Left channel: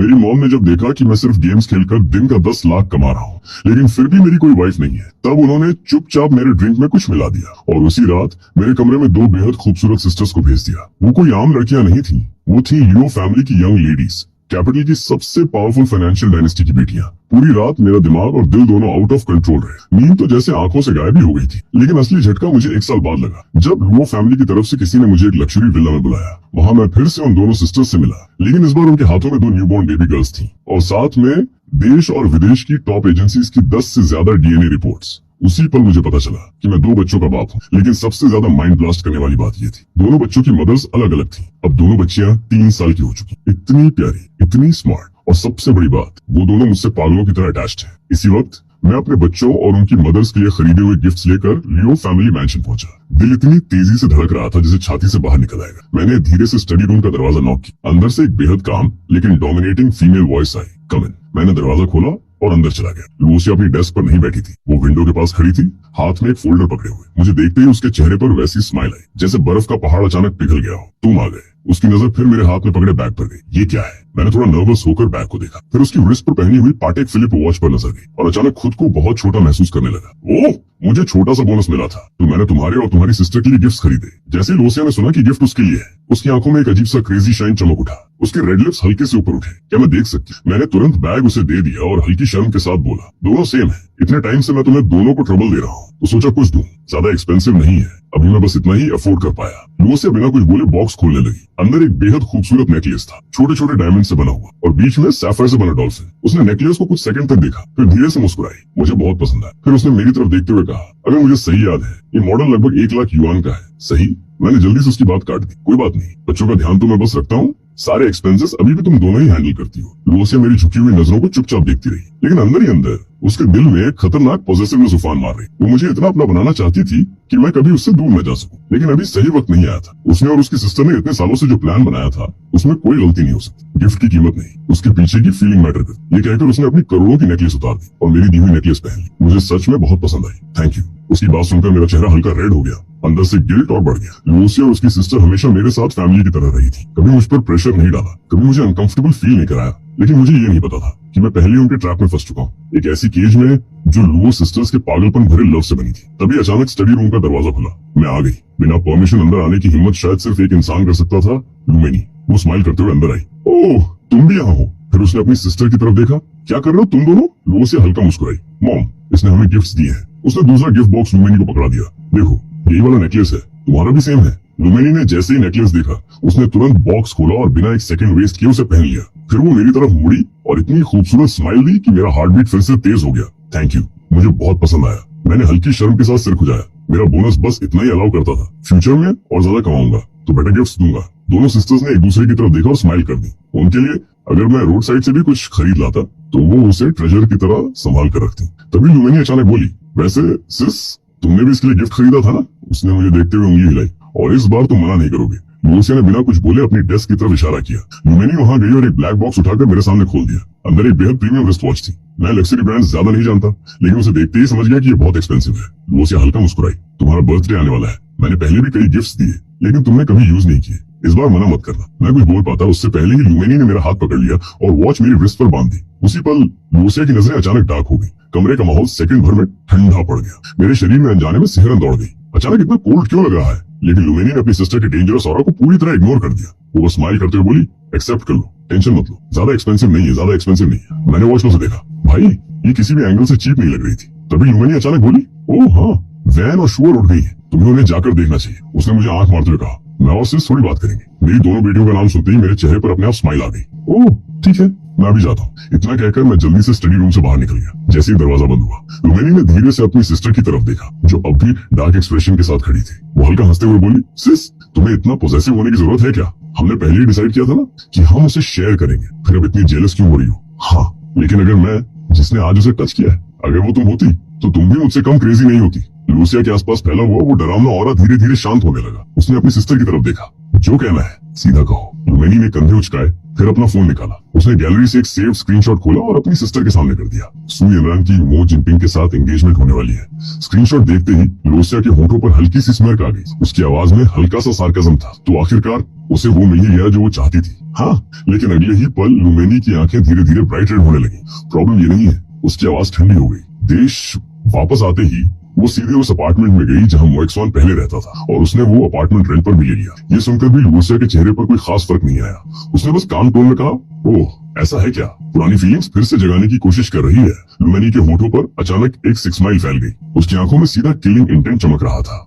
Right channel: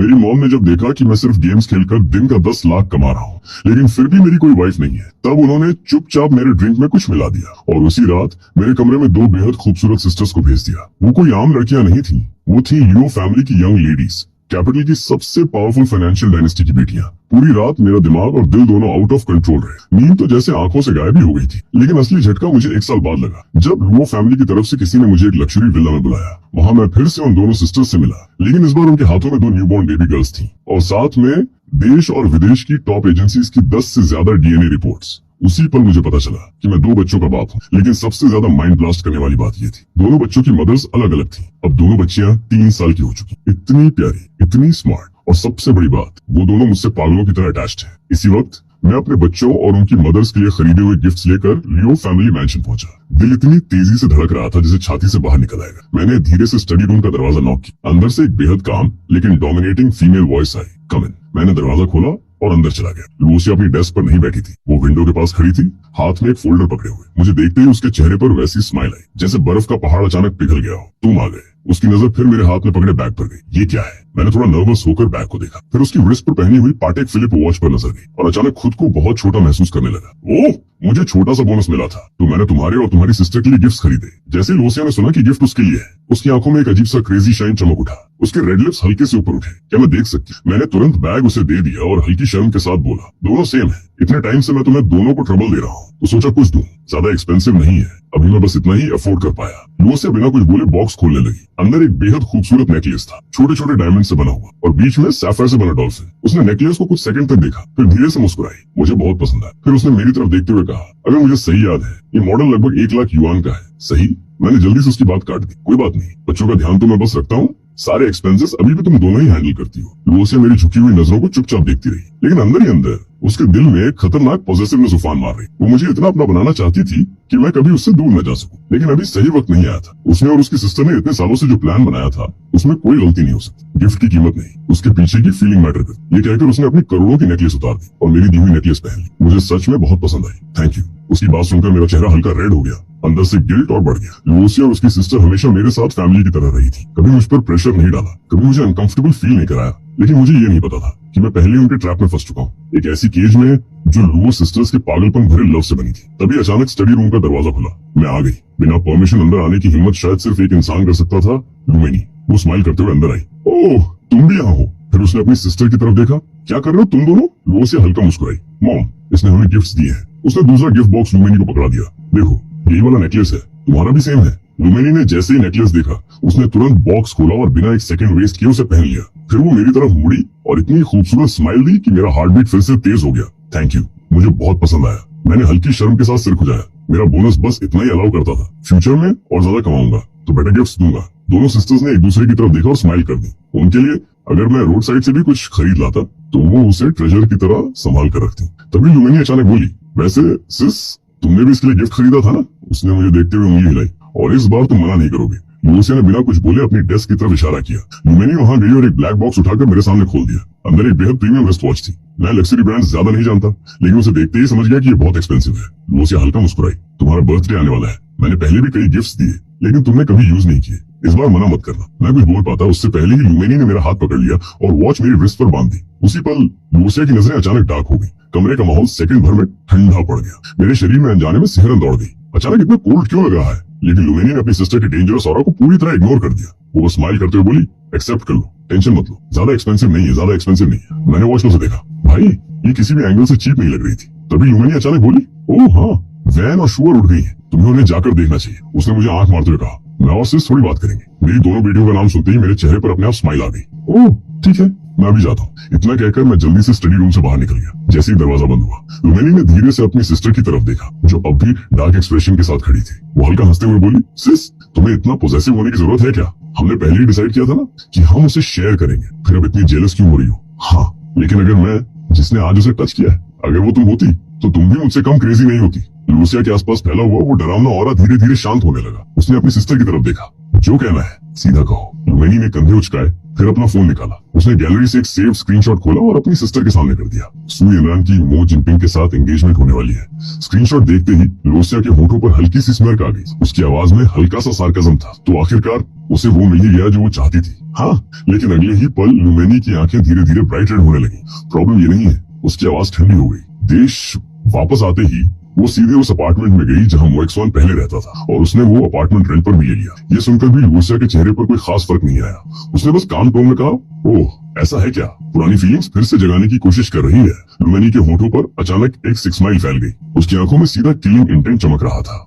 मेरी मॉम ने जब देखा कि मैं सिर्फ गेम्स खेलकर दिन का 10 लाख कमा रहा हूँ, लेकिन फिर भी मेरी कोई वाइफ नहीं है, तब उन्होंने चुपचाप मेरे ड्रिंक में कुछ मिला दिया और उसी रात मेरे कमरे में 2 बेहद खूबसूरत सिस्टर्स को भेज दिया। वो कोई आम लड़कियां नहीं थी, वो थी लियो फैमिली की यंग लेडीज, कैपिटल की सबसे पावरफुल फाइनेंशियल डायनेस्टी की बेटियां। पूरी रात मेरा दिमाग और दिल दोनों आउट ऑफ कंट्रोल रहे। नींद तो जैसे आंखों से गायब ही हो गई थी, लेकिन असली झटका मुझे 1 साल बाद लगा, जब लुओ फैमिली की तरफ से किसी ने मुझे एक लग्जरी विला में बुलाया। वहां मैं फिर से उन दोनों सिस्टर्स से मिला, लेकिन इस बार उनके हाथों में 2 न्यूबॉर्न बेबी गर्ल्स थी और साथ में देश और विदेश की टॉप एजेंसीज की 10 से ज्यादा डीएनए रिपोर्ट्स। उसी पर मुझे पता चला कि मैं 2 बच्चों का बाप हूँ, लेकिन सबसे ज्यादा माइंड ब्लास्ट करने वाली बात ये थी, दोनों बच्चों की मदर्स अलग अलग थी। अब दोनों बच्चियां 3 साल की हो चुकी, इतनी प्यारी, इतनी स्मार्ट, और सबसे बड़ी बात, वो दोनों मुझसे पागलों की तरह अटैच्ड हैं। इसी वक्त मैं अपने बच्चों और उनकी मदर्स के लिए खरीदे हुए गिफ्ट्स लेकर लियो फैमिली मैंशन पहुंचा। दिल इतनी तेजी से धड़क रहा था जैसे छाती से बाहर निकल आएगा। मैंने धीरे से स्टडी रूम का दरवाजा नॉक किया। अंदर से एक बेहद काम लेकिन डोमिनेटिंग फीमेल वॉइस आई, कम इन। मैंने दरवाजा खोला और अंदर चला गया। लूसिया अपनी डेस्क पर नहीं बैठी थी, वो विंडो के पास खड़ी थी, हाथ में एक फोल्डर पकड़े हुए। मुझे देखते ही उसके चेहरे पर वैसी स्माइल आई जैसे बर्फ का पहाड़ अचानक पिघल गया हो। तुम आ गए। उसकी नजर फिर मेरे हाथ में पकड़े बैग पर गई। ये क्या है? मैंने थोड़ा नर्वस होकर बैग को देखा, फिर उसकी रिस्ट पर पहनी हुई पाटेक फिलिप वॉच पर नजर गई और अचानक खुद को बहुत छोटा महसूस करने लगा। ओह, मुझे छोटा सा बोनस मिला था, तो मैंने तुम्हारे और तुम्हारी सिस्टर के लिए गिफ्ट्स खरीदे। जैसे ही लोसिया ने सुना कि गिफ्ट उसके लिए है, उसकी आंखों में एक अजीब सा क्रेजी शाइन चमक उठा। उसके रेड लिप्स हल्के से ऊपर उठे। क्या मैं देख सकती? मैंने तुरंत बैग उसे दे दिया और हल्की शर्म के साथ बोला, दोनों सेम है, इतने टाइम से मैं तुम्हें दोनों को ट्रबल दे रहा हूँ, तो सोचा कुछ दूं। ज्यादा एक्सपेंसिव नहीं है, अभी मैं बस इतना ही अफोर्ड कर पाया। लूसिया बिना कुछ बोले बॉक्स खोलने लगी। अंदर एक बेहद खूबसूरत नेकलेस था, छोटे छोटे डायमंड से बना हुआ और बीच में सैफायर से बना डॉल्फिन। उसने नेकलेस को कुछ सेकंड तक देखा, फिर धीरे से मुस्कुराई। मुझे बहुत पसंद आया। फिर उसने मेरी तरफ देखते हुए कहा, अगर मुझे सही याद है, ये मॉडल लगभग 1 लाख युआन का है। सही? मैंने जल्दी से उसकी बात काट दी। कोई बात नहीं, बच्चों का ध्यान तो मैं बस रखता हूँ, सारे एक्सपेंसेस अभी भी तुम दोनों ही हैंडल करती हो। लूसिया मेरी झुकी हुई नजरों को चुपचाप देखती रही, लेकिन अंदर ही अंदर उसके दिल में एक खतरनाक पॉजिटिवनेस उफान मार रही। वो मुझे इतना अपना बनाना चाहती थी कि मैं कभी उससे दूर न जा सकूं, लेकिन अभी सही वक्त नहीं आया था। उसने और उसकी सिस्टर ने इतने सालों से जो प्लान बनाया था, उसमें कोई गलती नहीं हो सकती। गिफ्ट की कीमत नहीं, उसके पीछे की फीलिंग मैटर करती। ये कहकर उसने अपनी करोड़ों की नेकलेस उतार दी और मेरी दी हुई नेकलेस पहन ली। मुझे सच में बहुत पसंद आई। Thank you. उसकी बात सुनकर मेरा चेहरा हल्का रेड हो गया, अंदर से गिल्ट और बढ़ गया। लूसिया और उसकी सिस्टर हमेशा मेरे साथ फैमिली की तरह रही थी, कभी मुझ पर प्रेशर नहीं डाला, कभी मुझे अनकंफर्टेबल फील नहीं कराया। लेकिन मुझे ये नहीं पता था कि मैं पहले उनके ट्रैप में फंस चुका हूँ, एक ऐसी केज में जो लुओ सिस्टर्स के पागलपन भरे लव से बनी थी। तभी अचानक स्टडी रूम का दरवाजा खुला। मैं आ गई। बिना परमिशन अंदर आने की हिम्मत शायद सिर्फ एक इंसान कर सकता था, लुमेनी। वो स्माइल करते हुए अंदर आई। ओह, तुम भी यहाँ हो? फिर उसने अपनी सिस्टर की तरफ देखा। क्या कर रहे हो तुम दोनों? लुओ से हल्का मुस्कुराई। मॉम, इसने हमें गिफ्ट्स दिए हैं। उसने दूसरा गिफ्ट बॉक्स लुमेनी को पकड़ा दिया। देखो, यही वाला नेकलेस है, तुम्हारा भी सेम है। लुमेनी ने जैसे ही नेकलेस देखा, उसने तुरंत बॉक्स खोला और बिना एक सेकंड वेस्ट किए उसे पहन लिया। फिर वो मेरी तरफ मुड़ी और इतनी खूबसूरत स्माइल दी कि मेरा हार्ट बीट फिर से तेज हो गया। थैंक यू, मुझे बहुत पसंद आया। मैंने हल्की शर्म के साथ सिर खुजाया। मेरा बोनस बस इतना ही अलाउ करता था। फ्यूचर में और ज्यादा कमाऊंगा तो बेटर गिफ्ट्स दूंगा। दोनों सिस्टर्स ने एक दूसरे की तरफ देखा और स्माइल कर दी। उनके लिए अगर मैं रोड साइड से भी कुछ खरीद लाता तो वो उसे ट्रेजर की तरह संभाल कर रखती। तभी लुमेनी अचानक बोली, वैसे सिस, तुमने भी इसके लिए गिफ्ट खरीदा था ना? उसने मुझे देखते हुए उंगली हिलाई। और इस बार तुम मना नहीं करोगे। लूसिया ने बिना कुछ बोले अपनी डेस्क की तरफ इशारा किया। लुमेनी वहां गई और एक ब्लैक बॉक्स उठाकर मेरे सामने खोल दिया। अंदर एक बेहद प्रीमियम रिस्ट वॉच थी। मैं लग्जरी ब्रांड्स ज्यादा नहीं जानता, लेकिन उसे देखते ही समझ गया कि ये बहुत एक्सपेंसिव है। लूसिया हल्का मुस्कुराई। तुम्हारा बर्थडे आने वाला है, मैंने पहले भी कई गिफ्ट्स दिए, लेकिन तुमने कभी यूज नहीं किए। इस बार मना मत करना। मैं कुछ बोल पाता उससे पहले ही लुमेनी ने मेरा हाथ पकड़ लिया और वॉच मेरी रिस्ट पर बांध दी। उसी पल लूसिया की नजरें अचानक डार्क हो गई। कमरे का माहौल सेकंड भर में ठंडा पड़ गया। मेरे शरीर में अनजाने में सिहरन दौड़ गई। अचानक इतना कोल्ड क्यों लग रहा है? लेकिन लुमेनी ने अपनी सिस्टर की डेंजरस ऑरा को पूरी तरह इग्नोर कर दिया। वो स्माइल करते हुए बोली, एक्सेप्ट कर लो, टेंशन मत लो, ज्यादा एक्सपेंसिव नहीं है, ज्यादा एक्सपेंसिव नहीं है। मैंने वॉच में से देखा, भाई ये किसी भी एंगल से चीप नहीं लग रही थी। तभी लुमेनी अचानक बोली, ओह हाँ, वैन और शुअर उठ गई है, तुम्हें उन्हें जाकर देखना चाहिए। उसने मुझे आंख मारते हुए कहा। मैं और सिस थोड़ी बात करेंगे। मेरी दोनों बेटियों का नाम सुनते ही मेरे चेहरे पर अपने आप स्माइल आ गई। ओह ठीक है, मैं भी जाता हूँ। इतना कहकर मैं जल्दी से स्टडी रूम से बाहर निकल गया। जैसे ही दरवाजा बंद हुआ, लुमेनी ने धीरे से अपनी सिस्टर की तरफ देखा, जो अब भी डार्क एक्सप्रेशन के साथ खड़ी थी। वो हल्का हंसते हुए बोली, सिस, तुम्हें इतना पॉसेसिव होने की जरूरत है क्या? हमने पहले ही डिसाइड किया था ना कि हम उसे शेयर करेंगे, फिर अब इतनी जेलस क्यों हो रही हो? हाँ, लेकिन अगर मैं, जिसने आज उसे टच किया है, अगर वो तुम होती तो तुम भी मुझसे कम क्रेजी नहीं होती। लूसिया के आसपास फैला हुआ वो डरावना ऑरा धीरे धीरे शांत होने लगा। उसने अपनी सिस्टर की तरफ देखा। जो कहना है सीधा कहो। लुमेनी ने कंधे उचकाए, फिर अपना फोन निकाला, उसने गैलरी से एक सेव स्क्रीनशॉट खोला और अपनी सिस्टर के सामने कर दिया। सू यनरान की मो जिनपिंग के साथ एंगेजमेंट होने वाली है। स्क्रीनशॉट देखते ही लोसिया के होठों पर हल्की सी स्mirk आ गई। उसकी आवाज में हल्का सा सार्काज्म था। तो आखिरकार उसे वो मिल ही गया जो वो चाहती थी। हाँ, लेकिन अगले ही पल लुमेनी की आंखें धीरे धीरे ब्राइट रेड होने लगी। प्रॉब्लम ये नहीं है, उसकी आवाज ठंडी हो गई। देश वापस आते ही वो सीधे उस अपार्टमेंट में गई जहां मोएक्सवान पहले रहता था, और उसने वो अपार्टमेंट रेंट पर भी ले लिया। ये सुनकर भी लूसिया के चेहरे पर कोई खास फर्क नहीं आया। उसने बस काम टोन में कहा, ओह ऐसा है क्या? पुरानी फीलिंग्स फिर से जगाने की कोशिश कर रही है। लुमेनी के होठों पर अचानक एक सिक्स स्माइल फैल गई। उसकी आंखों में सीधा किलिंग इंटेंट चमक रहा था।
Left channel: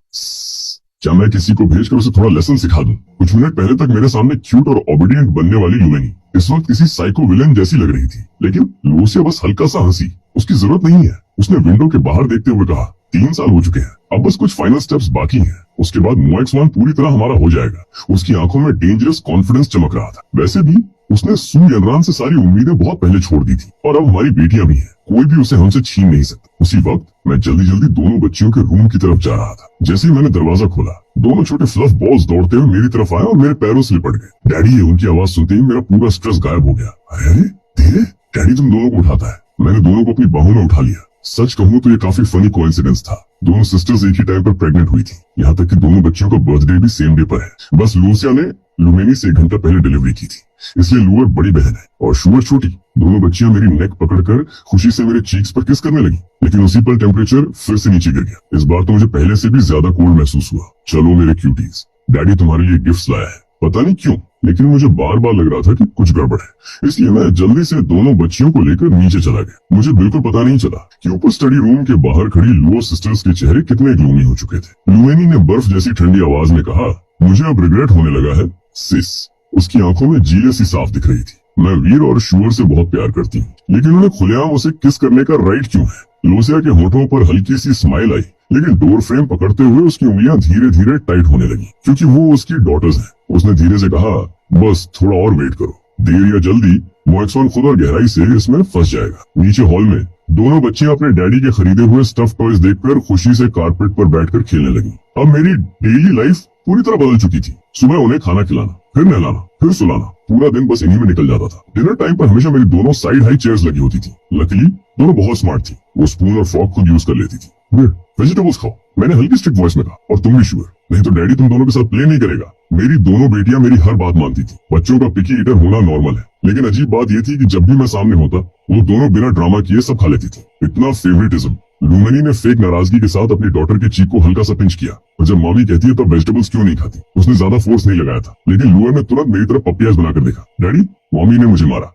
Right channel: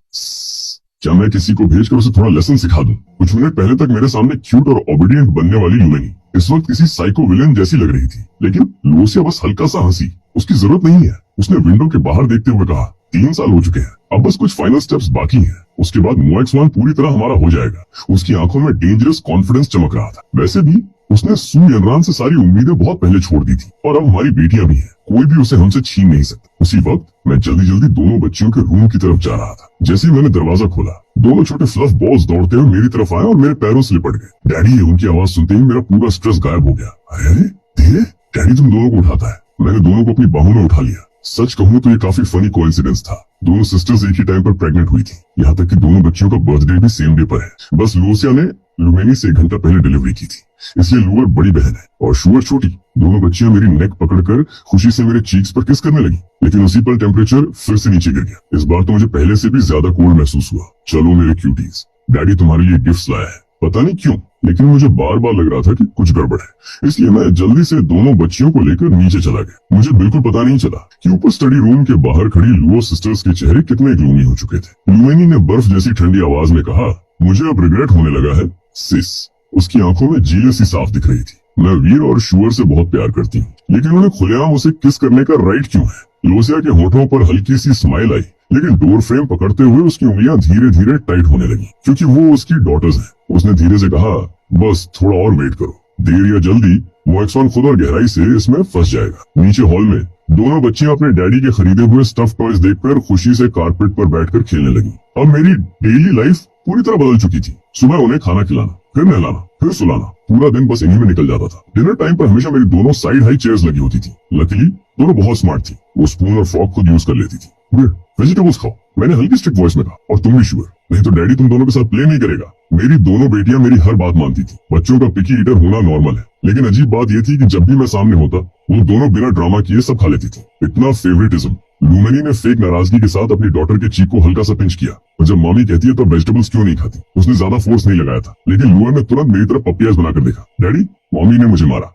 क्या मैं किसी को भेजकर उसे थोड़ा लेसन सिखा दूं? कुछ मिनट पहले तक मेरे सामने क्यूट और ओबीडियंट बनने वाली लुमेनी इस वक्त किसी साइको विलेन जैसी लग रही थी। लेकिन लूसिया बस हल्का सा हंसी। उसकी जरूरत नहीं है, उसने विंडो के बाहर देखते हुए कहा। 3 साल हो चुके हैं, अब बस कुछ फाइनल स्टेप्स बाकी हैं। उसके बाद मोएक्सवान पूरी तरह हमारा हो जाएगा। उसकी आंखों में डेंजरस कॉन्फिडेंस चमक रहा था। वैसे भी उसने सू यनरान से सारी उम्मीदें बहुत पहले छोड़ दी थी, और अब हमारी बेटियां भी हैं। कोई भी उसे हमसे छीन नहीं सकता। उसी वक्त मैं जल्दी जल्दी दोनों बच्चियों के रूम की तरफ जा रहा था। जैसे ही मैंने दरवाजा खोला, दोनों छोटे फ्लफ बॉल्स दौड़ते हुए मेरी तरफ आए और मेरे पैरों से लिपट गए। डैडी, उनकी आवाज सुनते ही मेरा पूरा स्ट्रेस गायब हो गया। अरे धीरे, डैडी तुम दोनों को उठाता है। मैंने दोनों को अपनी बाहों में उठा लिया। सच कहूँ तो ये काफी फनी कोइंसिडेंस था। दोनों सिस्टर्स एक ही टाइम पर प्रेग्नेंट हुई थी। यहाँ तक कि दोनों बच्चियों का बर्थडे भी सेम डे पर है। बस लूसिया ने लुमेनी से 1 घंटा पहले डिलीवरी की थी, इसलिए लूअर बड़ी बहन है और शुअर छोटी। दोनों बच्चियां मेरी नेक पकड़कर खुशी से मेरे चीक्स पर किस करने लगी। लेकिन उसी पर टेम्परेचर फिर से नीचे गिर गया। इस बार तो मुझे पहले से भी ज्यादा कोल्ड महसूस हुआ। चलो मेरे क्यूटीज, डैडी तुम्हारे लिए गिफ्ट्स लाया है। पता नहीं क्यों, लेकिन मुझे बार बार लग रहा था कि कुछ गड़बड़ है, इसलिए मैं जल्दी से दोनों बच्चियों को लेकर नीचे चला गया। मुझे बिल्कुल पता नहीं चला कि ऊपर स्टडी रूम के बाहर खड़ी लुओ सिस्टर्स के चेहरे कितने ग्लूमी हो चुके थे। लुमेनी ने बर्फ जैसी ठंडी आवाज में कहा, मुझे अब रिग्रेट होने लगा है सिस। उसकी आंखों में जीले सी साफ दिख रही थी। मैं वीर और शुअर से बहुत प्यार करती हूँ, लेकिन उन्हें खुलेआम उसे किस करने का राइट क्यों है? लोसिया के होठों पर हल्की सी स्माइल आई, लेकिन डोर फ्रेम पकड़ते हुए उसकी उंगलियां धीरे धीरे टाइट होने लगी, क्योंकि वो उसकी डॉटर्स हैं। उसने धीरे से कहा, बस थोड़ा और वेट करो, देर या जल्दी मोएक्सवान खुद और गहराई से इसमें फंस जाएगा। नीचे हॉल में दोनों बच्चियां अपने डैडी के खरीदे हुए स्टफ टॉयज देखकर खुशी से कारपेट पर बैठकर खेलने लगी। अब मेरी डेली लाइफ पूरी तरह बदल चुकी थी। सुबह उन्हें खाना खिलाना, फिर नहलाना, फिर सुलाना, पूरा दिन बस इन्हीं में निकल जाता था। डिनर टाइम पर हमेशा मेरी दोनों साइड हाई चेयर्स लगी होती थी। लकीली दोनों बहुत स्मार्ट थी। वो स्पून और फॉर्क खुद यूज कर लेती थी। वेजिटेबल्स खाओ, मैंने हल्की स्ट्रिक्ट वॉइस में कहा, और तुम भी शुअर, नहीं तो डैडी तुम दोनों के साथ प्ले नहीं करेगा। मेरी दोनों बेटियां मेरी हर बात मानती थी। बच्चों का पिकी ईटर होना नॉर्मल है, लेकिन अजीब बात ये थी कि जब भी मैं सामने होता, वो दोनों बिना ड्रामा किए सब खा लेती थी। इतना फेवरेटिज्म। लुमेनी ने फेक नाराजगी के साथ अपनी डॉटर के चीक को हल्का सा पिंच किया, और जब मम्मी कहती है तो वेजिटेबल्स क्यों नहीं खाती, उसने ज्यादा फोर्स नहीं लगाया था। लेकिन लुअर ने तुरंत मेरी तरफ पपियाज बनाकर देखा। डैडी, मम्मी ने मुझे मारा।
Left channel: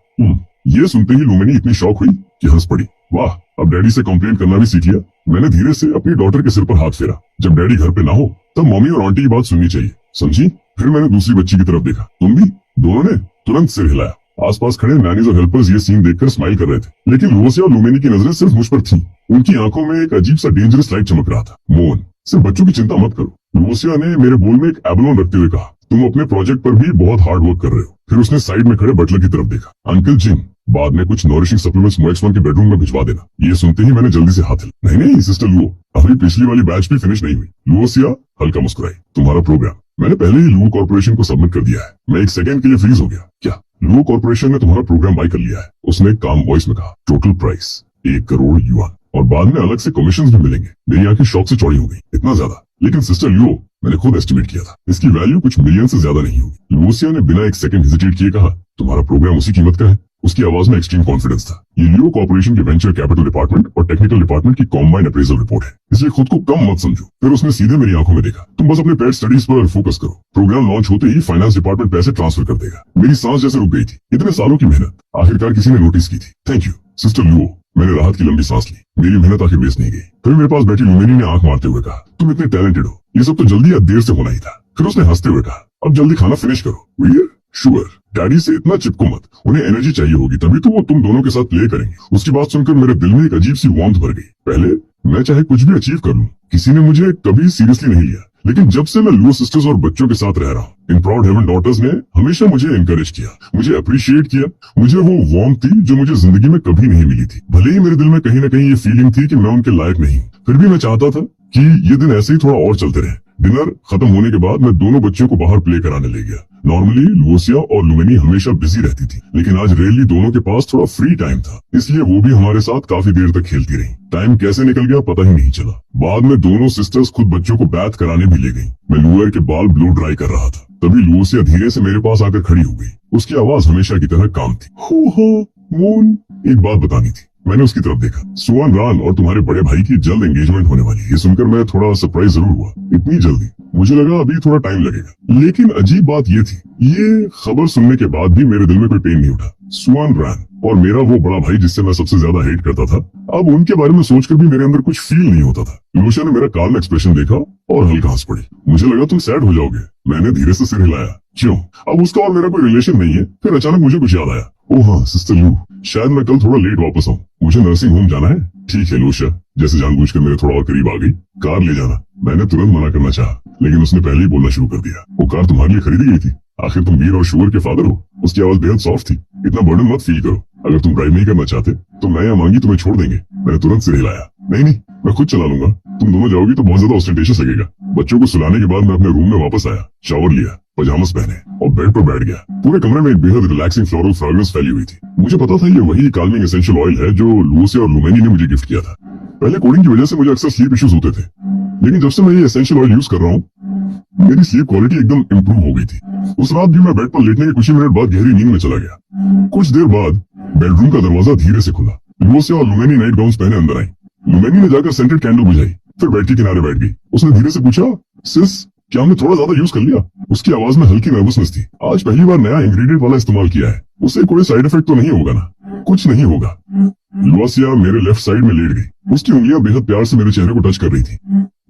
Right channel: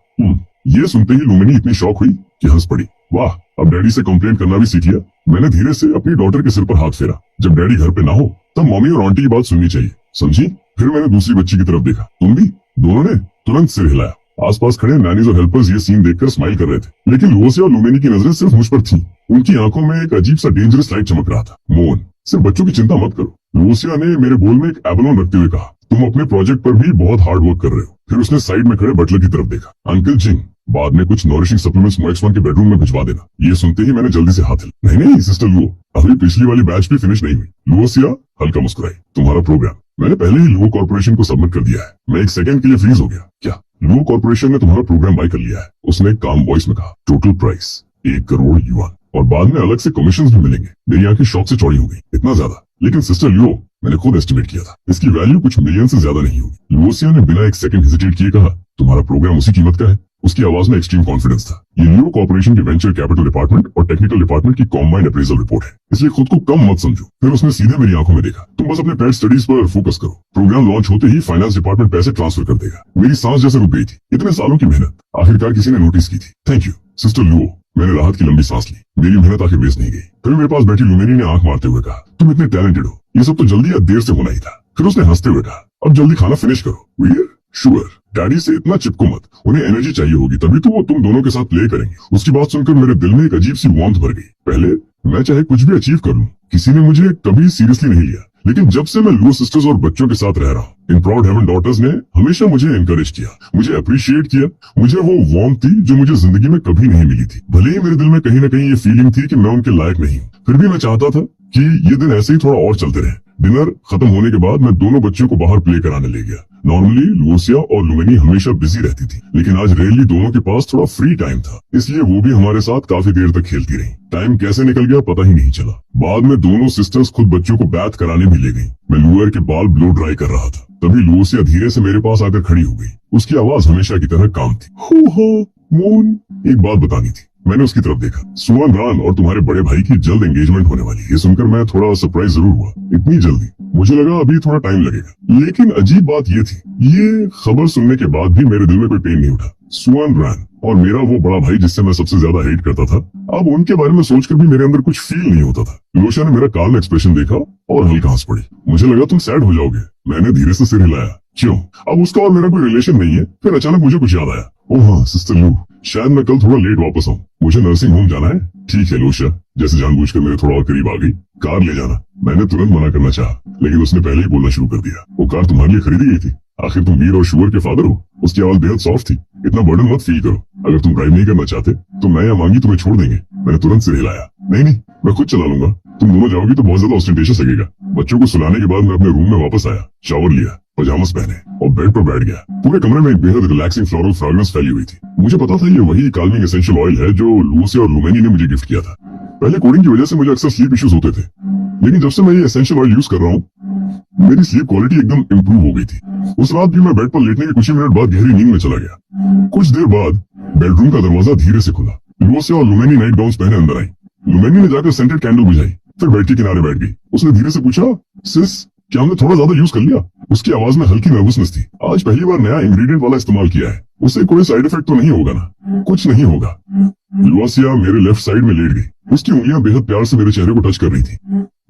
ये सुनते ही लुमेनी इतनी शॉक हुई कि हंस पड़ी। वाह, अब डैडी से कंप्लेंट करना भी सीख लिया। मैंने धीरे से अपनी डॉटर के सिर पर हाथ फेरा। जब डैडी घर पे ना हो तब मम्मी और आंटी की बात सुननी चाहिए, समझी? फिर मैंने दूसरी बच्ची की तरफ देखा। तुम भी? दोनों ने तुरंत सिर हिलाया। आसपास खड़े नैनीज और हेल्पर्स ये सीन देखकर स्माइल कर रहे थे, लेकिन लुओसिया और लुमेनी की नजरें सिर्फ मुझ पर थीं। उनकी आंखों में एक अजीब सा डेंजरस लाइट चमक रहा था। मोहन, सिर्फ बच्चों की चिंता मत करो, लुओसिया ने मेरे बोल में एक एबलोन रखते हुए कहा। तुम अपने प्रोजेक्ट पर भी बहुत हार्ड वर्क कर रहे हो। फिर उसने साइड में खड़े बटलर की तरफ देखा। अंकल जिन, बाद में कुछ नॉरिशिंग सप्लीमेंट्स मोएक्सवान के बेडरूम में भिजवा देना। ये सुनते ही मैंने जल्दी से हाथ हिला। नहीं सिस्टर लुओ, अभी पिछली वाली बैच भी फिनिश नहीं हुई। लुओसिया हल्का मुस्कुराई। तुम्हारा प्रोग्राम मैंने पहले ही लुओ कॉर्पोरेशन को सबमिट कर दिया है। मैं एक सेकंड के लिए फ्रीज हो गया। क्या लुओ कॉर्पोरेशन ने तुम्हारा प्रोग्राम बाय कर लिया है? उसने काम वॉइस में कहा। टोटल प्राइस 1 करोड़ युआन, और बाद में अलग से कमीशन भी मिलेंगे। मेरी आंखें शौक से चौड़ी हो गई। इतना ज्यादा? लेकिन सिस्टर लियो, मैंने खुद एस्टिमेट किया था, इसकी वैल्यू कुछ मिलियन से ज्यादा नहीं होगी। लुओसिया ने बिना एक सेकंड हेजिटेट किए कहा, तुम्हारा प्रोग्राम उसी कीमत का है? उसकी आवाज में एक्सट्रीम कॉन्फिडेंस था। ये लियो कॉर्पोरेशन के वेंचर कैपिटल डिपार्टमेंट और टेक्निकल डिपार्टमेंट की कॉम्बाइंड अप्रेजल रिपोर्ट है, इसलिए खुद को कम मत समझो। फिर उसने सीधे मेरी आंखों में देखा। तुम बस अपने पेट स्टडीज पर फोकस करो। प्रोग्राम लॉन्च होते ही फाइनेंस डिपार्टमेंट पैसे ट्रांसफर कर देगा। मेरी सांस जैसे रुक गई थी। इतने सालों की मेहनत आखिरकार किसी ने नोटिस की थी। थैंक यू सिस्टर लियो। मैंने राहत की लंबी सांस ली। मेरी मेहनत आखिर वेस्ट नहीं गई। फिर मेरे पास बैठी लुमेनी ने आंख मारते हुए कहा, तुम इतने टैलेंटेड हो, ये सब तो जल्दी या देर से होना ही था। फिर उसने हंसते हुए कहा, अब जल्दी खाना फिनिश करो। वीर, शुगर, डैडी से इतना चिपको मत, उन्हें एनर्जी चाहिए होगी, तभी तो वो तुम दोनों के साथ प्ले करेंगे। उसकी बात सुनकर मेरे दिल में एक अजीब सी वार्मथ भर गई। पहले मैं चाहे कुछ भी अचीव कर लूं, किसी ने मुझे कभी सीरियसली नहीं लिया, लेकिन जब से मैं लुओ सिस्टर्स और बच्चों के साथ रह रहा हूँ, इन प्राउड हेवन डॉटर्स ने हमेशा मुझे एनकरेज किया, मुझे अप्रिशिएट किया। मुझे वो वार्मथ थी जो मुझे जिंदगी में कभी नहीं मिली थी। भले ही मेरे दिल में कहीं ना कहीं ये फीलिंग थी कि मैं उनके लायक नहीं हूँ, फिर भी मैं चाहता था कि ये दिन ऐसे ही थोड़ा और चलते रहे। डिनर खत्म होने के बाद मैं दोनों बच्चों को बाहर प्ले कराने ले गया। नॉर्मली लूसिया और लुमेनी हमेशा बिजी रहती थी, लेकिन आज रेयरली दोनों के पास थोड़ा फ्री टाइम था, इसलिए वो भी हमारे साथ काफी देर तक खेलती रही। टाइम कैसे निकल गया पता ही नहीं चला। बाद में दोनों सिस्टर्स खुद बच्चों को बैथ कराने भी ले गई। मैं लुअर के बाल ब्लो ड्राई कर रहा था, तभी लूसिया धीरे से मेरे पास आकर खड़ी हो गई। उसकी आवाज हमेशा की तरह काम थी। मोन, एक बात बतानी थी। मैंने उसकी तरफ देखा। सुअन रान और तुम्हारे बड़े भाई की जल्द एंगेजमेंट होने वाली है। ये सुनकर मैं थोड़ा सरप्राइज जरूर हुआ। इतनी जल्दी? मुझे लगा अभी थोड़ा टाइम लगेगा। लेकिन अजीब बात ये थी, ये खबर सुनने के बाद भी मेरे दिल में कोई पेन नहीं उठा। सुअन रान और मेरा वो बड़ा भाई जिससे मैं सबसे ज्यादा हेट करता था, अब उनके बारे में सोचकर भी मेरे अंदर कुछ फील नहीं होता था। लूसिया ने मेरा काल्म एक्सप्रेशन देखा और हल्का हंस पड़ी। मुझे लगा तुम सैड हो जाओगे। मैंने धीरे से सिर हिलाया। क्यों? अब उसका और मेरा कोई रिलेशन नहीं है। फिर अचानक मुझे कुछ याद आया। ओह हाँ, सिस्टर लू, शायद मैं कल थोड़ा लेट वापस आऊँ। मुझे नर्सिंग होम जाना है। ठीक है लूसिया, जैसे जानबूझकर मेरे थोड़ा और करीब आ गई। कार ले जाना। मैंने तुरंत मना करना चाहा, लेकिन उसने पहले ही बोलना शुरू कर दिया। वो कार तुम्हारे लिए खरीदी गई थी। आखिर तुम वीर और शुगर के फादर हो। उसकी आवाज बेहद सॉफ्ट थी। इतना बर्डन मत फील करो। अगर तुम ड्राइव नहीं करना चाहते तो मैं या मांगी तुम्हें छोड़ देंगे। मैंने तुरंत सिर हिलाया। नहीं, मैं खुद चला लूंगा। तुम दोनों जाओगी तो बहुत ज्यादा ऑस्टेंटेशियस लगेगा। बच्चों को सुलाने के बाद मैं अपने रूम में वापस आया, शावर लिया, पजामस पहने और बेड पर बैठ गया। पूरे कमरे में एक बेहद रिलैक्सिंग फ्लोरल फ्रेग्रेंस फैली हुई थी। मुझे पता था ये वही काल्मिंग एसेंशियल ऑयल है जो लूसिया और लुमेनी ने मुझे गिफ्ट किया था। पहले कोडिंग की वजह से मुझे अक्सर स्लीप इश्यूज होते थे, लेकिन जब से मैं ये एसेंशियल ऑयल यूज कर रहा हूँ, मेरी स्लीप क्वालिटी एकदम इम्प्रूव हो गई थी। उस रात भी मैं बेड पर लेटने के कुछ ही मिनट बाद गहरी नींद में चला गया। कुछ देर बाद बेडरूम का दरवाजा धीरे से खुला। लूसिया और लुमेनी नाइट गाउन पहने अंदर आई। लुमेनी ने जाकर सेंटेड कैंडल बुझाई, फिर बेड के किनारे बैठ गई। उसने धीरे से पूछा, सिस, क्या हमने थोड़ा ज्यादा यूज कर लिया? उसकी आवाज में हल्की नर्वसनेस थी। आज पहली बार नया इंग्रेडिएंट वाला इस्तेमाल किया है। उससे कोई साइड इफेक्ट तो नहीं होगा ना? कुछ नहीं होगा। लूसिया मेरे लेफ्ट साइड में लेट गई। उसकी उंगलियां बेहद प्यार से मेरे चेहरे को टच कर रही थी।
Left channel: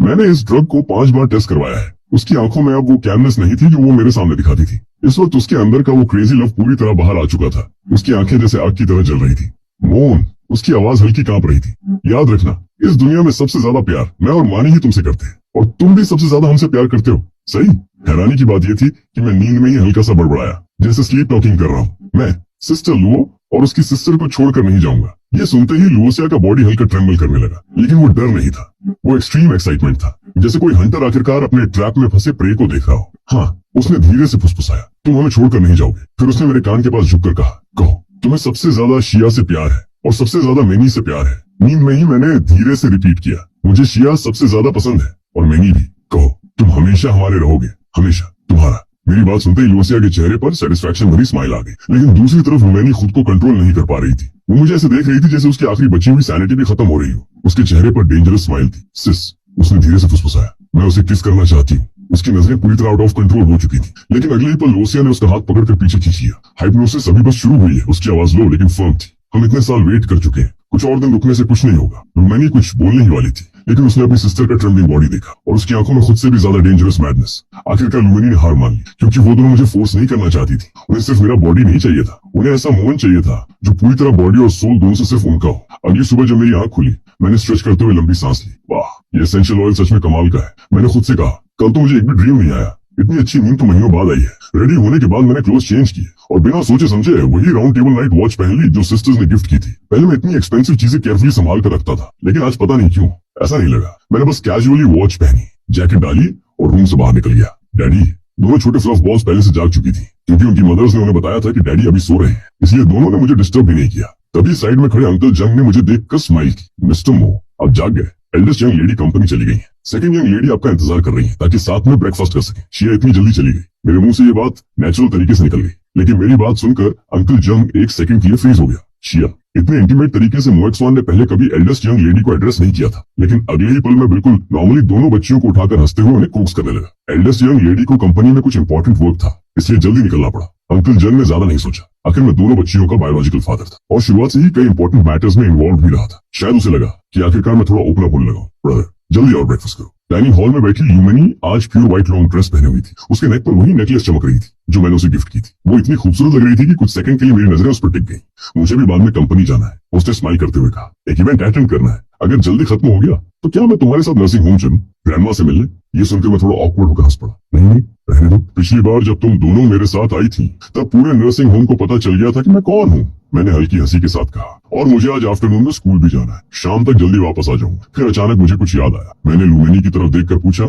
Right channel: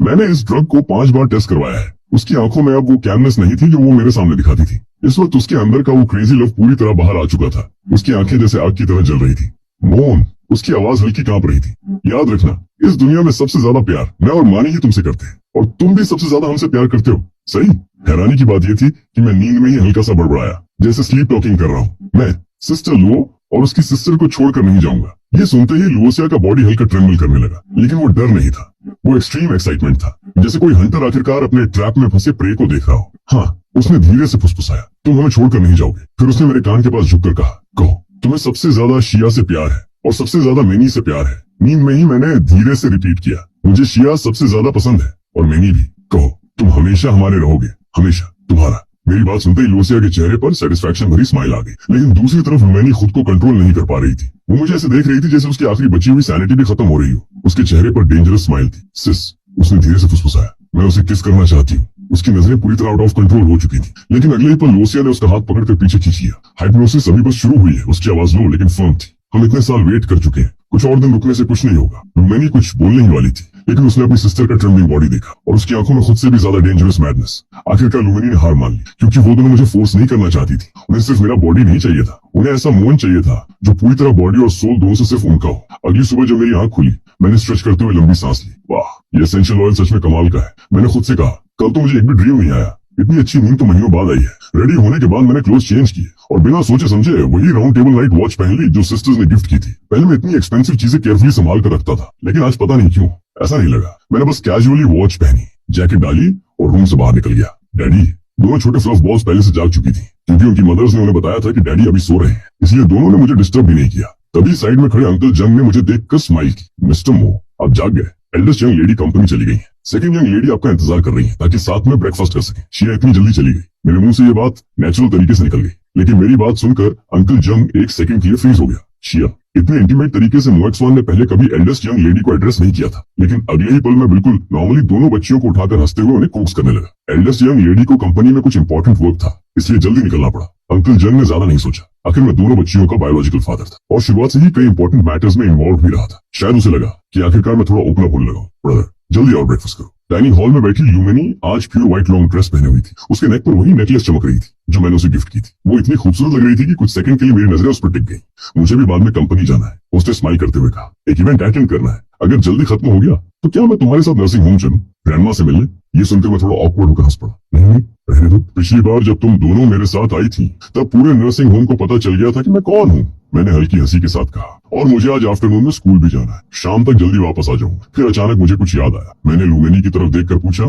मैंने इस ड्रग को 5 बार टेस्ट करवाया है। उसकी आंखों में अब वो कैमनेस नहीं थी जो वो मेरे सामने दिखाती थी। इस वक्त उसके अंदर का वो क्रेजी लव पूरी तरह बाहर आ चुका था। उसकी आंखें जैसे आग की तरह जल रही थी। मोन, उसकी आवाज हल्की कांप रही थी। याद रखना, इस दुनिया में सबसे ज्यादा प्यार मैं और मानी ही तुमसे करते हैं, और तुम भी सबसे ज्यादा हमसे प्यार करते हो। सही? हैरानी की बात यह थी कि मैं नींद में ही हल्का सा बड़बड़ाया, जैसे स्लीप टॉकिंग कर रहा हूँ। मैं सिस्टर लुओ और उसकी सिस्टर को छोड़कर नहीं जाऊंगा। ये सुनते ही लूसिया का बॉडी हल्का ट्रेमल करने लगा, लेकिन वो डर नहीं था, वो एक्सट्रीम एक्साइटमेंट था, जैसे कोई हंटर आखिरकार अपने ट्रैप में फंसे प्रे को देख रहा हो। हाँ, उसने धीरे से फुसफुसाया, तुम हमें छोड़कर नहीं जाओगे। फिर उसने मेरे कान के पास झुककर कहा, कहो, तुम्हें सबसे ज्यादा शिया से प्यार है और सबसे ज्यादा मेनी से प्यार है। नींद में ही मैंने धीरे से रिपीट किया, मुझे शिया सबसे ज्यादा पसंद है और मेनी भी। कहो, तुम हमेशा हमारे रहोगे, हमेशा तुम्हारा। मेरी बात सुनते ही लूसिया के चेहरे पर सेटिस्फैक्शन भरी स्माइल आ गई, लेकिन दूसरी तरफ लुमेनी खुद को कंट्रोल नहीं कर पा रही थी। वो मुझे ऐसे देख रही थी जैसे उसकी आखिरी बची हुई सैनिटी भी खत्म हो रही हो। उसके चेहरे पर डेंजरस स्माइल थी। सिस, उसने धीरे से फुसफुसाया, मैं उसे किस करना चाहती हूँ। उसकी नजरें पूरी तरह आउट ऑफ कंट्रोल हो चुकी थी, लेकिन अगले ही पल लूसिया ने उसका हाथ पकड़कर पीछे खींच लिया। हाइप्नोसिस अभी बस शुरू हुई है। उसकी आवाज लो लेकिन फर्म थी। हम इतने साल वेट कर चुके हैं, कुछ और दिन रुकने से कुछ नहीं होगा। लुमेनी कुछ बोलने ही वाली थी, लेकिन उसने अपनी सिस्टर का ट्रेम्बलिंग बॉडी देखा और उसकी आंखों में खुद से भी ज्यादा डेंजरस मैडनेस। आखिरकार लुमेनी ने हार मान ली, क्योंकि वो दोनों मुझे फोर्स नहीं करना चाहती थी। उन्हें सिर्फ मेरा बॉडी नहीं चाहिए था, उन्हें ऐसा मोन चाहिए था जो पूरी तरह बॉडी और सोल दोनों से सिर्फ उनका हो। अगली सुबह जब मेरी आंख खुली, मैंने स्ट्रेच करते हुए लंबी सांस ली। वाह, ये एसेंशियल ऑयल सच में कमाल का है। मैंने खुद से कहा, कल तो मुझे एक भी ड्रीम नहीं आया। इतनी अच्छी नींद तो महीनों बाद आई है। रेडी होने के बाद मैंने क्लोथ चेंज किए और बिना सोचे समझे वही राउंड टेबल नाइट वॉच पहन ली जो सिस्टर्स ने गिफ्ट की थी। पहले मैं इतनी एक्सपेंसिव चीजें केयरफुली संभाल कर रखता था, लेकिन आज पता नहीं क्यों ऐसा नहीं लगा। मैंने बस कैजुअली वॉच पहनी, जैकेट डाली और रूम से बाहर निकल गया। डैडी, दोनों छोटे फ्लफ बॉल्स पहले से जाग चुकी थी, क्योंकि उनकी मदर्स ने उन्हें बताया था कि डैडी अभी सो रहे हैं, इसलिए दोनों ने मुझे डिस्टर्ब भी नहीं किया। तभी साइड में खड़े अंकल जंग ने मुझे देखकर स्माइल की। मिस्टर मो, आप जाग गए। एल्डेस्ट यंग लेडी कंपनी चली गई है। सेकंड यंग लेडी आपका इंतजार कर रही है ताकि साथ में ब्रेकफास्ट कर सके। शिया इतनी जल्दी चली गई। मेरे मुंह से ये बात नेचुरल तरीके से निकल गई, लेकिन मेरी बात सुनकर अंकल जंग एक सेकंड के लिए फ्रीज हो गया। शिया, इतने इंटीमेट तरीके से मोएक्सवान ने पहले कभी एल्डेस्ट यंग लेडी को एड्रेस नहीं किया था, लेकिन अगले ही पल में बिल्कुल नॉर्मली दोनों बच्चियों को उठाकर हंसते हुए उन्हें कोक्स करने लगा। एल्डेस्ट यंग लेडी को कंपनी में कुछ इंपॉर्टेंट वर्क था, इसलिए जल्दी निकलना पड़ा। अंकल जंग ने ज्यादा नहीं सोचा, आखिर मैं दोनों बच्चियों का बायोलॉजिकल फादर था और शुरुआत से ही कई इंपॉर्टेंट मैटर्स में इन्वॉल्व भी रहा था। शायद उसे लगा कि आखिरकार मैं थोड़ा ओपन अप होने लगा। ब्रदर, जल्दी और ब्रेकफास्ट करो। डाइनिंग हॉल में बैठी लुमेनी आज प्योर व्हाइट लॉन्ग ड्रेस पहने हुई थी। उसके नेक पर वही नेकलेस चमक रही थी जो मैंने उसे गिफ्ट की थी। वो इतनी खूबसूरत लग रही थी कि कुछ सेकंड के लिए मेरी नजरें उस पर टिक गई। मुझे भी बाद में कंपनी जाना है, उसने स्माइल करते हुए कहा। एक इवेंट अटेंड करना है, अगर जल्दी खत्म हो गया तो क्या मैं तुम्हारे साथ नर्सिंग होम चलूं ग्रैंडमा से मिलने? ये सुनकर मैं थोड़ा ऑकवर्ड होकर हंस पड़ा। नहीं, रहने दो। पिछली बार जब तुम दोनों मेरे साथ आई थी तब पूरे नर्सिंग होम को पता चल गया था कि मैं कौन हूँ, मैंने हल्की हंसी के साथ कहा। और मुझे आज आफ्टरनून में स्कूल भी जाना है, शाम तक जल्दी वापस आ जाऊंगा। फिर अचानक मुझे कुछ याद आया। मैंने लुमेनी की तरफ देखकर पूछा,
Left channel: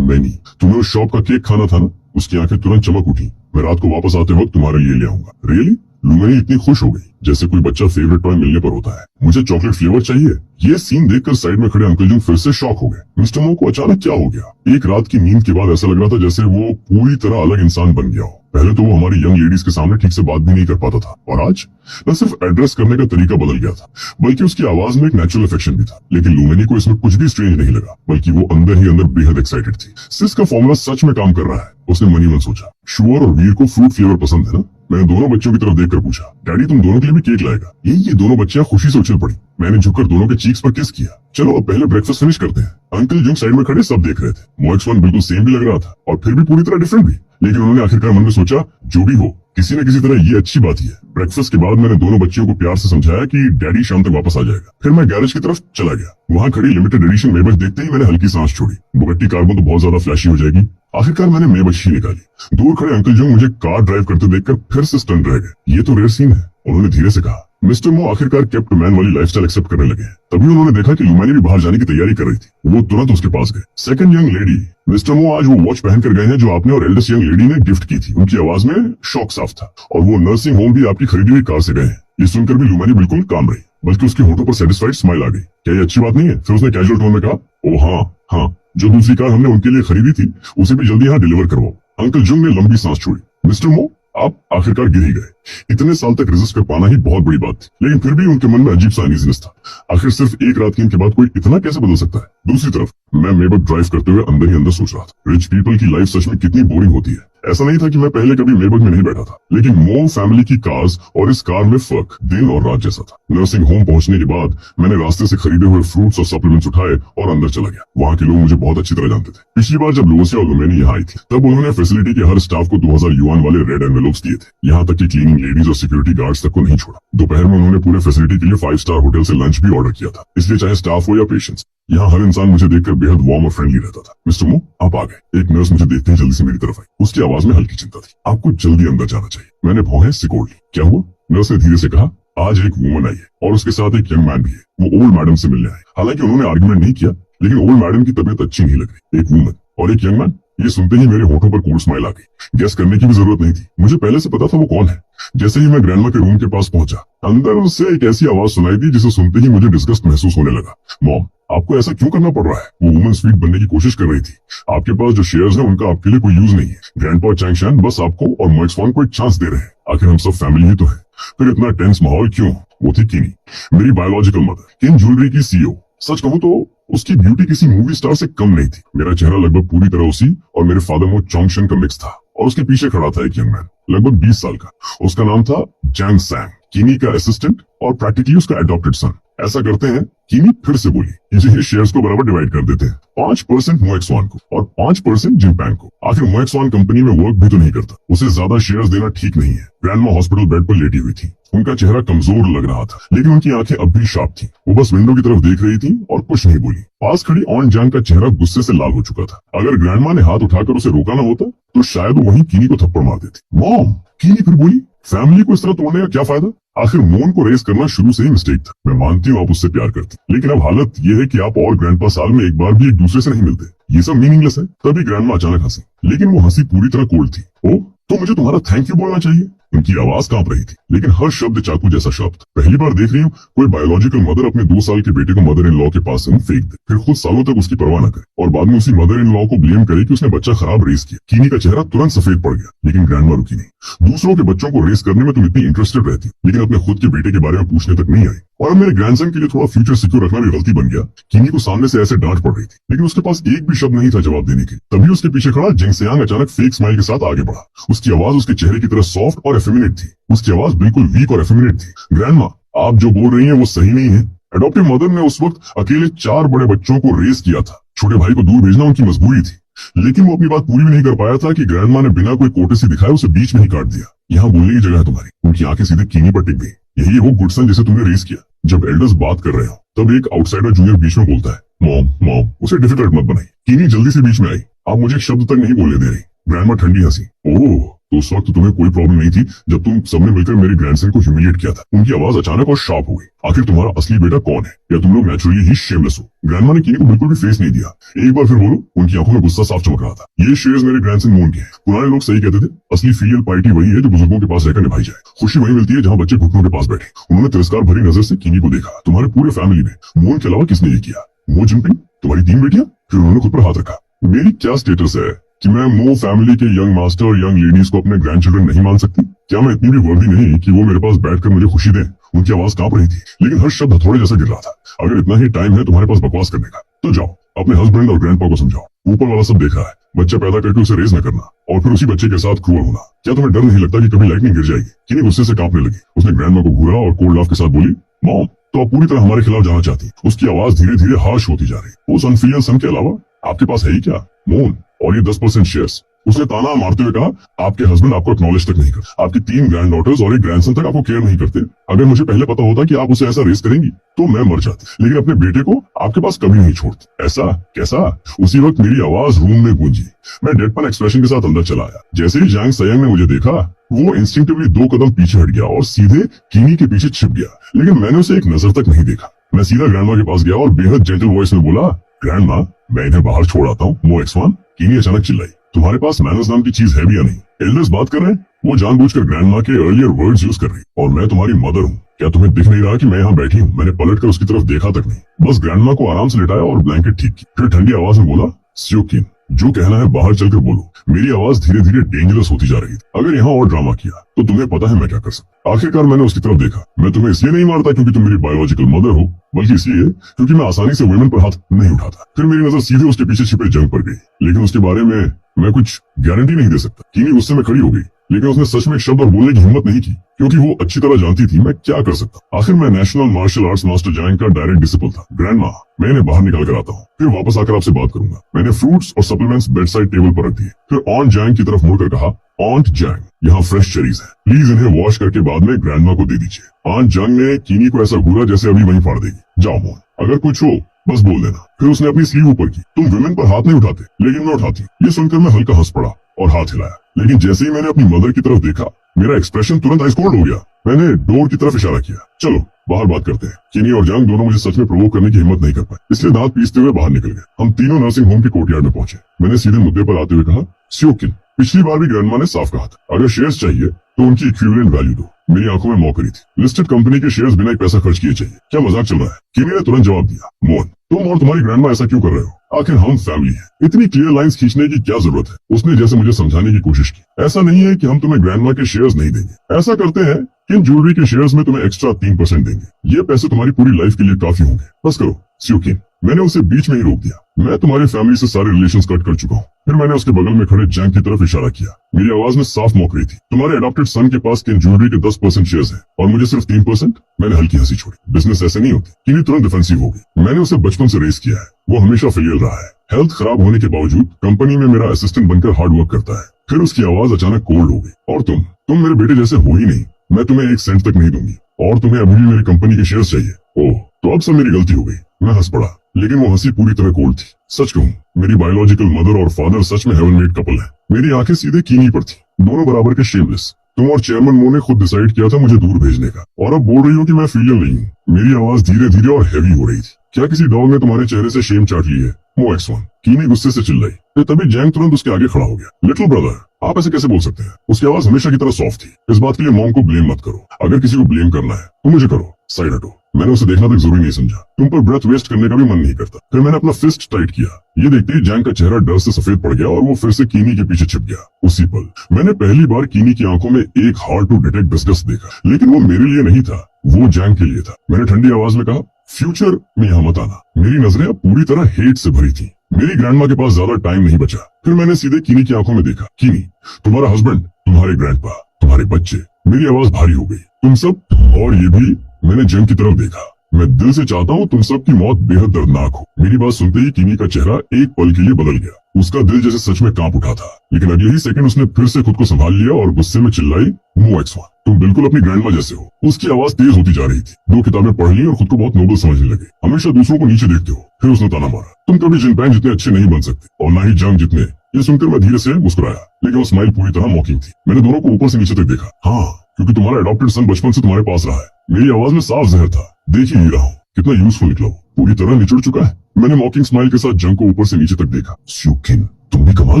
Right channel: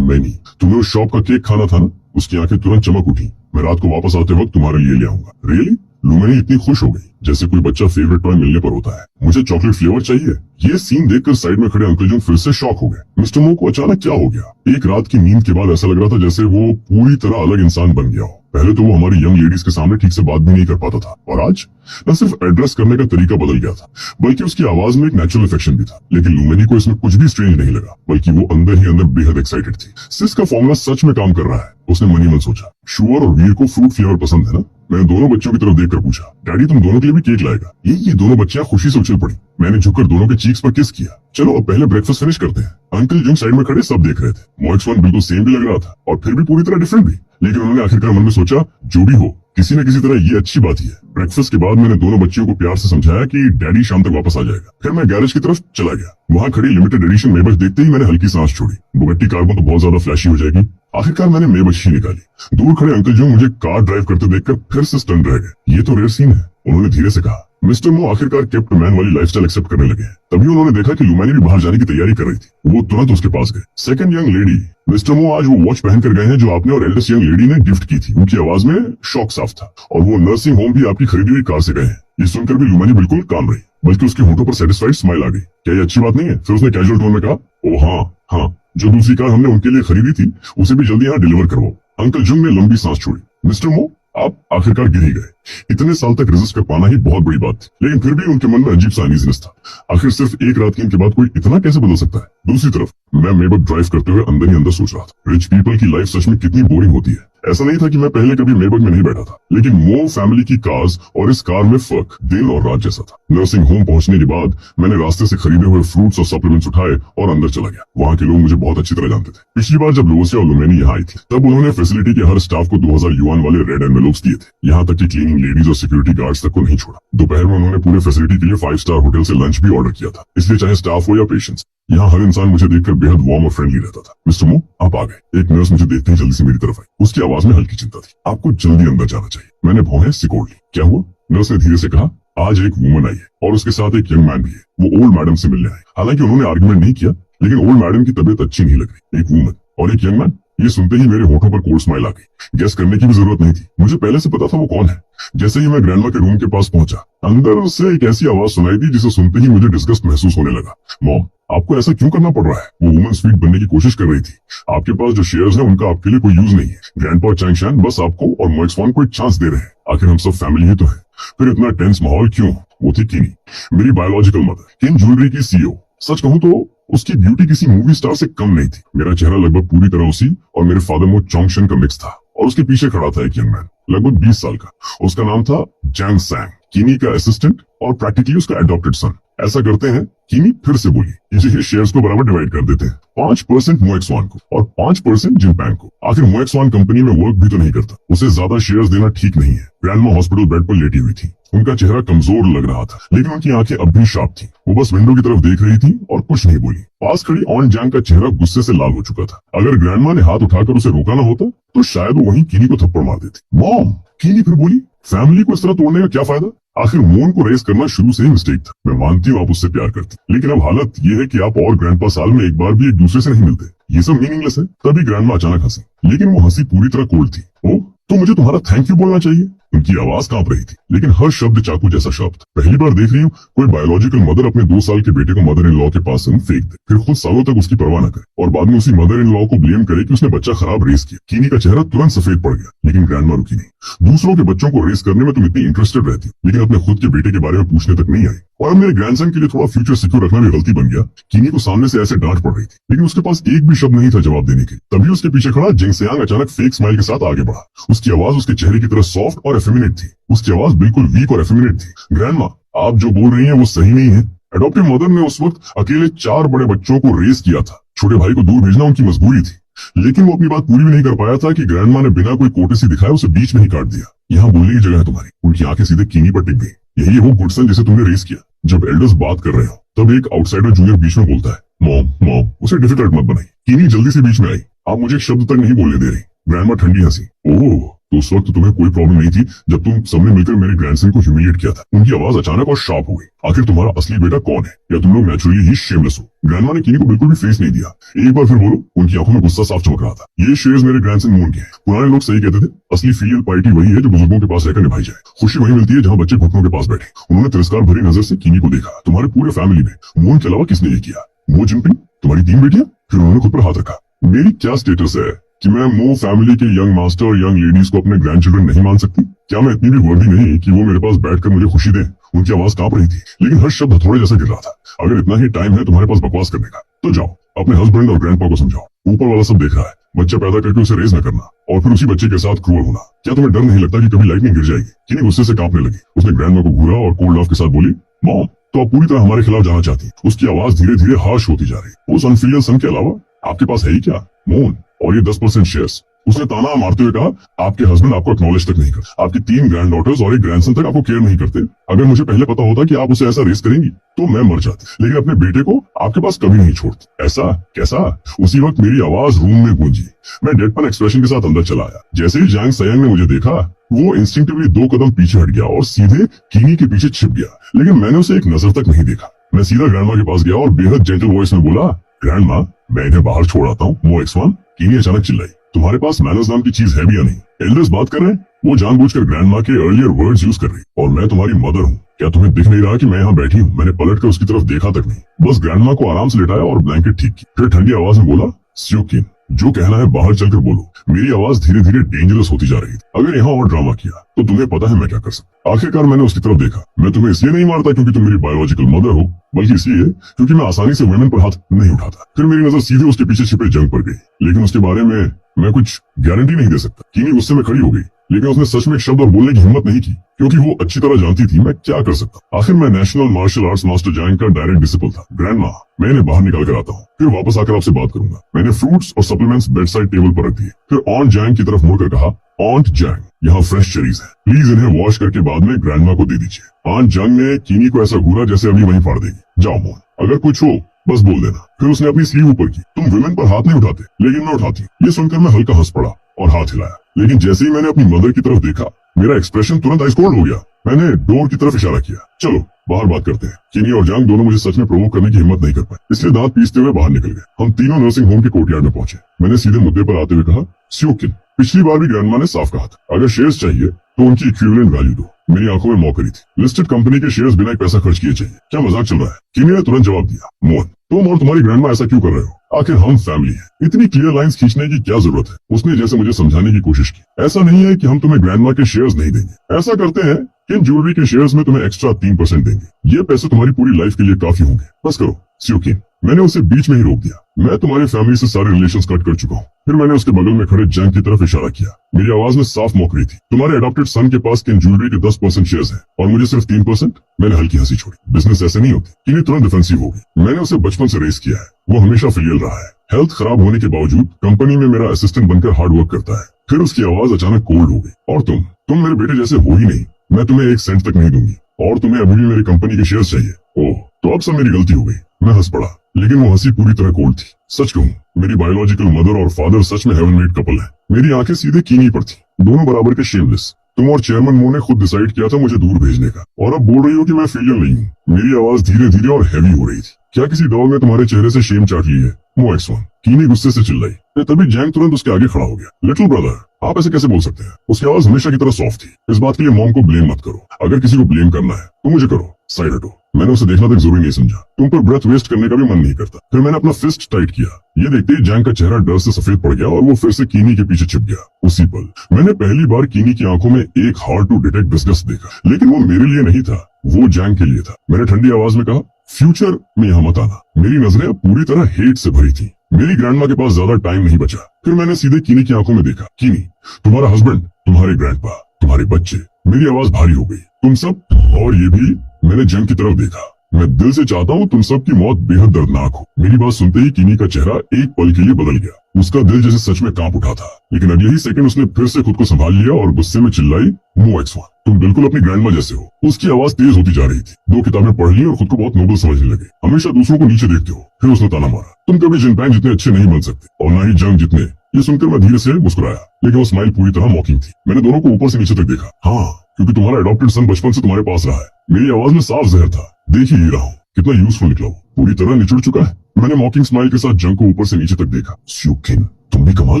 मैनी, तुम्हें उस शॉप का केक खाना था ना? उसकी आंखें तुरंत चमक उठी। मैं रात को वापस आते वक्त तुम्हारे लिए ले आऊंगा। रियली? लुमेनी इतनी खुश हो गई जैसे कोई बच्चा फेवरेट टॉय मिलने पर होता है। मुझे चॉकलेट फ्लेवर चाहिए। ये सीन देखकर साइड में खड़े अंकल जंग फिर से शॉक हो गए। मिस्टर मो को अचानक क्या हो गया? एक रात की नींद के बाद ऐसा लग रहा था जैसे वो पूरी तरह अलग इंसान बन गया हो। पहले तो वो हमारी यंग लेडीज के सामने ठीक से बात भी नहीं कर पाता था, और आज न सिर्फ एड्रेस करने का तरीका बदल गया था, बल्कि उसकी आवाज में एक नेचुरल अफेक्शन भी था। लेकिन लुमेनी को इसमें कुछ भी स्ट्रेंज नहीं लगा, बल्कि वो अंदर ही अंदर बेहद एक्साइटेड थी। सिस का फॉर्मूला सच में काम कर रहा है, उसने मनी मन सोचा। शुअर और वीर को फ्रूट फ्लेवर पसंद है ना? मैंने दोनों बच्चों की तरफ देखकर पूछा, डैडी तुम दोनों के लिए भी केक लाएगा? ये दोनों बच्चियां खुशी से उछल पड़ी। मैंने झुककर दोनों के चीक्स पर किस किया। चलो अब पहले ब्रेकफास्ट फिनिश करते हैं। अंकल जंग साइड में खड़े सब देख रहे थे। मोएक्स-वन बिल्कुल सेम भी लग रहा था, और फिर भी पूरी तरह डिफरेंट भी। लेकिन उन्होंने आखिरकार मन में सोचा, जो भी हो, किसी न किसी तरह ये अच्छी बात ही है। ब्रेकफास्ट के बाद मैंने दोनों बच्चियों को प्यार से समझाया कि डैडी शाम तक वापस आ जाएगा। फिर मैं गैरेज की तरफ चला गया। वहां खड़ी लिमिटेड एडिशन मेबच देखते ही मैंने हल्की सांस छोड़ी। बुगट्टी कार्बन तो बहुत ज्यादा फ्लैशी हो जाएगी। आखिरकार मैंने मेबच ही निकाली। दूर खड़े अंकल जो मुझे कार ड्राइव करते देखकर फिर से स्टन रह गए। ये तो रेयर सीन है। उन्होंने धीरे से कहा, मिस्टर मो आखिरकार केप्ट मैन वाली लाइफस्टाइल एक्सेप्ट करने लगे। तभी उन्होंने देखा कि लुमेनी भी बाहर जाने की तैयारी कर रही थी। वो तुरंत उसके पास गए। सेकंड यंग लेडी, मिस्टर मो आज वो वॉच पहन कर गए हैं जो आपने और एल्डेस्ट यंग लेडी ने गिफ्ट की थी। उनकी आवाज में शॉक साफ था। और वो नर्सिंग होम भी आपकी खरीदी हुई कार से गए हैं। ये सुनकर भी लुमेनी बिल्कुल काम रही, बल्कि उसके होठों पर सेटिस्फाइड स्माइल आ गई। क्या ये अच्छी बात नहीं है? फिर उसने कैजुअल टोन में कहा, ओ हाँ, जो दूसरी कार हमने उनके लिए खरीदी थी उसे भी जल्दी यहाँ डिलीवर करवाओ। अंकल जुंग ने लंबी सांस छोड़ी। मिस्टर मो, आप आखिरकार गिर ही गए। इतने साल तक रेजिस्ट कर पाना ही बहुत बड़ी बात थी, लेकिन फिर भी उनके मन में अजीब सा अनईजीनेस था। आखिर सिर्फ एक रात की इनके बाद कोई इतना कैसे बदल सकता है? दूसरी तरफ मैं मेबक ड्राइव करते हुए अंदर ही अंदर सोच रहा था, रिच पीपल की लाइफ सच में कितनी बोरिंग होती है। ऐसा नहीं था कि मैं पहले कभी मेबक में नहीं बैठा था, लेकिन मो फैमिली की कार्स और इस कार में फर्क दिन और रात जैसा था। नर्सिंग होम पहुंचने के बाद मैंने रास्ते से खरीदे हुए फ्रूट्स और सप्लीमेंट्स उठाए और अंदर चला गया। वहाँ के लोग मुझे बहुत अच्छी तरह जानते थे। पिछली बार जब लोसी और लुमेनी यहाँ आई थी, तब उन्होंने फैसिलिटी के हर स्टाफ को 2000 युआन वाले रेड एनवेलप्स दिए थे। यहाँ तक कि क्लीनिंग लेडीज और सिक्योरिटी गार्ड्स तक को नहीं छोड़ा। दोपहर में उन्होंने पूरे फैसिलिटी के लिए 5 स्टार होटल से लंच भी ऑर्डर किया था। इसलिए चाहे स्टाफ हो या पेशेंट्स, यहाँ हर इंसान मुझे देखकर बेहद वार्म और फ्रेंडली रहता था। मिस्टर मो, आप आ गए। एक नर्स मुझे देखते ही जल्दी से मेरी तरफ आई। उसकी आवाज में हल्की चिंता थी। आपको जल्दी अंदर जाना चाहिए। मैंने भौहें सिकोड़ ली। क्या हुआ? नर्स ने धीरे से कहा, आज एक वुमन आई है और उसके साथ एक यंग मैन भी है। वो ओल्ड मैडम से मिलने आए। हालांकि उन्होंने आर्गुमेंट नहीं किया, लेकिन ओल्ड मैडम की तबीयत अच्छी नहीं लग रही। एक वुमन और एक यंग मैन, ये सुनते ही मेरे होठों पर कोल्ड स्माइल आ गई। गेस करने की भी जरूरत नहीं थी, मुझे पहले से पता था वो कौन है। जैसे ही मैं ग्रैंडमा के रूम के पास पहुंचा, अंदर से एक ऐसी आवाज सुनाई दी जिसे सुनते ही मुझे डिस्गस्ट महसूस होने लगा। मॉम, आपको ऐसा क्यों करना पड़ रहा है? वो वुमन स्वीट बनने की कोशिश कर रही थी। आपके पास जो शेयर्स हैं उनका आपके लिए कोई यूज नहीं है। ग्रैंडपा और चैंगशान बस आपको और मोएक्स-वन को एक चांस दे रहे हैं। आखिर हम सब फैमिली ही तो है। फिर इतना टेंस माहौल क्यों? वो थी किनी, मेरी बायोलॉजिकल मदर, किन ज्वेलरी की सीईओ। सच कहूं तो उसकी ब्यूटी किसी मूवी स्टार से कम नहीं थी। मेरा चेहरा लगभग पूरी तरह उसी और मेरे फादर मो चोंगशन का मिक्स था। और उसके पीछे खड़ा था एक यंग मैन, लगभग 20 साल का। उसका नाम था जैंग सैंग, किनी का असिस्टेंट और प्रैक्टिकली उसका एडॉप्टेड सन। ऐसा करते हैं, किनी फिर से बोली, ये शेयर्स को बराबर डिवाइड कर देते हैं। 5% मोएक्स-वन को और 5% जिनपैंग को। आखिर मोएक्स-वन कंपनी में वर्क भी तो नहीं करता, उसे ज्यादा शेयर्स देना ठीक नहीं है। ग्रैंडमा हॉस्पिटल बेड पर लेटी हुई थी। उनका चेहरा कमजोर लग रहा था, लेकिन उनकी आंखें अब भी शार्प थी। वो बस विंडो की तरफ देख रही थी और कुछ नहीं बोली। पास खड़ी ऑन जैंग का चेहरा गुस्से से लाल हो चुका था। अगर ग्रैंडमा ने हाथ उठाकर उसे रोका ना होता तो शायद वो वहीं किनी को थप्पड़ मार देती। मॉम, किनी फिर बोली, फैमिली को इस तरह तोड़ने का क्या फायदा? आखिर मोन को रेस करना शुरू से ही मिस्टेक था। मैं मानती हूँ आप उससे प्यार करती, लेकिन अब हालत ये है कि आप और ग्रैंडपा साल में एक बार भी एक दूसरे से नहीं मिलते। ये सब मीनिंगलेस है। तभी ग्रैंडमा अचानक हंसी, लेकिन वो हंसी पूरी तरह कोल्ड थी। ओह, तो मुझे तुम्हारा थैंक यू बोलना चाहिए। उनकी आवाज कांप रही थी, लेकिन हर शब्द चाकू जैसा शब्द। पहली बार देख रही हूँ कोई बायोलॉजिकल मदर अपने 2 साल के बेटे को मदर इन लॉ के पास से फेंक दे, फिर खुद सालों तक उसकी परवाह न करे और बाद में उसी मदर इन लॉ को ब्लेम करे कि उसने बच्चा खराब रेस किया। किनी का चेहरा तुरंत सफेद पड़ गया, लेकिन ग्रैंडमा रुकी नहीं। दूसरों के बच्चों को रेस करने में तुम इतनी इंटरेस्टेड रहती, लेकिन अपने खुद के बेटे के बारे में पूछने तक नहीं आई। और अब मेरे ग्रैंडसन के लिए थोड़ा फ्यूचर सिक्योर रखना भी गलती बन गया। किनी को सामने से ऐसे डांट पड़ रही थी, लेकिन उसके पास एक भी शब्द नहीं था जवाब देने के। तभी उसके पीछे खड़ा जिंग सियांग अचानक फेक स्माइल के साथ आगे बढ़ा। उसकी आवाज उसके चेहरे की तरह सॉफ्ट और एफेमिनेट थी। उसकी आवाज बिल्कुल वीक और एफेमिनेट थी। ग्रैंडमा, आप जो बोल रही हैं वो सही नहीं है। एडॉप्टिव मदर ने उस वक्त अकेले 4 बड़े बच्चों को रेस किया था। छोटे भाई को दूर भेजना उनकी मजबूरी थी, लेकिन वो अपनी बात पूरी भी नहीं कर पाया था कि ग्रैंडमा ने बिना कोई कोटेसी दिखाए उसे बीच में ही काट दिया। यहाँ बोलने की जगह है तुम्हारी। उनकी आंखें सीधे किनी पर टिक गई। यही है वो गुडसन जिसे तुमने रेस किया। जब एल्डर्स बात कर रहे हो तब एक आउटसाइडर जूनियर बीच में बोलता है, मॉम, उसे डिफिकल्ट मत बनाई। किनी जल्दी से बीच में आई। आप मुझे एक शब्द तक नहीं बोलने दे रही। ग्रैंडमा ठंडी हंसी। ओह, तो उस वक्त तुम्हें कोई प्रॉब्लम नहीं थी जब तुम सबने मिलकर मेरे ग्रैंडसन को ह्यूमिलिएट किया था। उनकी आवाज अचानक और शार्प हो गई। आखिर तुम्हारा असली बेटा कौन है? या तुम लोग नेचुरली ही शेमलेस हो? ग्रैंडमा ने किनी को बिल्कुल भी फेस नहीं दिया। एक बार फिर बोलो। उनकी आंखों में गुस्सा साफ चमक रहा था। ये शेयर्स मेरे ग्रैंडसन मोहन के हैं। पुराने लोग सही कहते थे, असली फीलियल पार्टी वही है जो बुजुर्गों के पास रहकर निभाई जाए। खुशी वही मिलती है जहाँ बच्चे घुटनों के पास बैठे। उन्होंने तिरस्कार भरी नजर से किनी को देखा। तुम्हारे पूरे फैमिली में मोहन के अलावा किसने ये किया? मो जिनपिंग, तुम्हारी 3 बेटियां? फिर उन्होंने खुद पर हाथ रखा। मेरी क्या स्टेटस है कि मैं मो फैमिली के यंग मास्टर और यंग लेडीज को अपने ग्रैंड चिल्ड्रन नहीं मान सकती? क्या मैं इतनी भी वर्दी नहीं कि वो मेरे पास बैठकर मुझे खुशी दे? उनकी आवाज कांप रही थी, लेकिन हर शब्द हथौड़े जैसा गिर रहा था। अगर इतना ही टाइम है तुम्हारे पास बकवास करने का, तो जाओ अपने हस्बैंड और ग्रैंडपा को समझाओ। ऊपर वाला सब देख रहा है। बच्चा पैदा करके उसे रेज न करना और फिर उसी बच्चे के साथ क्रूअल होना। क्या तुम्हें डर नहीं लगता कि कभी लाइटनिंग गिर जाएगी? किनी गुस्से से कांपने लगी। उसने ग्रैंडमा को घूरा और कोल्ड लाफ के साथ बोली, मॉम, तो आप पूरी तरह हमारे खिलाफ जाना चाहती? उसकी आवाज धीरे धीरे हार्श होती जा रही। उस अनफिलियल सन के अलावा आपके पास है ही क्या? मोहन और ये 10% शेयर्स। उसने ताना मारते हुए कहा, आपके हस्बैंड आपको एक्नॉलेज तक नहीं करते। आपकी 3 ग्रैंड डॉटर्स और एक ग्रैंडसन तक आपको केयर नहीं करते। अगर मुझे पहले पता होता कि आप उसे ऐसा रेस करेंगी तो मैं मर जाती, लेकिन अपने बेटे को आपके पास कभी नहीं छोड़ती। ऐसा कैसा? उसी वक्त मेरी आवाज रूम में गूंजी। मैं डेडपन एक्सप्रेशन के साथ अंदर चला आया। जैसे ही जैंग सयंग ने मुझे देखा, वो इंस्टिंक्टिवली 2 कदम पीछे हट गया और सीधे किनी के पीछे छिप गया। लेकिन मैंने उसे एक नजर तक नहीं देखा। मैं सीधा ग्रैंडमा के पास गया और बेहद जेंटल वॉइस में बोला, ग्रैंडमा, मैं इन्हें बाहर छोड़ आता हूँ। मो एक्स1। किनी अचानक चिल्लाई, तुम्हारे पास मैनर्स नाम की चीज है भी या नहीं? एल्डर्स बात कर रहे हैं। वो जानबूझकर ग्रैंडमा के अर्लियर वर्ड्स यूज कर रही। और मैं तुम्हारी मदर हूँ। क्या तुम्हें दिख नहीं रहा कि मैं यहाँ बैठी हूँ? मैंने पलटकर उसकी तरफ देखा तक नहीं, बस ग्रैंडमा को आराम से लिटाया और ब्लैंकेट ठीक की। फिर ठंडी आवाज में बोला, स्योकिन, जो कहना है बाहर चलकर बोलो। मेरी आवाज धीरे धीरे डेंजरस होती जा रही थी। अगर यहाँ और ड्रामा किया तो तुम्हें पता है मैं क्या कर सकता। आखिरकार मैंने उसकी तरफ देखा। मैं तुम्हें इसलिए नहीं मारता क्योंकि तुम मेरी बायोलॉजिकल मदर हो, बल्कि इसलिए क्योंकि मैं आसानी से वुमेन पर हाथ नहीं उठाता। फिर मेरी नजर सीधे उसके पीछे छिपे जंग पर गई, लेकिन उसके बारे में मैं कुछ गारंटी नहीं दे सकता। किनी गुस्से में खड़ी हो गई, लेकिन उसने सच में एक शब्द और बोलने की हिम्मत नहीं की, क्योंकि वो अच्छी तरह जानती थी मैं क्या कर सकता। आखिर मैं नेशनल मार्शल आर्ट्स मास्टर जैंग का डायरेक्ट डिसिपल था। ग्रैंडमा, मैं इन्हें बाहर निकल कर आता हूँ, फिर वापस आकर आपसे बात करूंगा। मैंने फ्रूट्स और सप्लीमेंट्स बेड साइड टेबल पर रख दिए। फिर ऑन जैंग की तरफ मुड़कर कहा, ऑन्ट जैंग, यहाँ फ्रेश चेरीज है, प्लीज इन्हें वॉश करके बाद में ग्रैंडमा को दे दीजिए। ऑन्ट जैंग ने किनी को ऐसा घूरा जैसे अभी वहीं फाड़ देगी। जाओ मोहन, अगर कुछ हो बस बोल देना। फिर उसने अपनी स्लीव ऊपर की। तुम विमेन पर हाथ नहीं उठाते, लेकिन मैं उठाती। ये सुनकर मैं हल्का हंस पड़ा और हाथ हिलाया, लेकिन जैसे ही मैंने अपनी मदर की तरफ देखा, मेरा एक्सप्रेशन तुरंत आइस कोल्ड हो गया। मैंने डोर की तरफ इशारा किया, चलो बाहर बात करते हैं। किनी और जैंग दोनों मुझे सच में प्रोवोक करने की हिम्मत नहीं कर पाए, इसलिए दांत पीसते हुए बाहर निकल गए। हम तीनों नर्सिंग होम के कोर्टयार्ड में पहुंचे। मैंने सीधे मुद्दे पर आते हुए कहा, स्योकिन, पिछली बार भी ग्रैंडमा ने साफ कहा था, अगर शेयर्स चाहिए तो उनकी इक्विवेलेंट वैल्यू दो। मेरी आंखों में मौकरी थी। लिस्टेड कंपनी के शेयर्स बिना एक पैसा खर्च किए चाहिए। क्या मजाक चल रहा है? किनी ने तुरंत जवाब दिया, मोहन, तुम और तुम्हारी ग्रैंडमा ऐसा क्यों कर रहे हो? आखिर हम फैमिली हैं। इतनी क्लियर लाइंस खींचने की क्या जरूरत है? उसने जैसे मुझे समझाने की कोशिश की। ऐसा नहीं है कि हम तुम्हें ग्रैंडमा के शेयर्स नहीं देंगे। ऐसा करते हैं कि इन ज्वेलरी के शेयर्स में तुम्हें एक्स्ट्रा 3% देंगे। ये पैसे तुम्हारी पूरी लाइफ के लिए काफी होंगे। बस करो स्योकिन। मैंने उसे बीच में ही रोक दिया। मैं तुम्हारी फैमिली से सारे रिलेशंस कट कर चुका हूँ। फिर मैंने उसके बगल में खड़े जैंग की तरफ इशारा किया। मेरी आवाज में साफ मौकरी थी। तुम्हारे अडॉप्टेड सन के पास किन ज्वेलरी के 10% शेयर्स हैं और मुझे सिर्फ 3%। मैंने हल्की हंसी छोड़ी। बिजनेस ऐसे नहीं होते। किनी तुरंत डिफेंसिव हो गई। मैंने उसे बचपन से रेस किया है। वो हमेशा फेलियर रहा है। हेल्थ खराब होने के बावजूद कंपनी में मेरा असिस्टेंट बनकर हार्ड वर्क करता है। फिर उसकी आवाज अचानक कोल्ड हो गई। और तुम मेरे बेटे जैसे हो ही नहीं। मैं तुम्हें 1 सेंट तक नहीं दूंगी और तुम्हें अभी भी मेरी कंपनी के शेयर्स चाहिए। ओह, तो अब सब मेरी गलती हो गई। मैं हंस पड़ा, लेकिन वो हंसी पूरी तरह कोल्ड थी। सच कहूँ, मेरी बायोलॉजिकल मदर और फादर सच में हेवन मेड कपल है। मेरी आंखें सीधे किनी पर थी, दोनों बराबर के शेमलेस। तुम और चेयरमैन मो ने खुद डिसाइड किया था मुझे दूर भेजने का, और अब बोल रही हो कि मैं फेलियर नहीं हूँ। मेरी आवाज धीरे धीरे और हैवी हो रही थी। क्या किसी डॉग ने तुम्हारे चेहरे से शेम चाट ली है? मो एक्स1। किनी गुस्से से चिल्लाई। तभी जैंग तुरंत उसके आगे खड़ा हो गया। लिटिल ब्रदर, आप ऐसे कैसे बोल सकते हैं? उसकी आवाज हमेशा की तरह सॉफ्ट थी। इस बात के लिए मॉम को ब्लेम मत करो। अगर किसी को ब्लेम करना है तो मुझे करो। साइड हटो। मैंने उसे देखना तक जरूरी नहीं समझा। तुम पर ब्रेथ वेस्ट करने का भी मन नहीं करता। फिर मैंने अपना फिस्ट टाइट किया। ये देखते ही जैंग का चेहरा डर से सफेद पड़ गया और वो फिर से किनी के पीछे छिप गया। उसी पल मैंने पहली बार किनी की आंखों में एक हार्ड टू डिटेक्ट डिस्गस्ट देखा, लेकिन वो मेरे लिए नहीं था, वो जैंग के लिए था। मैंने ठंडी आवाज में कहा, फ्यूचर में यहाँ मत आना। मेरी नजरें अब पूरी तरह हेट से भरी थी। मेरी ग्रैंडमा के पास ज्यादा टाइम नहीं बचा। फिर मैंने सीधे किनी की आंखों में देखा। किनी, तुम्हारा हस्बैंड, तुम्हारे ग्रैंडपा, तुम्हारे बच्चे। मेरी आवाज भारी हो गई। तुम सब, और ये भी। मैंने जैंग की तरफ देखा। मैं दिल से चाहता हूँ तुम सबकी मौत बेहद दर्दनाक हो। मेरी बात सुनते ही कीनी का चेहरा एक पल के लिए बदल गया। उसका दिल जैसे सच में कांप उठा था, लेकिन अगले ही सेकंड उसने फिर से खुद को संभाल लिया और गुस्से में चिल्लाई, MoX1, तुम बिल्कुल अपनी ग्रैंडमा जैसे हो। उसकी आवाज तेज होती जा रही थी। 2 किताबें पढ़ ली और खुद को बहुत नोबल समझने लगे। हमेशा दूसरों को नीचे देखते हो। फिर उसने ताना मारा, तुम कभी जिनपैन जितने अच्छे नहीं बन सकते और ना ही जंग जितने। ये सुनकर मैं धीरे से मुस्कुराया, लेकिन वो स्माइल पूरी तरह मॉकिंग थी। मैंने दोनों को ऊपर से नीचे तक देखा। हाँ, क्योंकि तुम्हारा अडॉप्टेड सन बचपन से तुम्हारे पास रहा है। मेरी आवाज में साफ जहर था। देख ही रहा हूँ कितना यूजफुल निकला वो। पूरी तरह निचुड़ चुका है। मैंने मॉकिंग स्माइल के साथ जंग को ऊपर से नीचे तक देखा। स्यूकिन, तुम भी कमाल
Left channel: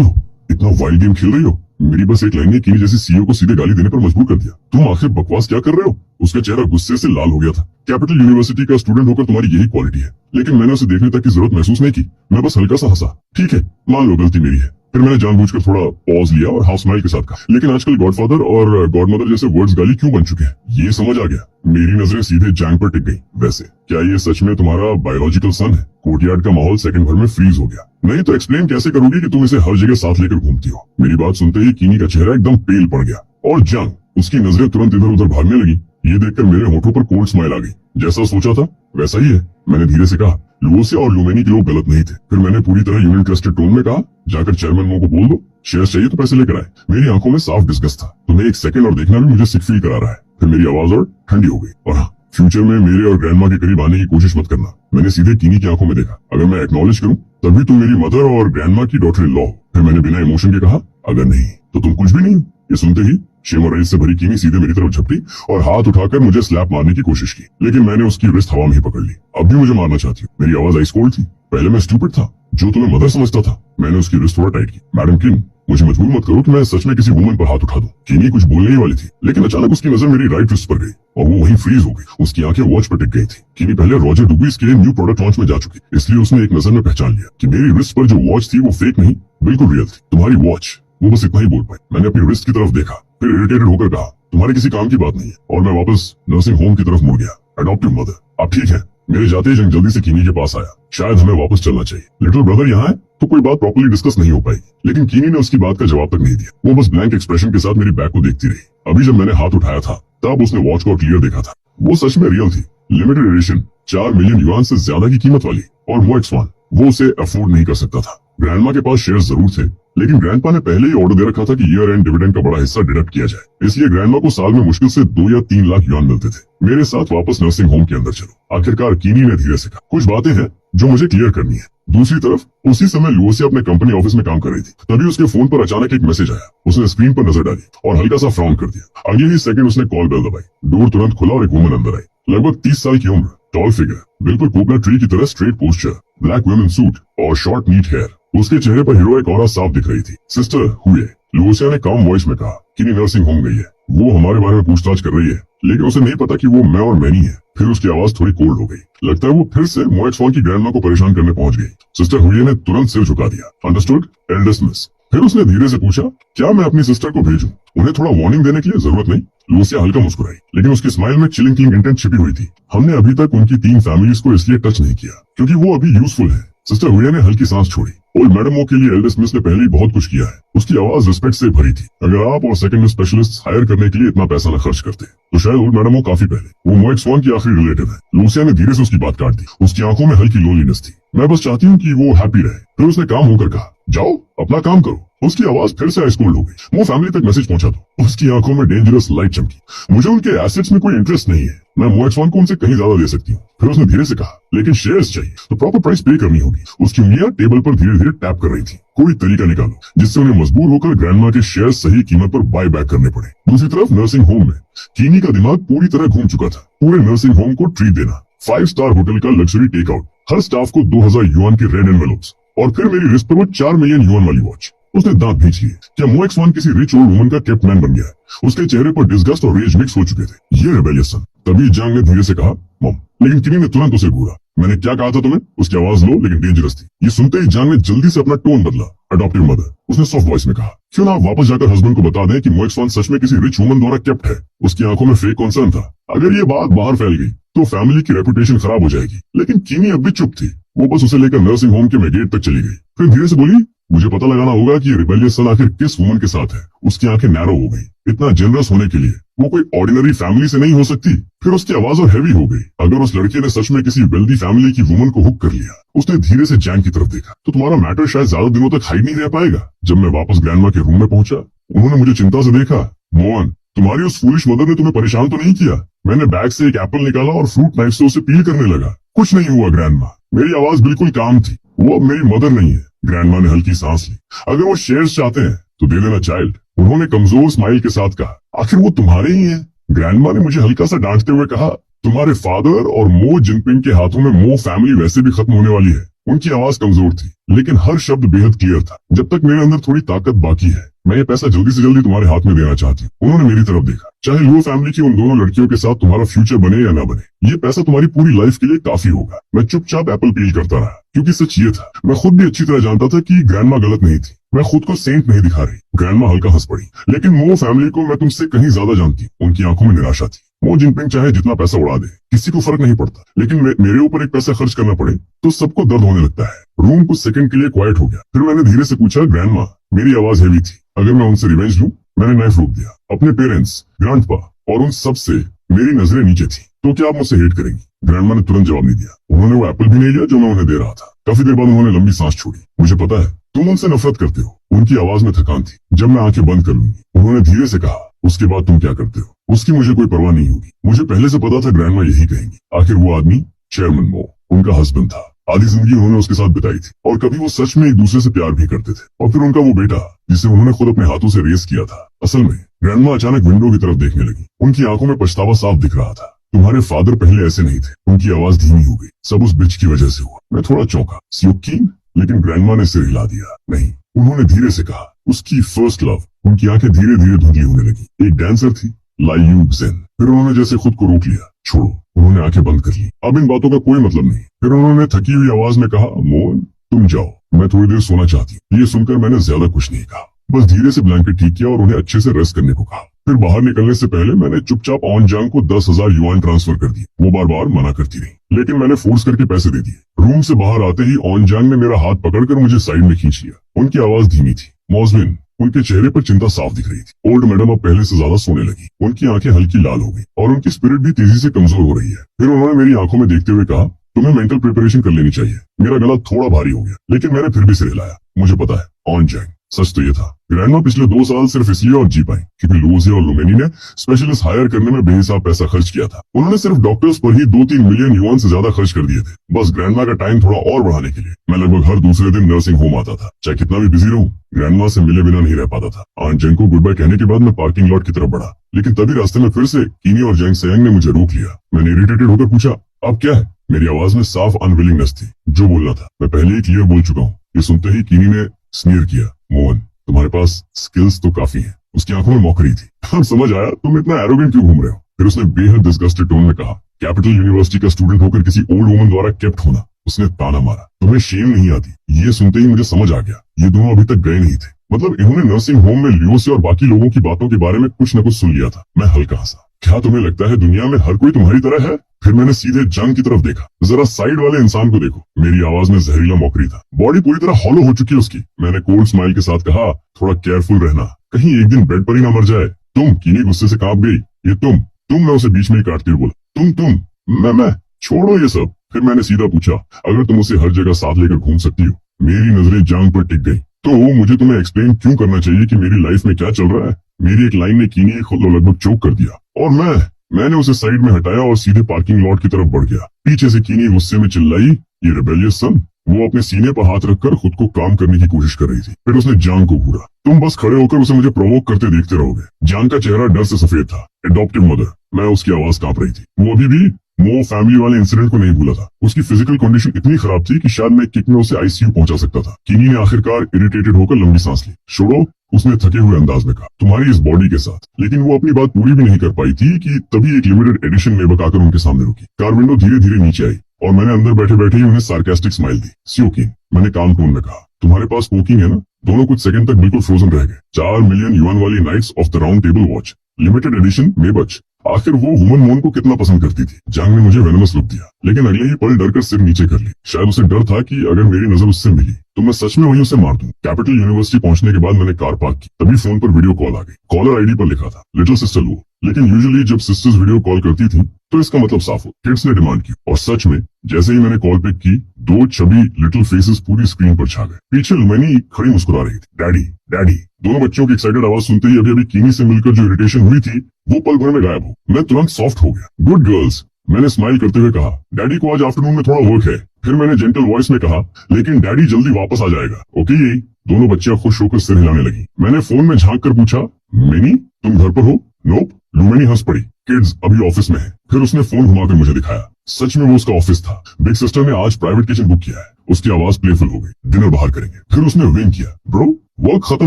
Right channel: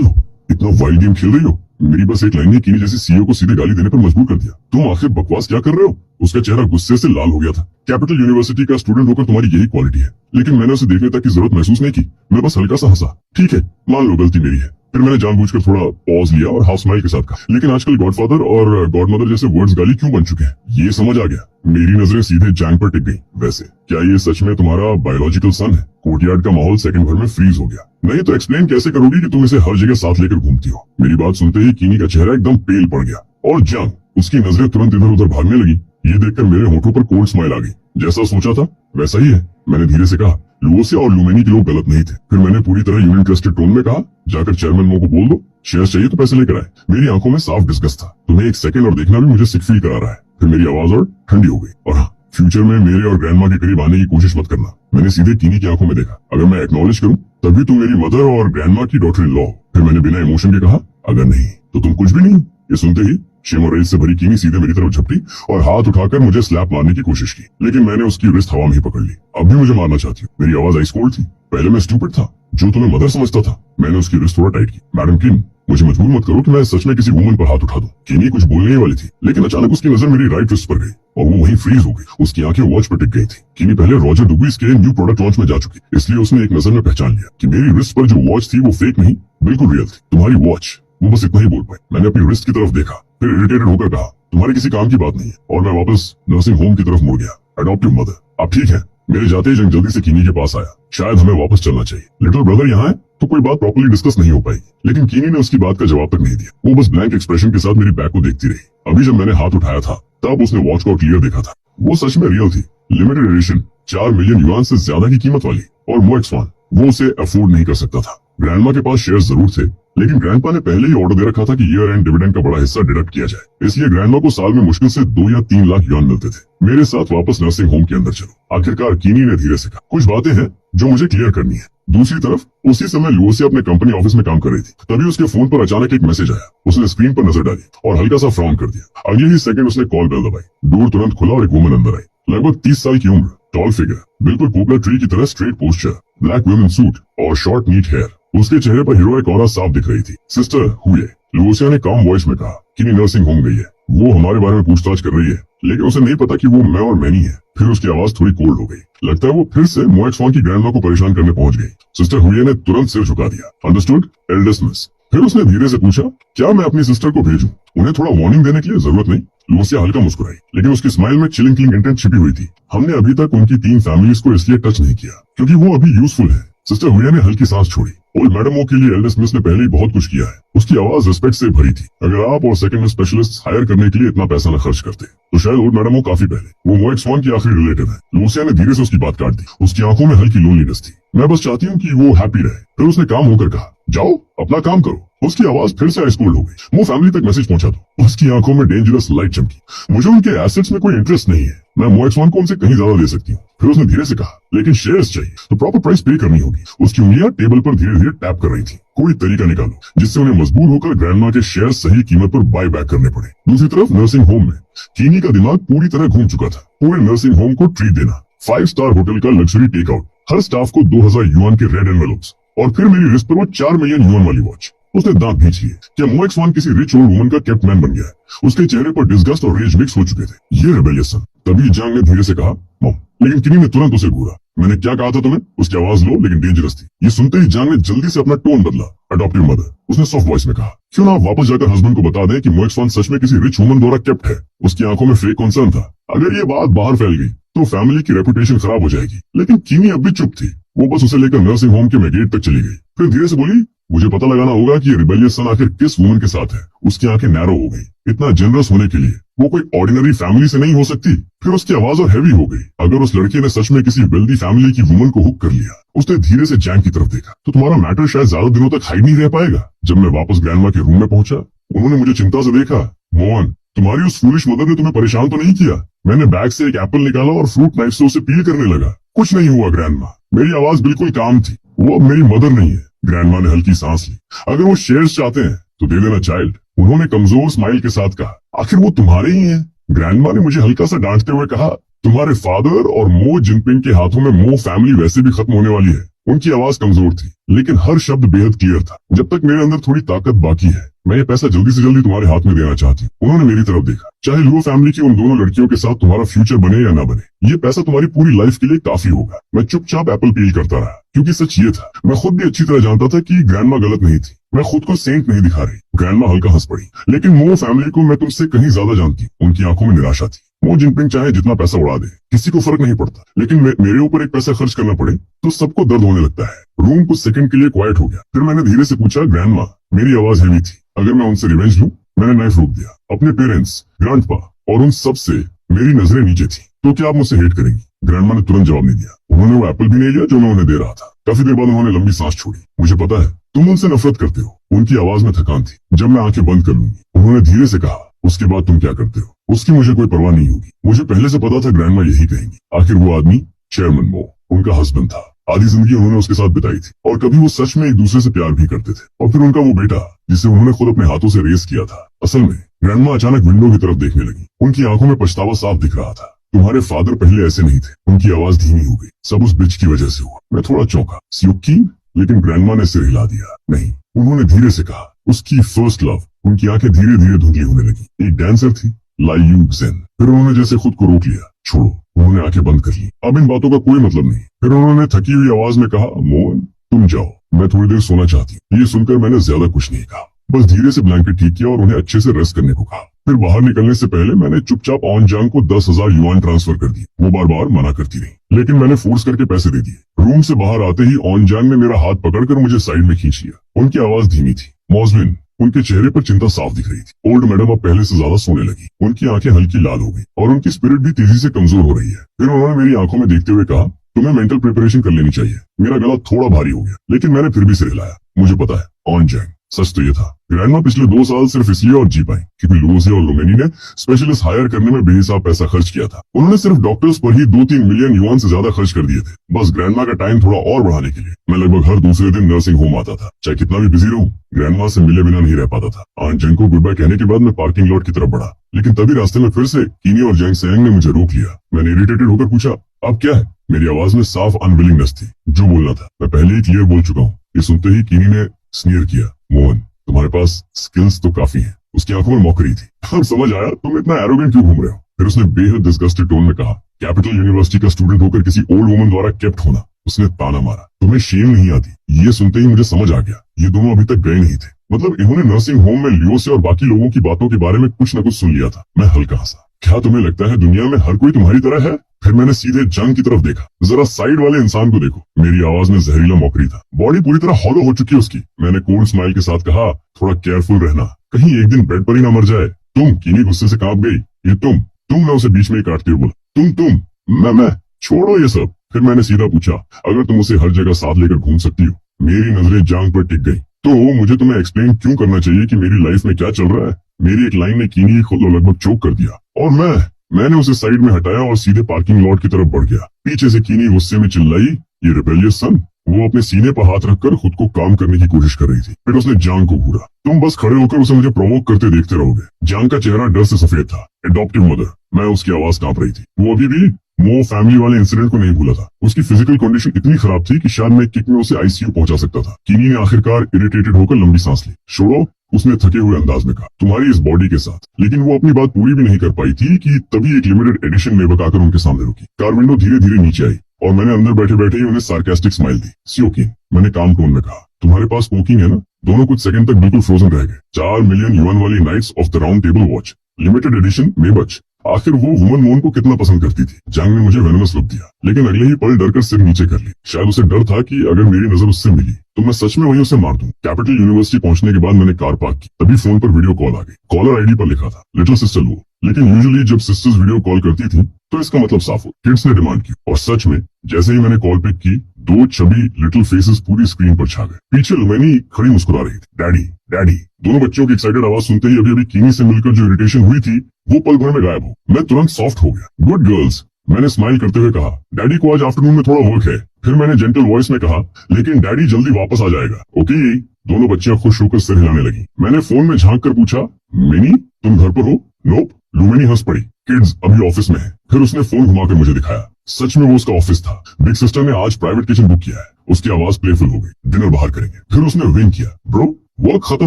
हो। इतना वाइल्ड गेम खेल रही हो। मेरी बस एक लाइन ने कीनी जैसी सीईओ को सीधे गाली देने पर मजबूर कर दिया। तुम आखिर बकवास क्या कर रहे हो? उसका चेहरा गुस्से से लाल हो गया था। कैपिटल यूनिवर्सिटी का स्टूडेंट होकर तुम्हारी यही क्वालिटी है। लेकिन मैंने उसे देखने तक की जरूरत महसूस नहीं की। मैं बस हल्का सा हंसा। ठीक है, मान लो गलती मेरी है। फिर मैंने जानबूझकर थोड़ा पॉज लिया और हाफ स्माइल के साथ कहा, लेकिन आजकल गॉडफादर और गॉडमदर जैसे वर्ड्स गाली क्यों बन चुके हैं? ये समझ आ गया। मेरी नजरें सीधे जैंग पर टिक गई। वैसे क्या ये सच में तुम्हारा बायोलॉजिकल सन है? कोर्टयार्ड का माहौल सेकंड भर में फ्रीज हो गया। नहीं तो एक्सप्लेन कैसे करोगी कि तुम इसे हर जगह साथ लेकर घूमती हो? मेरी बात सुनते ही कीनी का चेहरा एकदम पेल पड़ गया और जंग, उसकी नजरें तुरंत इधर उधर भागने लगी। ये देखकर मेरे होठों पर कोल्ड स्माइल आ गई। जैसा सोचा था वैसा ही है, मैंने धीरे से कहा। लुओसिया और ल्यूमेनी के लोग गलत नहीं थे। फिर मैंने पूरी तरह यूनियन ट्रस्टेड टोन में कहा, जाकर चेयरमैन मो को बोल दो, शेयर्स चाहिए तो पैसे लेकर आए। मेरी आंखों में साफ डिस्गस्ट था। तुम्हें एक सेकंड और देखना भी मुझे सिक फील करा रहा है। फिर मेरी आवाज और ठंडी हो गई। और हाँ, फ्यूचर में मेरे और ग्रैंडमा के करीब आने की कोशिश मत करना। मैंने सीधे कीनी की आंखों में देखा। अगर मैं एक्नॉलेज करूं तभी तुम मेरी मदर और ग्रैंडमा की डॉटर इन लॉ। फिर मैंने बिना इमोशन के कहा, अगर नहीं तो तुम कुछ भी नहीं। ये सुनते ही शेम और रेज से भरी कीनी सीधे मेरी तरफ झपटी और हाथ उठाकर मुझे स्लैप मारने की कोशिश की, लेकिन मैंने उसकी रिस्ट हवा में ही पकड़ ली। अब भी मुझे मारना चाहती हूँ। मेरी आवाज आइस कोल्ड थी। पहले मैं स्टूपिड था, जो तुम्हें मदर समझता था। मैंने उसकी रिस्ट थोड़ा टाइट की। मैडम किन, मुझे मजबूर मत करो कि मैं सच में किसी वुमन पर हाथ उठा दूं। कीनी कुछ बोलने ही वाली थी, लेकिन अचानक उसकी नजर मेरी राइट रिस्ट पर गई और वो वहीं फ्रीज हो गई। उसकी आंखें वॉच पर टिक गई थी। कीनी पहले रॉजर डुबीस के न्यू प्रोडक्ट लॉन्च में जा चुकी, इसलिए उसने एक नजर में पहचान लिया कि मेरी रिस्ट पर जो वॉच थी वो फेक नहीं, बिल्कुल रियल थी। तुम्हारी वॉच, वो बस इतना ही बोल पाई। मैंने अपनी रिस्ट की तरफ देखा, फिर इरिटेटेड होकर कहा, तुम्हारे किसी काम की बात नहीं है। और मैं वापस नर्सिंग होम की तरफ मुड़ गया। अडॉप्टिव मदर, अब ठीक है। मेरे जाते ही जंग जल्दी से कीनी के पास आया। शायद हमें वापस चलना चाहिए। लिटिल ब्रदर यहाँ है तो कोई बात प्रॉपर्ली डिस्कस नहीं हो पाई, लेकिन कीनी ने उसकी बात का जवाब तक नहीं दिया। वो बस ब्लैंक एक्सप्रेशन के साथ मेरी बैग को देखती रही। अभी जब मैंने हाथ उठाया था तब उसने वॉच को क्लियर देखा था। वो सच में रियल थी, लिमिटेड एडिशन, 4 मिलियन युआन से ज्यादा की कीमत वाली। और MoX1, वो उसे अफोर्ड नहीं कर सकता था। ग्रैंडमा के पास शेयर्स जरूर थे, लेकिन ग्रैंडपा ने पहले ही ऑर्डर दे रखा था कि ईयर एंड डिविडेंड का बड़ा हिस्सा डिडक्ट किया जाए। इसलिए ग्रैंडमा को साल में मुश्किल से 2 या 3 लाख युआन मिलते थे। मेरे साथ वापस नर्सिंग होम के अंदर चलो। आखिरकार कीनी ने धीरे से कहा, कुछ बातें हैं जो मुझे क्लियर करनी है। दूसरी तरफ उसी समय लुओसिया अपने कंपनी ऑफिस में काम कर रही थी। तभी उसके फोन पर अचानक एक मैसेज आया। उसने स्क्रीन पर नजर डाली और हल्का सा फ्राउन कर दिया। अगले ही सेकंड उसने कॉल बेल दबाई। डोर तुरंत खुला और एक वुमन अंदर आई। लगभग 30 साल की उम्र, टॉल फिगर, बिल्कुल पोपलर ट्री की तरह straight posture, black women suit और शॉर्ट नीट हेयर। उसके चेहरे पर हीरोइक ऑरा साफ दिख रही थी। सिस्टर हुए, लुओसिया ने काम वॉइस में कहा, कीनी नर्सिंग होम गई है। वो हमारे बारे में पूछताछ कर रही है, लेकिन उसे नहीं पता कि वो मैं और मैनी है। फिर उसकी आवाज थोड़ी कोल्ड हो गई। लगता है वो फिर से MoX1 की ग्रैंडमा को परेशान करने पहुंच गई। सिस्टर हुए ने तुरंत सिर झुका दिया। Understood, eldest miss. फिर उसने धीरे से पूछा, क्या मैं अपनी सिस्टर को भेजूं? उन्हें थोड़ा वार्निंग देने के लिए जरूरत नहीं। लुओसिया हल्का मुस्कुराई, लेकिन उसकी स्माइल में चिलिंग किलिंग इंटेंट छिपी हुई थी। हमने अभी तक उनकी 3 फैमिलीज को इसलिए टच नहीं किया क्योंकि वो अभी यूजफुल है। सिस्टर हुए ने हल्की सांस छोड़ी। ओल्ड मैडम ओ के लिए एल्डेस्ट मिस ने पहले ही बहुत कुछ किया है। उसकी आवाज रिस्पेक्ट से भरी थी। अगर आप और सेकंड स्पेशलिस्ट हायर करने के लिए इतना पैसा न खर्च करते तो शायद ओल्ड मैडम ओ काफी पहले। वो MoX1 की आखिरी रिलेटिव है। लुओसिया ने धीरे से उसकी बात काट दी। उसकी आंखों में हल्की लोनलीनेस थी। मैं बस चाहती हूँ कि वो हैप्पी रहे। फिर उसने काम होकर कहा, जाओ अपना काम करो। उसकी आवाज फिर से आइस कोल्ड हो गई। वो फैमिली तक मैसेज पहुंचा दो। उसकी आंखों में डेंजरस लाइट चमकी। मुझे उनके एसेट्स में कोई इंटरेस्ट नहीं है। मैं MoX1 को उनसे कहीं ज्यादा दे सकती हूँ। फिर उसने धीरे से कहा, लेकिन शेयर्स चाहिए तो प्रॉपर प्राइस पे करनी होगी। उसकी उंगलियां टेबल पर धीरे धीरे टैप कर रही थी। कोई तरीका निकालो जिससे उन्हें मजबूर होकर ग्रैंडमा के शेयर सही कीमत पर बाय बैक करने पड़े। दूसरी तरफ नर्सिंग होम में कीनी का दिमाग पूरी तरह घूम चुका था। पूरे नर्सिंग होम को ट्रीट देना, 5 स्टार होटल का लग्जरी टेकआउट, हर स्टाफ को 2000 युआन के रेड एनवेलप्स और फिर मेरी रिस्ट पर वो 4 मिलियन युआन वाली वॉच। उसने दांत भींच लिए। क्या MoX1 किसी रिच ओल्ड वुमन का केप्ट मैन बन गया है? उसके चेहरे पर डिस्गस्ट और रेज मिक्स हो चुके थे। ये रेबेलियस सन। तभी जांग ने धीरे से कहा, मॉम। लेकिन कीनी ने तुरंत उसे घूरा। मैंने क्या कहा था तुम्हें? उसकी आवाज लो लेकिन डेंजरस थी। ये सुनते ही जांग ने जल्दी से अपना टोन बदला। अडॉप्टिव मदर, उसने सॉफ्ट वॉइस में कहा, क्यों ना आप वापस जाकर हस्बैंड को बता दें कि MoX1 सच में किसी रिच वुमन द्वारा केप्ट है। उसकी आंखों में फेक कॉन्सर्न था। अगर ये बात बाहर फैल गई तो फैमिली की रेपुटेशन खराब हो जाएगी। लेकिन कीनी अब भी चुप थी। वो बस उसे लेकर नर्सिंग होम के मेगेट तक चली गई। फिर धीरे से बोली, मुझे पता लगाना होगा कि ये रिबेलियस सन आखिर किस वुमन के साथ है। उसकी आंखें नैरो हो गई। इतना जनरस होने के लिए वो कोई ऑर्डिनरी फैमिली से नहीं हो सकती। फिर उसकी आवाज और हैवी हो गई। अगर उस लड़के ने सच में किसी वेल्दी फैमिली की वुमन को हुक कर लिया। उसने धीरे से जैंग की तरफ देखा, तो तुम्हारा मैटर शायद ज्यादा दिनों तक हाइड नहीं रह पाएगा। जब मैं वापस ग्रैंडमा के रूम में पहुंचा, उन्होंने मुझे चिंता से देखा। मोहन, तुम्हारी उस फूलिश मदर ने तुम्हें परेशान तो नहीं किया? मैंने बैग से एक एप्पल निकाला और फ्रूट नाइफ से उसे पील करने लगा। कुछ नहीं हुआ ग्रैंडमा। मेरी आवाज बिल्कुल काम थी। वो अब मेरी मदर नहीं है। ग्रैंडमा ने हल्की सांस ली। अगर वो शेयर्स चाहते हैं तो दे देना चाइल्ड, उन्होंने कमजोर स्माइल के साथ कहा। आखिर वो तुम्हारे ही हैं। ग्रैंडमा ने मुझे हल्का सा डांटते हुए कहा, तुम्हारे फादर और मो जिनपिंग के हाथों में मो फैमिली वैसे भी खत्म होने वाली है। उनकी आवाज कमजोर थी, लेकिन हर शब्द बेहद क्लियर था। जब तक मेरे अंदर थोड़ी ताकत बाकी है, मैं ये पैसा जल्दी से जल्दी तुम्हारे हाथ में देना चाहती हूँ। उन्होंने मेरी तरफ देखा। चाहे लो फैमिली की उन दोनों लड़कियों के साथ तुम्हारा फ्यूचर बने या ना बने, ये पैसा तुम्हारी पूरी लाइफ के लिए काफी होगा। मैं चुपचाप एप्पल पील करता रहा, क्योंकि सच ये था, मैं खुद भी अच्छी तरह जानता था कि ग्रैंडमा गलत नहीं थी। मैं खुद को सेंट नहीं दिखा रही। ग्रैंडमा हल्का हंस पड़ी। लेकिन मो फैमिली को मैं तुमसे कहीं ज्यादा जानती हूँ। उनकी आंखों में निराशा थी। मो जिनपिंग चाहे जितना पैसा उड़ा दे, किसी को फर्क नहीं पड़ता, लेकिन मेरे ऊपर एक पैसा खर्च करना पड़े तो सबको दर्द होने लगता है। रूम कुछ सेकंड के लिए क्वाइट हो गया। फिर मैंने धीरे से पूछा, ग्रैंडमा, मेरी आवाज हैवी थी, अगर मैं उनसे रिवेंज लूं? मैंने नाइफ रोक दिया। अपने पेरेंट्स, ग्रैंडपा और उन सब से मेरी नजरें नीचे थी। तो क्या आप मुझसे हेट करेंगी? ग्रैंडमा ने तुरंत जवाब नहीं दिया। उन्होंने वो एप्पल भी नहीं लिया जो मैं उन्हें दे रहा था। काफी देर बाद उन्होंने लंबी सांस छोड़ी। मुझे पता है तुम उनसे नफरत करते हो। उनकी आवाज में थकान थी। जब मैं आंखें बंद कर लूंगी, उन्होंने धीरे से कहा, उसके बाद तुम क्या करते हो उसकी मुझे कोई परवाह नहीं होगी। मुझे पहले से पता था ग्रैंडमा यही कहेंगी। आखिर वो आदमी चेयरमैन मो उनका हस्बैंड था। आधी जिंदगी उन्होंने उसके साथ बिताई थी और कभी वो सच में एक दूसरे से प्यार भी करते थे। और फिर उनका वो बेटा जिसे उन्होंने खुद अपने हाथों से रेस किया था। असल में ग्रैंडमा अचानक विंडो की तरफ देखने लगी। उनकी आंखों में पछतावा साफ दिख रहा था। तुम्हारे फादर पहले ऐसे नहीं थे। उनकी आवाज धीमी हो गई। सब उस ब्रिज की वजह से हुआ। मैं थोड़ा चौंका। स्यूकीन? लेकिन ग्रैंडमा ने सिर हिला दिया। नहीं, उन्होंने धीरे से कहा, उसकी फर्स्ट लव। उनकी आंखें धीरे धीरे धुंधली होने लगी। एक डांसर थी, लाई यू जेन। फिर उन्होंने जैसे खुद को रोक लिया। छोड़ो, उन्होंने आंखें बंद कर ली। अब इन बातों का कोई मतलब नहीं। फिर उन्होंने थकी हुई आवाज में कहा, मोहन तुम जाओ, मैं थोड़ी देर सोना चाहती हूँ। ये सुनकर मैंने ज्यादा कुछ नहीं कहा, बस धीरे से ब्लैंकेट ठीक किया और उन्हें अच्छे से रेस्ट करने को कहा। फिर बाहर निकलने से पहले मैंने चुपचाप ऑन जांग को 10,000 युआन ट्रांसफर कर दिए। वो बार बार मना करती रही, लेकिन मैंने फोर्स करके पैसे दे दिए। रूम से बाहर आते ही ऑन जांग ने मेरा हाथ पकड़कर मुझे साइड में खींच लिया। उनकी आवाज धीमी थी। मॉजविन, उनके चेहरे पर चिंता साफ दिख रही थी। ओल्ड मैडम अब पहले से ज्यादा सोने लगी। उनकी आंखें हल्की लाल हो गई और उनकी स्पिरिट भी तेजी से कमजोर हो रही है। फिर उन्होंने मेरी आंखों में देखते हुए कहा, तुम्हें मेंटल प्रिपरेशन कर लेनी चाहिए। मेरा गला थोड़ा भारी हो गया, लेकिन मैंने फिर भी सिर हिलाया। मुझे पता है ऑन जाएंगे। सच तो ये था, ग्रैंडमा पिछले 2 साल सिर्फ इसलिए और जी पाई क्योंकि लूजे और लोमेनी ने स्पेशलिस्ट हायर करने में बेहिसाब पैसा खर्च किया था। उन्होंने सिर्फ डॉक्टर्स पर ही 2-3 मिलियन युआन से ज्यादा खर्च कर दिए थे, बस ग्रैंडमा का टाइम थोड़ा और बढ़ाने के लिए। मैं लगभग हर दूसरे दिन नर्सिंग होम आता था। चाहे कितना भी बिजी रहूं, ग्रैंडमा से मिले बिना नहीं रह पाता था। आंट जेंग को गुड बाय कहने के बाद मैं पार्किंग लॉट की तरफ बढ़ा, लेकिन तभी रास्ते में फिर से कीनी और जेंग सेंग ने मुझे रोक लिया। मैंने इरिटेटेड होकर पूछा, अब क्या है? मेरी आवाज में साफ अनविलिंगनेस थी। जो बोलना था मैं पहले ही क्लियर बोल चुका हूँ। ये सुनते ही कीनी ने स्नीर किया, मोहन तुम्हारे पास स्किल्स तो काफी हैं। उसकी आंखों में मौकरी थी। अब समझ आया तुम इतना एरोगेंट क्यों घूम रहे हो। फिर उसने बेहद डिस्गस्टेड टोन में कहा, कैपिटल यूनिवर्सिटी का स्टूडेंट होकर किसी ओल्ड वुमन द्वारा केप्ट होना। उसने ताना मारा, तुम्हें शेम नहीं आती? ये सुनते ही मुझे समझ आ गया, ये दोनों अभी तक गए नहीं थे। मतलब इन्होंने नर्सिंग होम में लियो से और बाकी लोगों की बातों के बारे में कुछ न कुछ सुन लिया था। मैं हल्का हंसा। क्या तुम्हें लगता है दुनिया में हर कोई तुम्हारी तरह है? फिर मैंने सीधे जंग की तरफ देखा। जरा साइड वाले इंसान को देखो। मेरी आवाज में जहरीला मौकरी था। बॉडी पूरी तरह हॉलो हो चुकी है उसकी। मैंने कोल्ड स्माइल के साथ कहा, थोड़ा केयरफुल रहना, कहीं एक दिन बेड पर ही ना मर जाए। तुम? कीनी गुस्से से कांप गई। ये तुम मैं उसे बीच में ही काटते हुए बोला, तुम मैं छोड़ो ये सब। फिर मैंने सीधा पूछा, अगर तुम उसे हर जगह साथ लेकर घूम सकती हो? मेरी नजरें जांग पर टिक गई। तो मुझे तुम्हें एक्सप्लेन क्यों करना चाहिए कि मेरी लाइफ में क्या चल रहा है? मेरी एक लाइन ने कीनी खुद लगभग चोक कर दिया और मैंने उसे साइड में हटाया और सीधे पार्किंग लॉट की तरफ बढ़ गया। पीछे से कीनी गुस्से में चिल्लाई, ये रिबेलियस सन। वो अपने सीने पर हाथ रखकर खुद को काम करने की कोशिश कर रही थी। फिर उसने जांग को घूरा, तुम बस खड़े होकर उसे मुझे प्रोवोक करते देखते रहोगे। जांग का चेहरा डर से सफेद था। एडॉप्टिव मदर, मैं उसकी आवाज कांप रही थी। वो अभी भी मो फैमिली वाले इंसिडेंट को नहीं भूला था। उसकी फिजिकल कंडीशन इतनी खराब थी कि शायद मैं किक में उसे आईसीयू पहुंचा सकता था। कीनी ने आखिरकार इरिटेटेड होकर लंबी सांस ली। छोड़ो, उसने थके हुए अंदाज में कहा, तुम्हारी इस बॉडी के साथ। लेकिन वो अपनी बात पूरी भी नहीं कर पाई थी कि तभी एक लिमिटेड एडिशन मेबक आकर उनके सामने रुकी। कार विंडो धीरे धीरे नीचे आई और मैंने अंदर बैठे बैठे ही उन्हें सार्केस्टिक स्माइल दी। स्योकिन, मैंने काम टोन में कहा, तुम्हारे पास स्मोकिंग है ना? दोनों कुछ सेकंड तक बिल्कुल फ्रोजन रह गए। 4 मिलियन युआन वाली knights of the round table watch, limited edition Maybach. आखिर वो वुमन मोन को कितना पसंद करती थी। जांग ने मुझे वेनमस लुक दिया, लेकिन अगले ही पल डर कर सिर नीचे कर ली। शायद उसे डर था कि अगर मेरी नजर उससे मिली तो मैं सच में वहीं उसे मार दूं। कैपिटल यूनिवर्सिटी पहुंचने के बाद मैंने कार पार्क की, तभी फोन पर वीडियो कॉल आ गई। कॉलर आईडी पर लिखा था लिटिल सिस्टर लू। लेकिन यूजुअली जब सिस्टर्स वीडियो कॉल करती थी तो इसका मतलब साफ हो, किड्स ने डिमांड की। और सच में जैसे ही मैंने कॉल पिक की, दो छवि लिटिल फेसेस पूरी स्क्रीन पर छा गए। पीछे लुमैनी खड़ी मुस्कुरा रही थी। Daddy daddy. दोनों बच्चों की एक्साइटेड आवाज सुनते ही अभी कीनी से मिलकर जो इरिटेशन हुई थी वो पल भर में गायब हो। मैं तुरंत सॉफ्ट हो गया। गुड गर्ल्स, मैंने स्माइल करते हुए कहा। डैडी को आज आफ्टरनून में थोड़ा वर्क है। फिर मैंने जेंटल वॉइस में कहा, लेकिन डैडी जल्दी वापस आ जाएगा, ओके? दोनों बच्चियां खुश होकर सिर हिलाने लगी। मैंने फोन में झांक कर पूछा, मिनी तुम घर पर हो? नोप। लुमैनी हंस पड़ी। किड्स अभी ऑफिस में है। फिर उसने फोन घुमाकर मुझे दिखाया। सच में वो उसका ऑफिस था। बिग सिस्टर ने आज प्राइवेट किचन बुक किया है। उसकी आवाज प्लेफुल हो गई। डिनर बाहर करेंगे। फिर उसने विंक किया। ब्रो, वर्क खत्म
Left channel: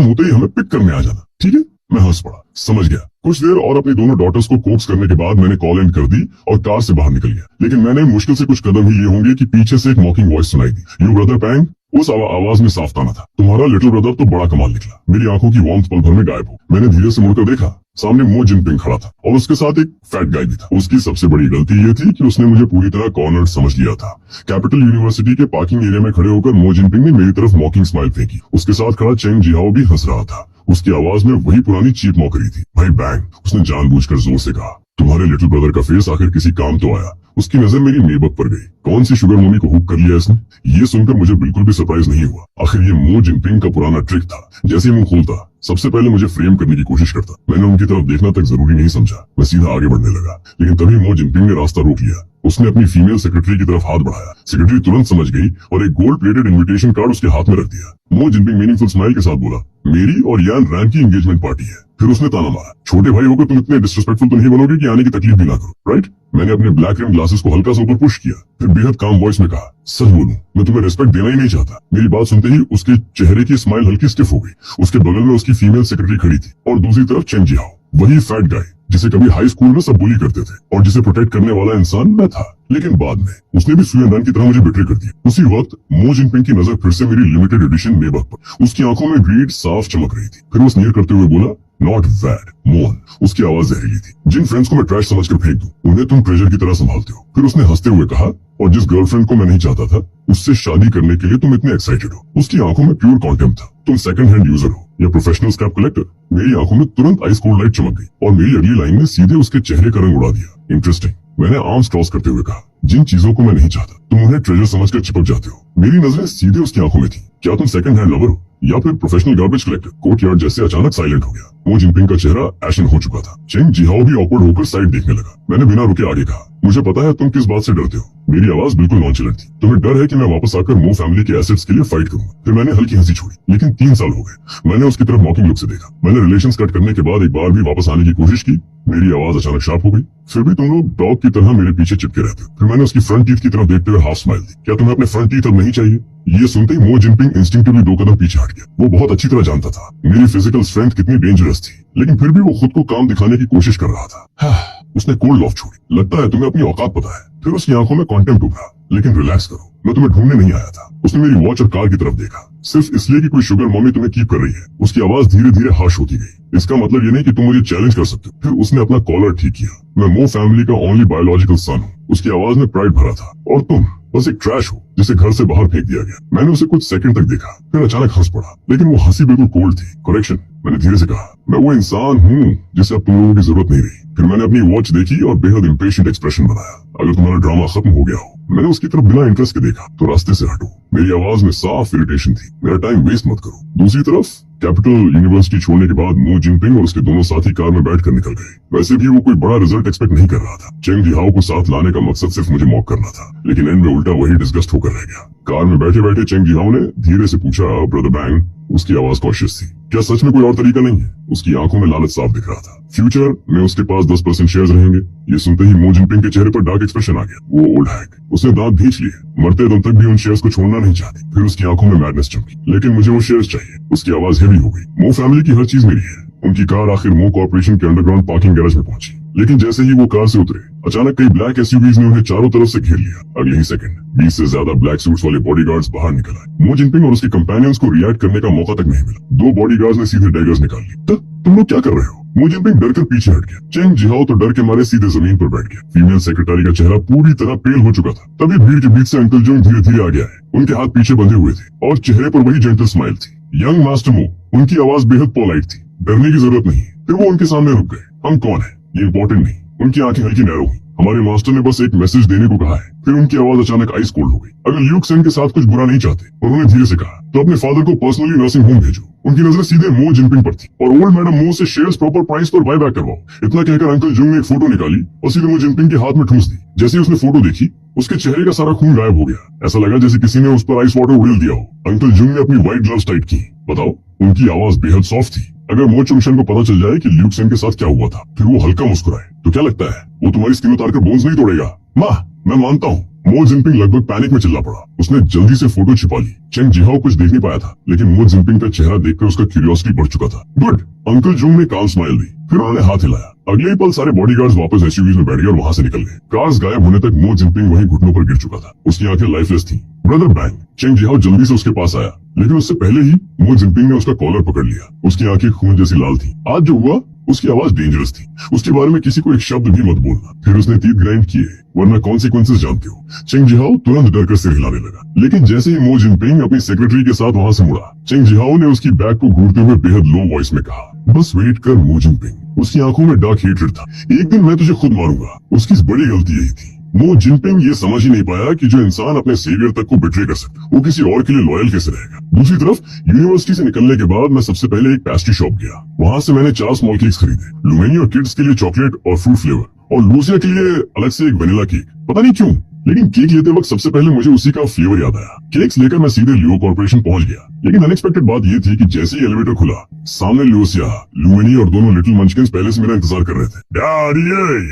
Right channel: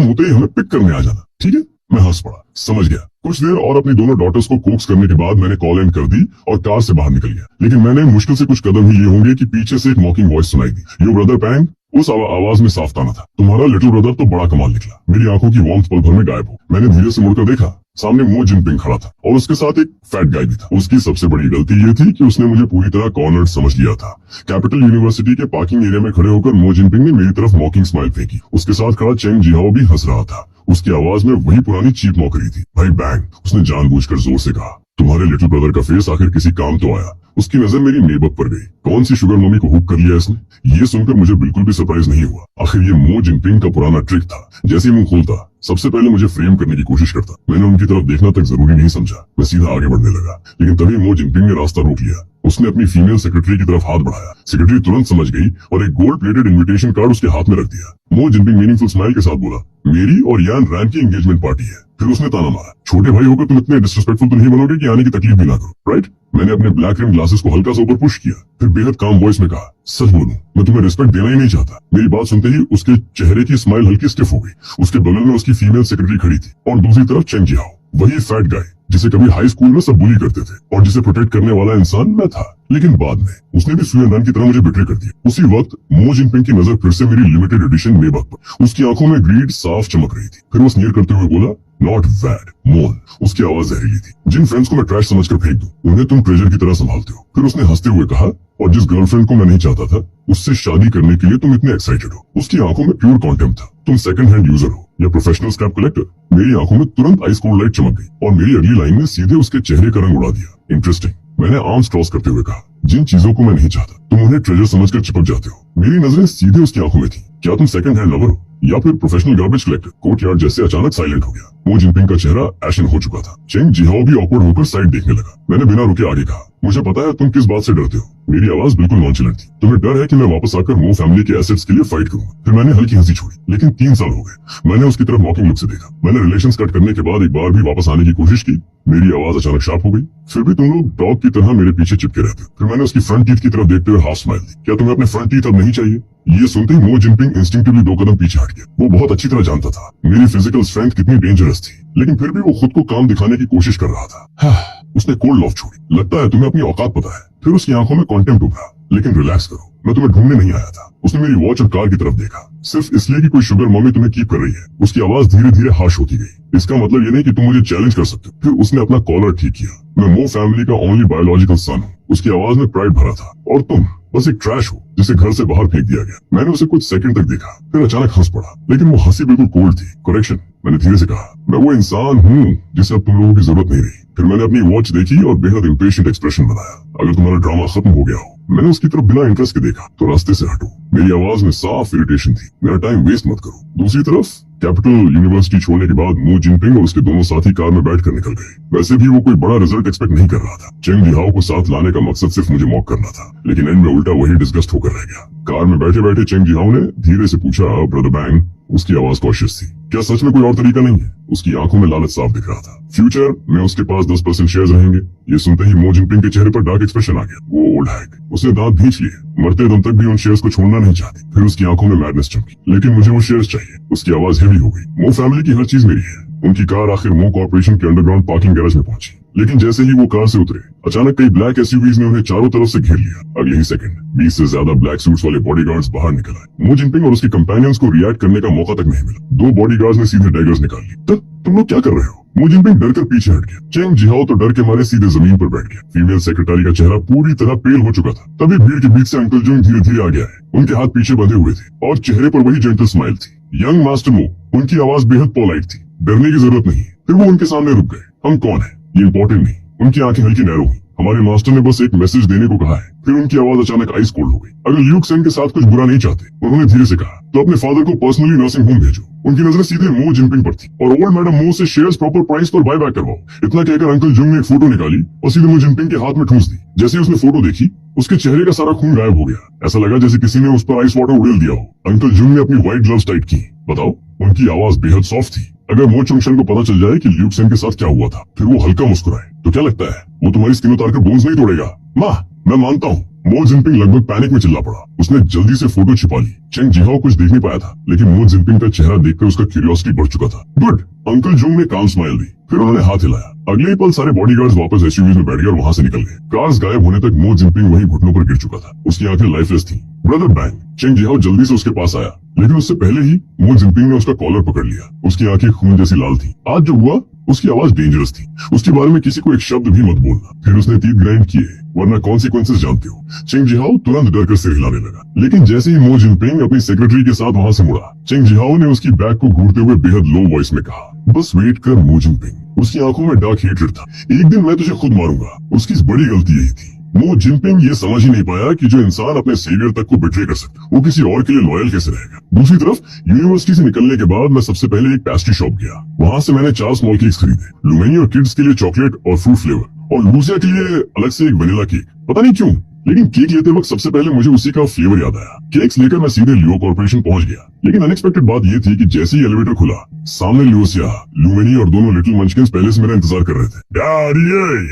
होते ही हमें पिक करने आ जाना, ठीक है? मैं हंस पड़ा। समझ गया। कुछ देर और अपनी दोनों डॉटर्स को कोक्स करने के बाद मैंने कॉल एंड कर दी और कार से बाहर निकल गया। लेकिन मैंने मुश्किल से कुछ कदम ही लिए होंगे कि पीछे से एक मॉकिंग वॉइस सुनाई दी। योर ब्रदर पैंग। उस आवाज में साफ ताना था, तुम्हारा लिटिल ब्रदर तो बड़ा कमाल निकला। मेरी आंखों की वार्मथ पल भर में गायब हो। मैंने धीरे से मुड़कर देखा। सामने मो जिनपिंग खड़ा था और उसके साथ एक फैट गाय भी था। उसकी सबसे बड़ी गलती ये थी कि उसने मुझे पूरी तरह कॉर्नर्ड समझ लिया था। कैपिटल यूनिवर्सिटी के पार्किंग एरिया में खड़े होकर मो जिनपिंग ने मेरी तरफ मॉकिंग स्माइल फेंकी। उसके साथ खड़ा चेंग जिहाओ भी हंस रहा था। उसकी आवाज में वही पुरानी चीप मौकरी थी। भाई बैंग। उसने जानबूझकर जोर से कहा, तुम्हारे लिटिल ब्रदर का फेस आखिर किसी काम तो आया। उसकी नजर मेरी नेबक पर गई। कौन सी शुगर मम्मी को हुक कर लिया इसने? ये सुनकर मुझे बिल्कुल भी सरप्राइज नहीं हुआ। आखिर ये मो जिनपिंग का पुराना ट्रिक था। जैसे ही मुंह खोलता, सबसे पहले मुझे फ्रेम करने की कोशिश करता। मैंने उनकी तरफ देखना तक जरूरी नहीं समझा। मैं सीधा आगे बढ़ने लगा। लेकिन तभी मो जिनपिंग ने रास्ता रोक लिया। उसने अपनी फीमेल सेक्रेटरी की तरफ हाथ बढ़ाया। सेक्रेटरी तुरंत समझ गई और एक गोल्ड प्लेटेड इन्विटेशन कार्ड उसके हाथ में रख दिया। मो जिनपिंग मीनिंगफुल स्माइल के साथ बोला, मेरी और यान रैन की एंगेजमेंट पार्टी है। फिर उसने ताना मारा, छोटे भाई होकर तुम इतने डिसरिस्पेक्टफुल तो नहीं बनोगे कि आने की तकलीफ भी ना करो, राइट? मैंने अपने ब्लैक रिम ग्लासेस को हल्का सा ऊपर पुश किया। फिर बेहद काम वॉइस में कहा, सच बोलूं, मैं तुम्हें रिस्पेक्ट देना ही नहीं चाहता। मेरी बात सुनते ही उसके चेहरे की स्माइल हल्की स्टिफ हो गई। उसके बगल में उसकी फीमेल सेक्रेटरी खड़ी थी और दूसरी तरफ चेंग जिहाओ, वही फैट गाय जिसे कभी हाई स्कूल में सब बुली करते थे और जिसे प्रोटेक्ट करने वाला इंसान मैं था। लेकिन बाद में उसने भी सुयन रन की तरह मुझे बिट्रे कर दिया। उसी वक्त मो जिनपिंग की नजर फिर से मेरी लिमिटेड एडिशन नेबक पर। उसकी आंखों में ग्रीड साफ चमक रही थी। फिर वो स्नीर करते हुए बोला, नॉट बैड मोन। उसकी आवाज जहरीली थी। जिन फ्रेंड्स को मैं ट्रैश समझकर फेंक दूं, उन्हें तुम ट्रेजर की तरह संभालते हो। फिर उसने हंसते हुए कहा, और जिस गर्लफ्रेंड को मैं नहीं चाहता था, उससे शादी करने के लिए तुम इतने एक्साइटेड हो। उसकी आंखों में प्योर कॉन्टेम्प्ट था। तुम सेकंड हैंड यूजर हो या प्रोफेशनल स्क्रैप कलेक्टर? मेरी आंखों में तुरंत आइस कोल्ड लाइट चमक गई और मेरी अगली लाइन ने सीधे उसके चेहरे का रंग उड़ा दिया। इंटरेस्टिंग। मैंने आर्म्स क्रॉस करते हुए कहा, जिन चीजों को मैं नहीं चाहता तुम उन्हें ट्रेजर समझकर चिपक जाते हो। मेरी नजरें सीधे उसकी आंखों में थी। क्या तुम सेकंड हैंड लवर हो या फिर प्रोफेशनल गार्बेज कलेक्टर? कोर्टयार्ड जैसे अचानक साइलेंट हो गया। मो जिनपिंग का चेहरा एशन हो चुका था। चेंग जिहाओ भी ऑकवर्ड होकर साइड देखने लगा। मैंने बिना रुके आगे कहा, मुझे पता है तुम किस बात से डरते हो। मेरी आवाज बिल्कुल नॉनचलेंट थी। तुम्हें डर है कि मैं वापस आकर मो फैमिली के एसेट्स के लिए फाइट करूंगा। फिर मैंने हल्की हंसी छोड़ी। लेकिन 3 साल हो गए। मैंने उसकी तरफ मॉकिंग लुक से देखा। मैंने रिलेशंस कट करने के बाद एक बार भी वापस आने की कोशिश की। मेरी आवाज अचानक शार्प हो गई। फिर भी तुम लोग डॉग की तरह मेरे पीछे चिपके रहते हो। फिर मैंने उसकी फ्रंट टीथ की तरफ देखते हुए हाफ स्माइल दी। क्या तुम्हें अपने फ्रंट टीथ अब नहीं चाहिए? ये सुनते ही मो जिनपिंग इंस्टिंक्टिवली 2 कदम पीछे हट गया। वो बहुत अच्छी तरह जानता था मेरी फिजिकल स्ट्रेंथ कितनी डेंजरस थी, लेकिन फिर भी वो खुद को काम दिखाने की कोशिश कर रहा था। उसने कोल्ड लॉफ छोड़ी। लगता है तुम्हें अपनी औकात पता है। फिर उसकी आंखों में कॉन्टेम्प्ट उभरा। लेकिन रिलैक्स करो, मैं तुम्हें ढूंढने नहीं आया था। उसने मेरी वॉच और कार की तरफ देखा, सिर्फ इसलिए कि कोई शुगर मम्मी तुम्हें कीप कर रही है। उसकी आवाज धीरे धीरे हार्श होती गई। इसका मतलब ये नहीं कि तुम मुझे चैलेंज कर सकते हो। फिर उसने अपना कॉलर ठीक किया। मैं मो फैमिली का ओनली बायोलॉजिकल सन हूँ। उसकी आवाज में प्राइड भरा था। और तुम बस एक ट्रैश हो जिसे घर से बाहर फेंक दिया गया। मैंने उसे कुछ सेकंड तक देखा, फिर अचानक हंस पड़ा। लेकिन वो हंसी बिल्कुल कोल्ड थी। करेक्शन, मैंने धीरे से कहा, मैं वो इंसान हूँ जिसे अब तुम लोगों की जरूरत नहीं रही। फिर मैंने अपनी वॉच देखी और बेहद इम्पेशेंट एक्सप्रेशन बनाया। अगर तुम्हारा ड्रामा खत्म हो गया हो। मैंने उसकी तरफ बिना इंटरेस्ट के देखा तो रास्ते से हटो। मेरी आवाज में साफ इरिटेशन थी। मेरा टाइम वेस्ट मत करो। दूसरी तरफ कैपिटल यूनिवर्सिटी छोड़ने के बाद मो जिनपिंग और उसके दोनों साथी कार में बैठकर निकल गए। वैसे भी वो कोई बड़ा रिजल्ट एक्सपेक्ट नहीं कर रहा था। चेंग जिहाओ को साथ लाने का मकसद सिर्फ मुझे मॉक करना था, लेकिन एंड में उल्टा वही डिस्गस्ट होकर रह गया। कार में बैठे बैठे चेंग जिहाओ ने धीरे से पूछा, ब्रदर बैंग? उसकी आवाज कॉशियस थी। क्या सच में कोई और तरीका नहीं है? उसकी आंखों में लालच साफ दिख रहा था। फ्यूचर में उसके पास 10% शेयर्स रहेंगे। ये सुनते ही मो जिनपिंग के चेहरे पर डार्क एक्सप्रेशन आ गया। वो ओल्ड हैक। उसने दांत भींच लिए। मरते दम तक भी उन शेयर्स को छोड़ना नहीं चाहती। फिर उसकी आंखों में मैडनेस चमकी। लेकिन मुझे वो शेयर्स चाहिए। उसकी आवाज हेवी हो गई। मो फैमिली की हर चीज मेरी है। उनकी कार आखिर मो कॉर्पोरेशन के अंडरग्राउंड पार्किंग गैरेज में पहुंची। लेकिन जैसे ही वो कार से उतरे अचानक कई ब्लैक एसयूवीज ने उन्हें चारों तरफ से घेर लिया। अगले ही सेकंड 20 से ज्यादा ब्लैक सूट्स वाले बॉडीगार्ड्स बाहर निकल आए। मो जिनपिंग और उसके कंपेनियंस को रिएक्ट करने का मौका तक नहीं मिला। दो बॉडीगार्ड्स ने सीधे डैगर्स निकाल लिए। तुम लोग क्या कर रहे हो? मो जिनपिंग डर कर पीछे हट गया। चेंग जिहाओ तो डर के मारे सीधे जमीन पर बैठ गया। फीमेल सेक्रेटरी का चेहरा पूरी तरह पेल हो चुका था। तभी भीड़ के बीच से अंकल जोंग धीरे धीरे आ गया है। उनके हाथ पीछे बंधे हुए थे और चेहरे पर वही जेंटल स्माइल थी। यंग मास्टर मो, उनकी आवाज बेहद पोलाइट थी। डरने की जरूरत नहीं। फिर वो उनके सामने रुक गए। हम कौन है ये इंपॉर्टेंट नहीं। उनकी आंखें हल्की नैरो हुई। हमारे मास्टर ने बस एक मैसेज देने को कहा है। फिर उनकी आवाज अचानक आइस कोल्ड हो गई। अगर ल्यूक सेन के साथ कुछ बुरा नहीं चाहते, उन्होंने धीरे से कहा, तो अपने फादर को पर्सनली नर्सिंग होम भेजो। उनकी नजर सीधे मो जिनपिंग पर थी और ओल्ड मैडम मो से शेयर्स प्रॉपर प्राइस पर बाय बैक करवाओ। इतना कहकर अंकल जुंग ने एक फोटो निकाली और सीधे मो जिनपिंग के हाथ में ठूंस दी। जैसे उसने फोटो देखी, उसके चेहरे का सारा खून गायब हो गया। ऐसा लगा जैसे किसी ने उस पर आइस वाटर उड़ेल दिया हो। अंकल जुंग ने अपनी व्हाइट ग्लव्स टाइट की। बताओ, उनकी आवाज बेहद सॉफ्ट थी। अगर मो चुंगशन को पता चल जाए कि ल्यूक सेन के साथ क्या हुआ था, फिर वो हल्का मुस्कुराए, तो क्या लगता है वो तुम्हारी स्किन उतार कर बोन्स नहीं तोड़ेगा? माँ, मैं मानता हूँ। मो जिनपिंग लगभग पैनिक में चिल्ला पड़ा। उसने जल्दी से फोटो छिपा ली। चेंग जिहाओ कुछ देख नहीं पाया था, लेकिन मो जिनपिंग का चेहरा देखकर उसका क्यूरियोसिटी बढ़ चुका था। गुड, अंकल जुंग ने काम स्माइल दी। फिर उन्होंने हाथ हिलाया। अगले ही पल सारे बॉडीगार्ड्स वापस एसयूवीज में बैठ गए और वहां से निकल गए। कार्स गायब होने तक मो जिनपिंग वहीं घुटनों पर गिर चुका था। उसकी आंखें लाइफलेस थी। ब्रदर बैंग, चेंग जिहाओ जल्दी से उसके पास आया, लेकिन उससे पहले ही मो जिनपिंग ने उसका कॉलर पकड़ लिया। उसकी आंखें खून जैसी लाल थी। आज जो हुआ उसकी आवाज डेंजरस थी। उसके बारे में किसी को एक शब्द भी मत बोलना। फिर उसने तीर ग्राइंड किए, वरना कॉन्सिक्वेंसेस जानते हो। चेंग जिहाओ तुरंत डरकर सिर हिलाने लगा। लेकिन जैसे ही मो जिनपिंग अपनी सेक्रेटरी के साथ वहां से मुड़ा, चेंग जिहाओ ने उसकी बैग को घूरते हुए बेहद लो वॉइस में कहा, बस वेट कर मो जिनपिंग। उसकी आंखों में डार्क हेट्रेड था। एक दिन मैं तुझे खुद मारूंगा। उसकी बड़ी गलती यही थी। मो जिनपिंग ये समझ ही नहीं पाया कि जो इंसान अपने सेवियर तक को बिट्रे कर सकता, वो किसी और के लिए लॉयल कैसे रहेगा। दूसरी तरफ यूनिवर्सिटी से निकलने के बाद मैं सबसे पहले एक पेस्ट्री शॉप गया। वहां से मैंने 4 स्मॉल केक्स खरीदे। लुमेनी और किड्स के लिए चॉकलेट और फ्रूट फ्लेवर, और लूसिया के लिए अलग से एक वेनिला केक। पता नहीं क्यों, लेकिन केक लेते वक्त सबसे पहले मुझे उसी का फ्लेवर याद आया। केक्स लेकर मैं सीधे लियो कॉर्पोरेशन पहुंच गया। लेकिन अनएक्सपेक्टेड बात ये थी कि जैसे ही एलिवेटर खुला, सामने लूसिया, लुमेनी और दोनों लिटिल मंचकिंस पहले से मेरा इंतजार कर रहे थे।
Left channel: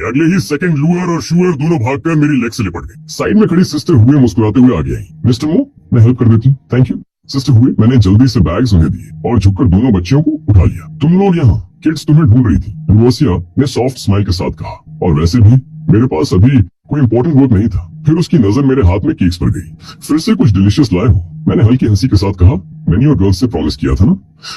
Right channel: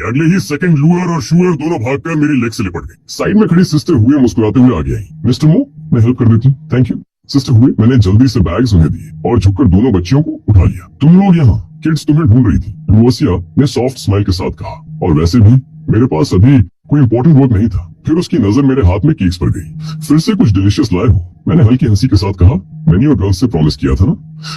अगले ही सेकंड लूअर और शूअर दोनों भागकर मेरी लेग से लिपट गए। साइड में खड़ी सिस्टर हुए मुस्कुराते हुए आगे आई। मिस्टर मो, मैं हेल्प कर देती हूँ। Thank you. सिस्टर हुए, मैंने जल्दी से बैग्स उन्हें दिए और झुककर दोनों बच्चियों को उठा लिया। तुम लोग यहाँ, किड्स तुम्हें ढूंढ रही थी, लूसिया ने सॉफ्ट स्माइल के साथ कहा। और वैसे भी मेरे पास अभी कोई इंपॉर्टेंट वर्क नहीं था। फिर उसकी नजर मेरे हाथ में केक्स पर गई। फिर से कुछ डिलीशियस लाए हो? मैंने हल्की हंसी के साथ कहा। मैंने और गर्ल्स से प्रॉमिस किया था ना।